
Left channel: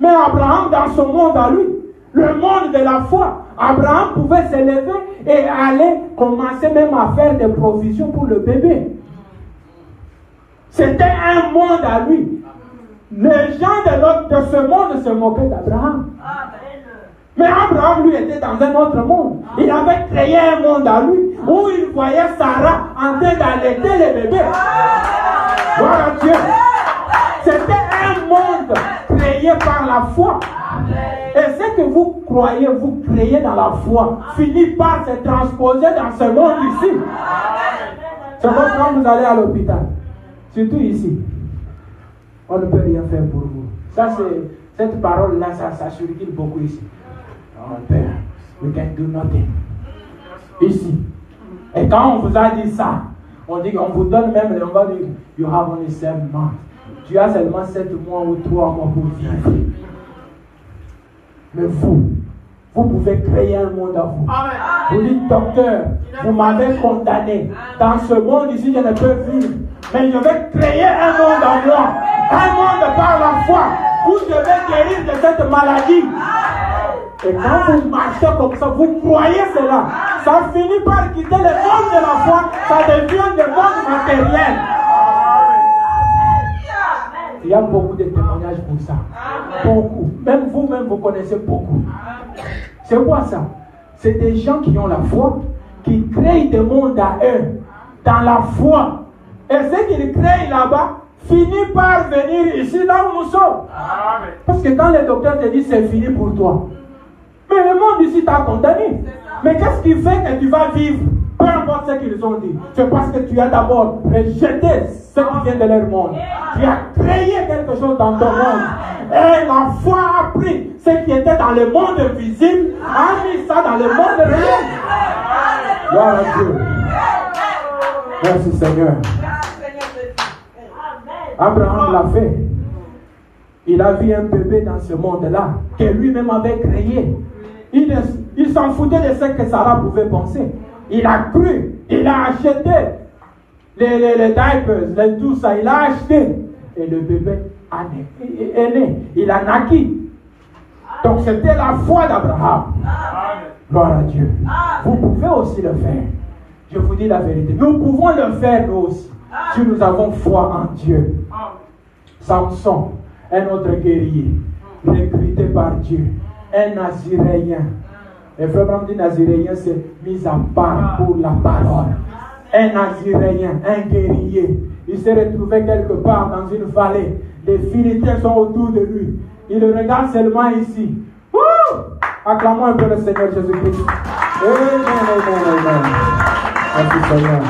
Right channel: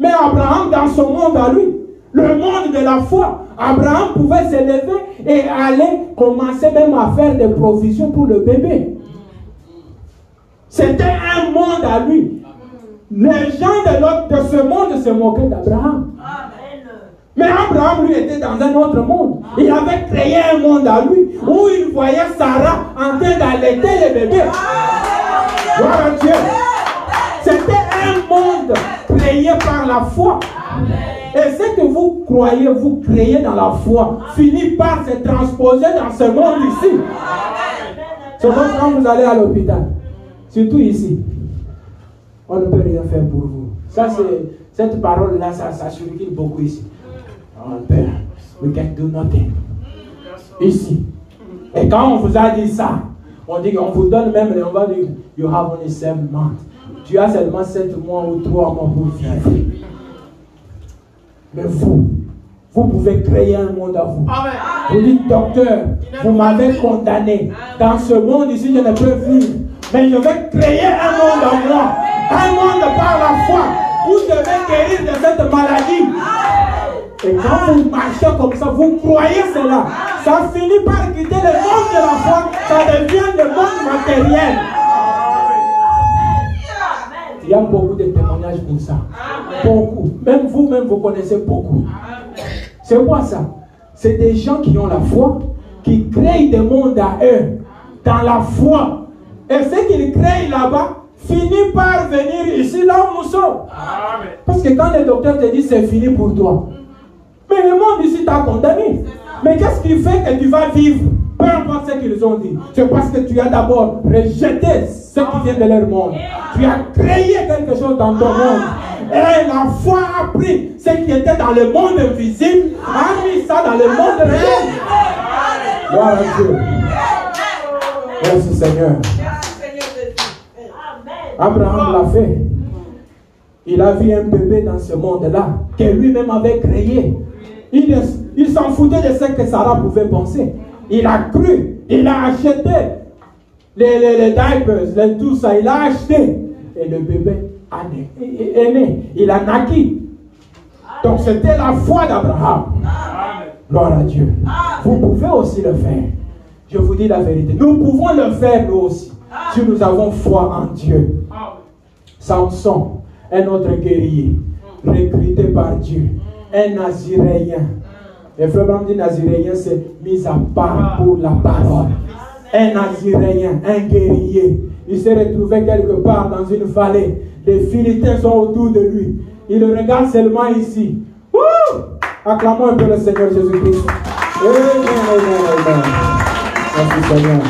Mais Abraham, dans son monde à lui, le monde de la foi, Abraham pouvait se lever et aller commencer même à faire des provisions pour le bébé. C'était un monde à lui. Les gens de ce monde se moquaient d'Abraham. Mais Abraham, lui, était dans un autre monde. Il avait créé un monde à lui où il voyait Sarah en train d'allaiter les bébés. Gloire à Dieu. C'était un monde créé par la foi. Et ce que vous croyez, vous créez dans la foi, finit par se transposer dans ce monde ici. C'est comme quand vous allez à l'hôpital, surtout ici, on ne peut rien faire pour vous. Ça, cette parole-là, ça circule beaucoup ici. On peut, we can do nothing. Ici. Et quand on vous a dit ça, on dit qu'on vous donne même, on va dire, you have only 7 months. Tu as seulement 7 mois ou 3 mois pour vivre. Mais vous pouvez créer un monde à vous. Amen. Vous dites, docteur, vous m'avez condamné. Dans ce monde ici, je ne peux vivre. Mais je vais créer un monde à moi. Un monde par la foi. Où je vais guérir de cette maladie. Et quand vous marchez comme ça, vous croyez cela. Ça finit par quitter le monde de la foi. Ça devient le monde matériel. Il y a beaucoup de témoignages pour ça. Beaucoup. Même vous-même, vous connaissez beaucoup. C'est quoi ça? C'est des gens qui ont la foi, qui créent des mondes à eux, dans la foi. Et ce qu'ils créent là-bas, finit par venir ici, là où nous sommes. Parce que quand le docteur te dit c'est fini pour toi, mais le monde ici t'a condamné. Mais qu'est-ce qui fait que tu vas vivre? Peu importe ce qu'ils ont dit. C'est parce que tu as d'abord rejeté ce qui vient de leur monde. Tu as créé quelque chose dans ton monde. Et la foi a pris ce qui était dans le monde invisible, a mis ça dans le monde réel. Gloire à Dieu. Merci Seigneur. Abraham l'a fait. Il a vu un bébé dans ce monde-là que lui-même avait créé. Il s'en foutait de ce que Sarah pouvait penser. Il a cru, il a acheté les diapers, tout ça, il a acheté. Et le bébé est né, il a naquit. Donc c'était la foi d'Abraham. Gloire à Dieu. Vous pouvez aussi le faire. Je vous dis la vérité. Nous pouvons le faire nous aussi. Si nous avons foi en Dieu. Samson, un autre guerrier, recruté par Dieu, un Naziréen. Le frère dit Naziréen, c'est mis à part pour la parole. Un Naziréen, un guerrier. Il s'est retrouvé quelque part dans une vallée. Les Philistins sont autour de lui. Il regarde seulement ici. Wouh! Acclamons un peu le Seigneur Jésus-Christ. Merci Seigneur.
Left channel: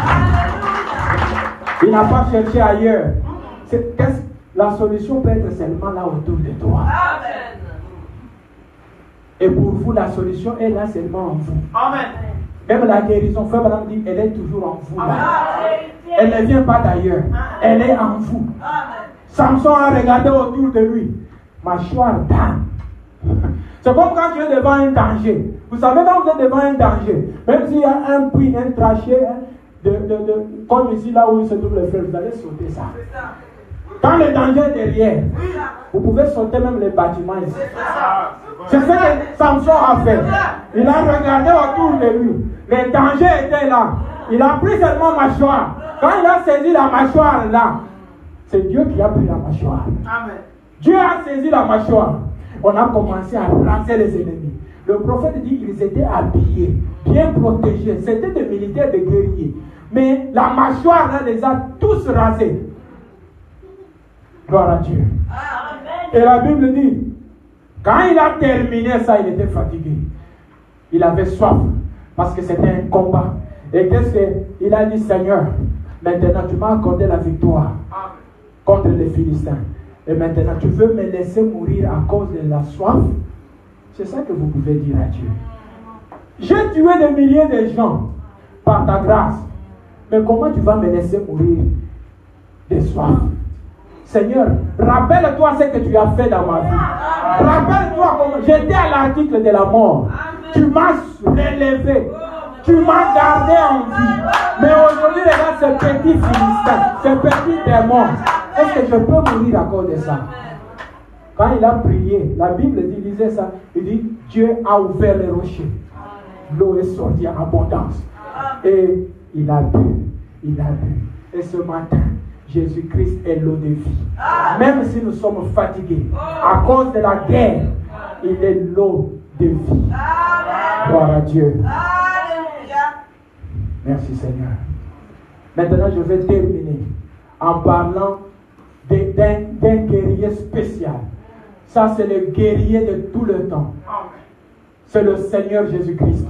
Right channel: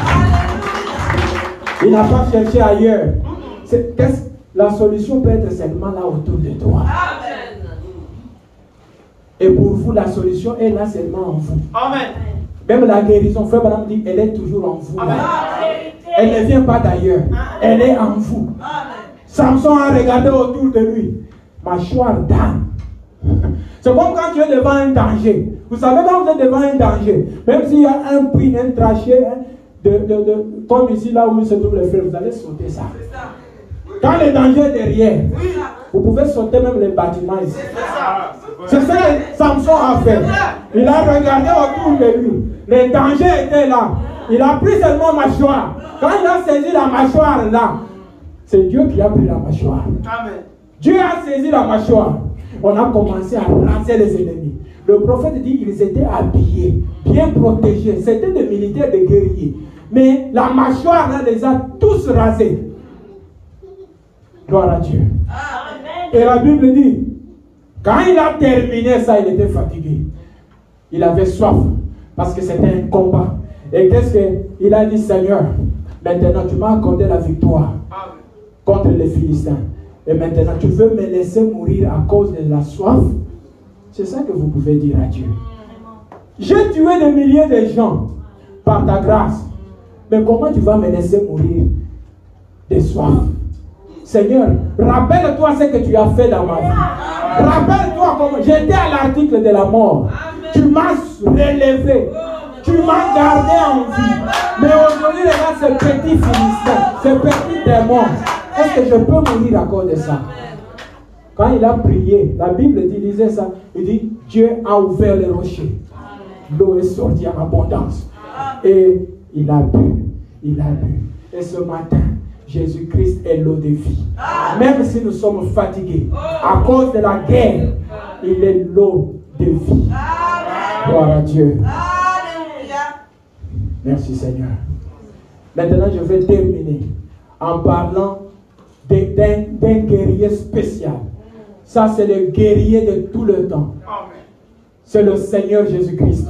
Il n'a pas cherché ailleurs. La solution peut être seulement là autour de toi. Amen. Et pour vous, la solution est là seulement en vous. Amen. Même la guérison, frère Branham dit, elle est toujours en vous. Amen. Elle ne vient pas d'ailleurs. Elle est en vous. Amen. Samson a regardé autour de lui. Mâchoire d'âne. C'est comme quand tu es devant un danger. Vous savez, quand vous êtes devant un danger, même s'il y a un puits, un trachet, comme ici, là où il se trouve le frère, vous allez sauter ça. Quand le danger est derrière, vous pouvez sauter même les bâtiments ici. C'est ce que Samson a fait. Il a regardé autour de lui. Le danger était là. Il a pris seulement mâchoire. Quand il a saisi la mâchoire là, c'est Dieu qui a pris la mâchoire. Amen. Dieu a saisi la mâchoire. On a commencé à lancer les ennemis. Le prophète dit qu'ils étaient habillés, bien protégés. C'était des militaires, des guerriers. Mais la mâchoire là les a tous rasés. Gloire à Dieu. Amen. Et la Bible dit, quand il a terminé ça, il était fatigué. Il avait soif, parce que c'était un combat. Et qu'est-ce qu'il a dit, Seigneur, maintenant tu m'as accordé la victoire contre les Philistins. Et maintenant tu veux me laisser mourir à cause de la soif? C'est ça que vous pouvez dire à Dieu. J'ai tué des milliers de gens par ta grâce. Mais comment tu vas me laisser mourir de soif? Seigneur, rappelle-toi ce que tu as fait dans ma vie. Rappelle-toi comment j'étais à l'article de la mort. Tu m'as relevé. Tu m'as gardé en vie. Mais aujourd'hui, regarde ce petit Philistin, ce petit démon. Est-ce que je peux mourir à cause de ça? Quand il a prié, la Bible disait ça. Il dit, Dieu a ouvert les rochers. L'eau est sortie en abondance. Et il a bu. Il a bu. Et ce matin, Jésus-Christ est l'eau de vie. Même si nous sommes fatigués à cause de la guerre, il est l'eau de vie. Gloire à Dieu. Alléluia. Merci Seigneur. Maintenant, je vais terminer en parlant d'un guerrier spécial. Ça, c'est le guerrier de tout le temps. C'est le Seigneur Jésus-Christ.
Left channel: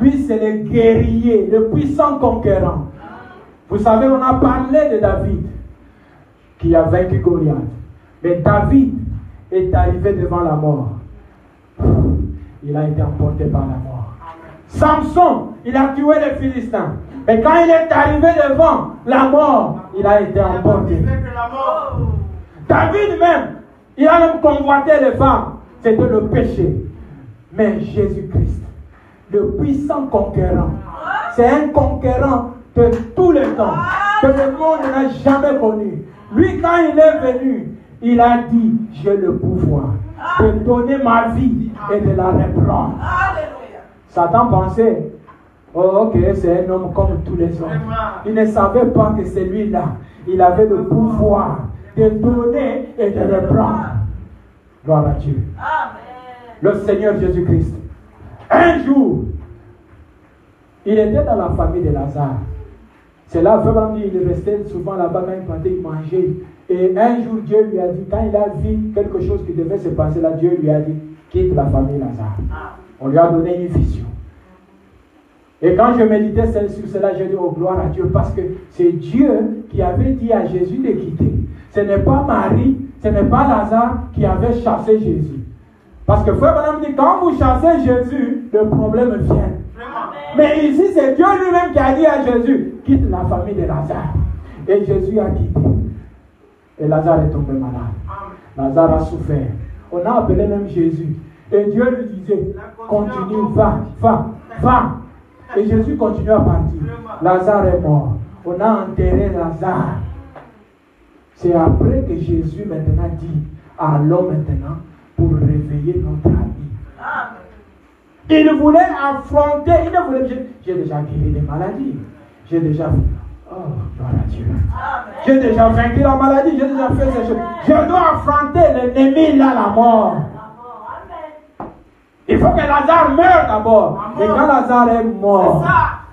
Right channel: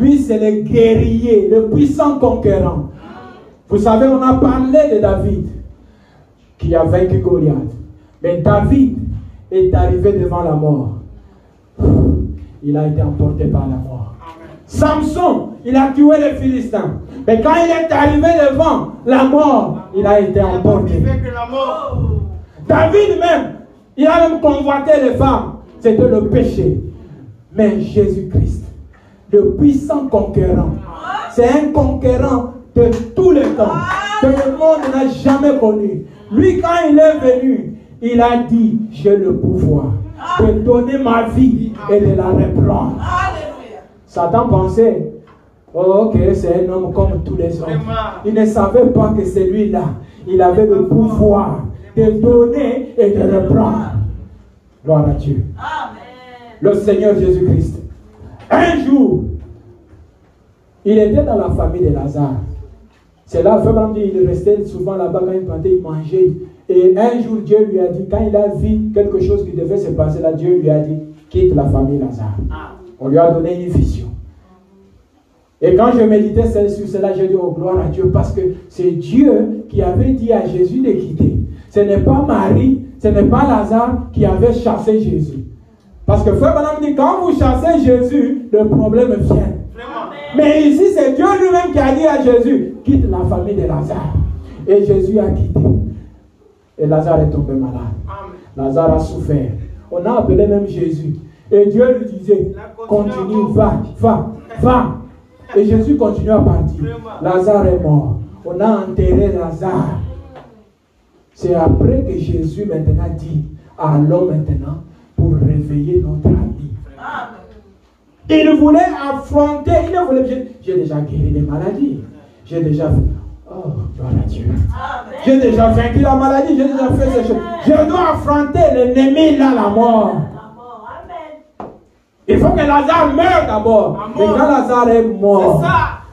Lui, c'est le guerrier, le puissant conquérant. Vous savez, on a parlé de David qui a vaincu Goliath. Mais David est arrivé devant la mort. Il a été emporté par la mort. Samson, il a tué les Philistins. Mais quand il est arrivé devant la mort, il a été emporté. David même, il a même convoité les femmes. C'était le péché. Mais Jésus-Christ, le puissant conquérant, c'est un conquérant de tous les temps, que le monde n'a jamais connu. Lui, quand il est venu, il a dit, j'ai le pouvoir de donner ma vie et de la reprendre. Satan pensait, oh, ok, c'est un homme comme tous les autres. Il ne savait pas que celui-là, il avait le pouvoir de donner et de reprendre. Gloire à Dieu. Le Seigneur Jésus-Christ. Un jour, il était dans la famille de Lazare. C'est là, vraiment, il restait souvent là-bas quand il partait, il mangeait. Et un jour, Dieu lui a dit, quand il a vu quelque chose qui devait se passer là, Dieu lui a dit, quitte la famille Lazare. On lui a donné une vision. Et quand je méditais sur cela, j'ai dit, oh gloire à Dieu, parce que c'est Dieu qui avait dit à Jésus de quitter. Ce n'est pas Marie, ce n'est pas Lazare qui avait chassé Jésus. Parce que frère madame dit, quand vous chassez Jésus, le problème vient. Mais ici, c'est Dieu lui-même qui a dit à Jésus, quitte la famille de Lazare. Et Jésus a quitté. Et Lazare est tombé malade. Lazare a souffert. On a appelé même Jésus. Et Dieu lui disait, continue, va. Et Jésus continue à partir. Lazare est mort. On a enterré Lazare. C'est après que Jésus maintenant dit, allons maintenant pour réveiller notre ami. Il voulait affronter, il ne voulait pas. J'ai déjà guéri des maladies. J'ai déjà fait. Oh, gloire à Dieu. J'ai déjà vaincu la maladie, j'ai déjà fait ces choses. Je dois affronter l'ennemi là, la mort. Il faut que Lazare meure d'abord. Et quand Lazare est mort,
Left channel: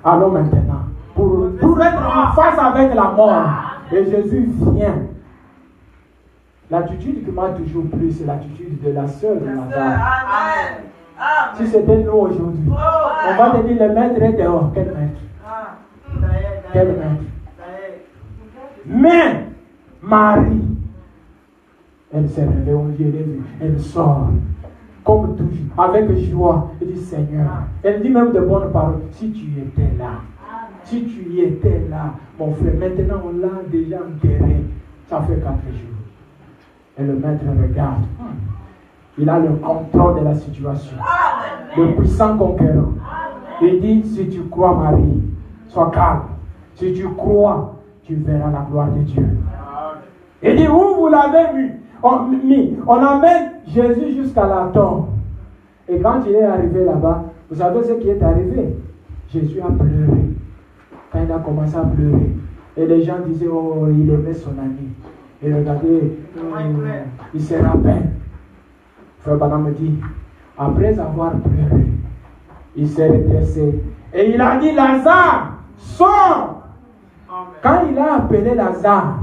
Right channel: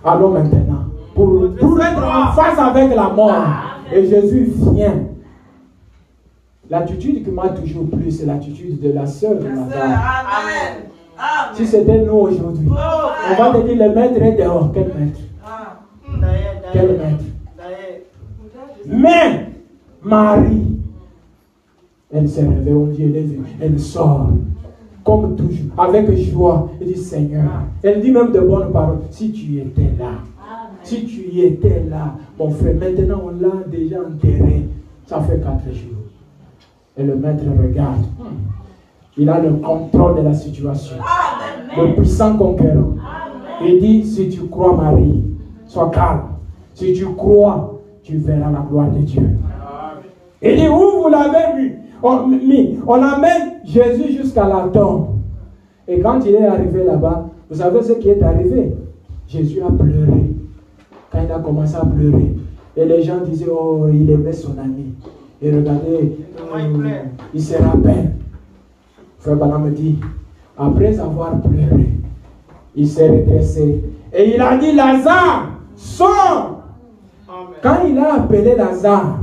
allons maintenant pour être en face avec la mort. Et Jésus vient. L'attitude qui m'a toujours plu, c'est l'attitude de la sœur de Lazare. Si c'était nous aujourd'hui, on va te dire le maître est dehors. Quel maître? Quel maître? Mais Marie, elle s'est réveillée, on dit, elle sort. Comme toujours, avec joie, elle dit Seigneur. Elle dit même de bonnes paroles. Si tu étais là, si tu étais là, mon frère, maintenant on l'a déjà enterré. Ça fait 4 jours. Et le maître regarde. Il a le contrôle de la situation. Le puissant conquérant. Il dit, si tu crois Marie, sois calme. Si tu crois, tu verras la gloire de Dieu. Il dit, où vous l'avez vu? On amène Jésus jusqu'à la tombe. Et quand il est arrivé là-bas, vous savez ce qui est arrivé? Jésus a pleuré. Quand il a commencé à pleurer, et les gens disaient, oh, il aimait son ami. Et regardez, il se rappelle. Frère Branham me dit, après avoir pleuré, il s'est redressé. Et il a dit, Lazare, sors. Quand il a appelé Lazare,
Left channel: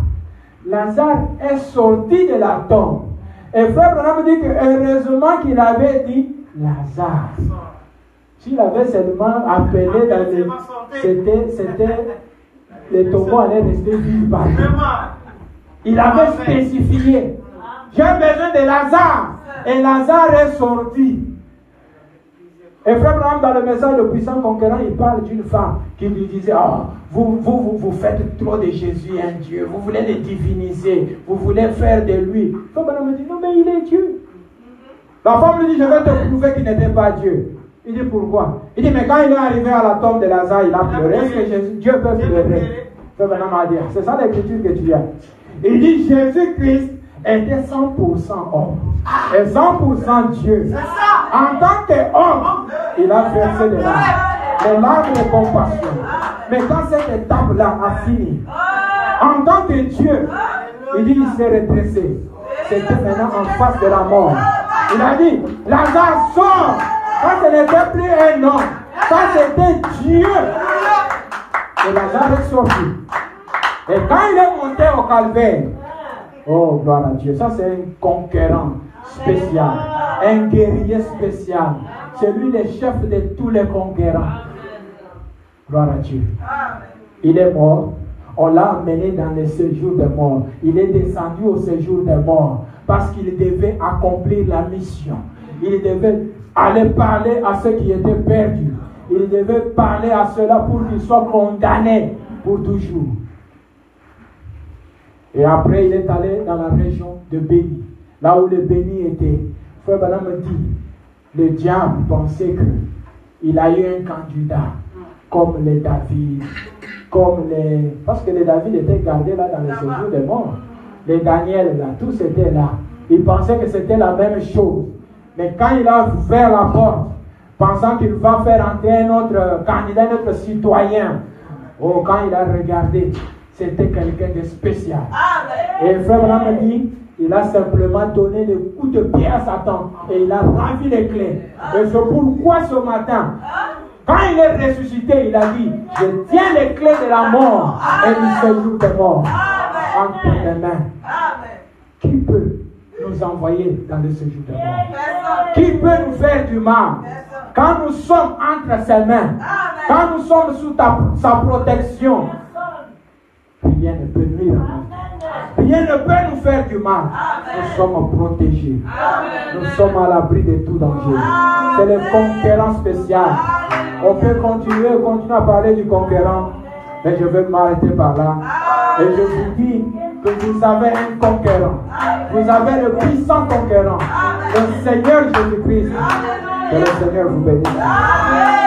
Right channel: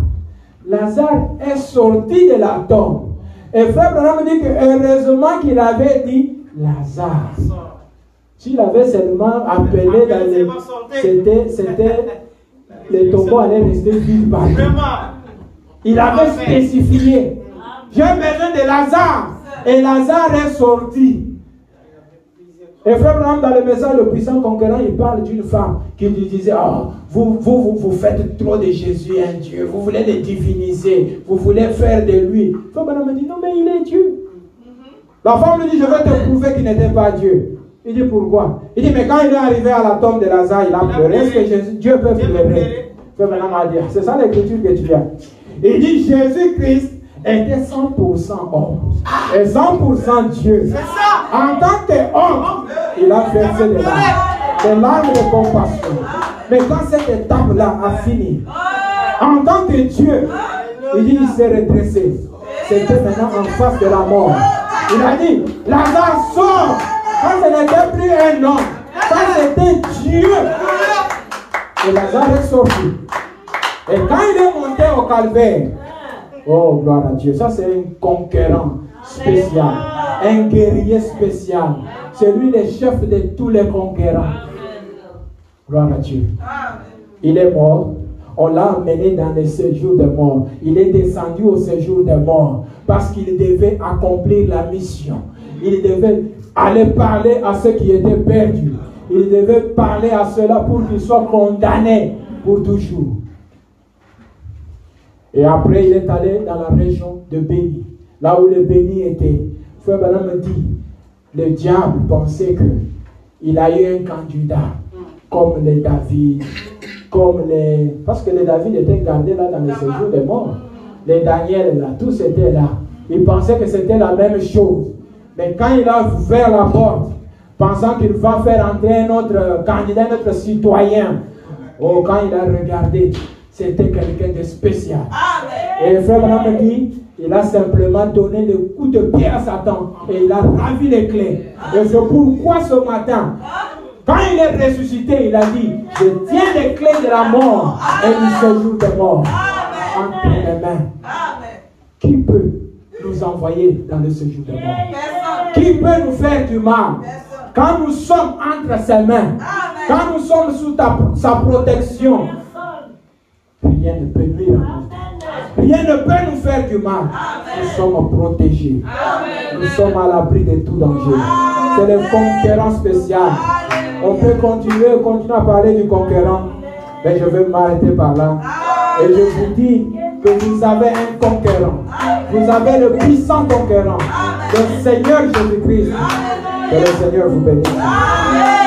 Lazare est sorti de la tombe. Et frère Branham me dit que heureusement qu'il avait dit Lazare. S'il avait seulement appelé dans les... C'était... Les tombeaux allaient rester vides partout. Il avait spécifié. J'ai besoin de Lazare. Et Lazare est sorti. Et frère Branham, dans le message Le puissant conquérant, il parle d'une femme qui lui disait, oh, vous faites trop de Jésus un Dieu, vous voulez le diviniser, vous voulez faire de lui. Frère Branham me dit, non mais il est Dieu. La femme lui dit, je vais te prouver qu'il n'était pas Dieu. Il dit, pourquoi? Il dit, mais quand il est arrivé à la tombe de Lazare, il a pleuré. Est-ce que Dieu peut pleurer? Frère Branham a dit, c'est ça l'écriture que tu as. Il dit, Jésus-Christ était 100% homme et 100% Dieu. En tant qu'homme, il a versé des larmes de compassion. Mais quand cette étape-là a fini, en tant que Dieu, il dit, il s'est redressé. C'était maintenant en face de la mort. Il a dit, Lazare sort. homme. Ça, c'était Dieu. Et Lazare est sorti. Et quand il est monté au calvaire, oh, gloire à Dieu, ça c'est un conquérant spécial, un guerrier spécial. C'est lui le chef de tous les conquérants. Gloire à Dieu. Il est mort. On l'a amené dans le séjour des morts. Il est descendu au séjour des morts parce qu'il devait accomplir la mission. Il devait aller parler à ceux qui étaient perdus. Il devait parler à ceux-là pour qu'ils soient condamnés pour toujours. Et après, il est allé dans la région de Béni, là où les bénis étaient. Frère Branham me dit, le diable pensait qu'il a eu un candidat comme les David, parce que les David étaient gardés là dans le séjour des morts. Les Daniel, là, tous étaient là. Il pensait que c'était la même chose. Mais quand il a ouvert la porte, pensant qu'il va faire entrer un autre candidat, un autre citoyen, oh, quand il a regardé, c'était quelqu'un de spécial. Et frère Branham me dit, il a simplement donné des coups de pied à Satan et il a ravi les clés. Et c'est pourquoi ce matin, quand il est ressuscité, il a dit, je tiens les clés de la mort et du séjour des morts entre mes mains. Qui peut nous envoyer dans le séjour des morts? Qui peut nous faire du mal? Quand nous sommes entre ses mains, quand nous sommes sous sa protection, rien ne peut nuire. Rien ne peut nous faire du mal. Nous sommes protégés. Nous sommes à l'abri de tout danger. C'est le conquérant spécial. On peut continuer à parler du conquérant, mais je vais m'arrêter par là. Et je vous dis que vous avez un conquérant. Vous avez le puissant conquérant, le Seigneur Jésus-Christ. Que le Seigneur vous bénisse.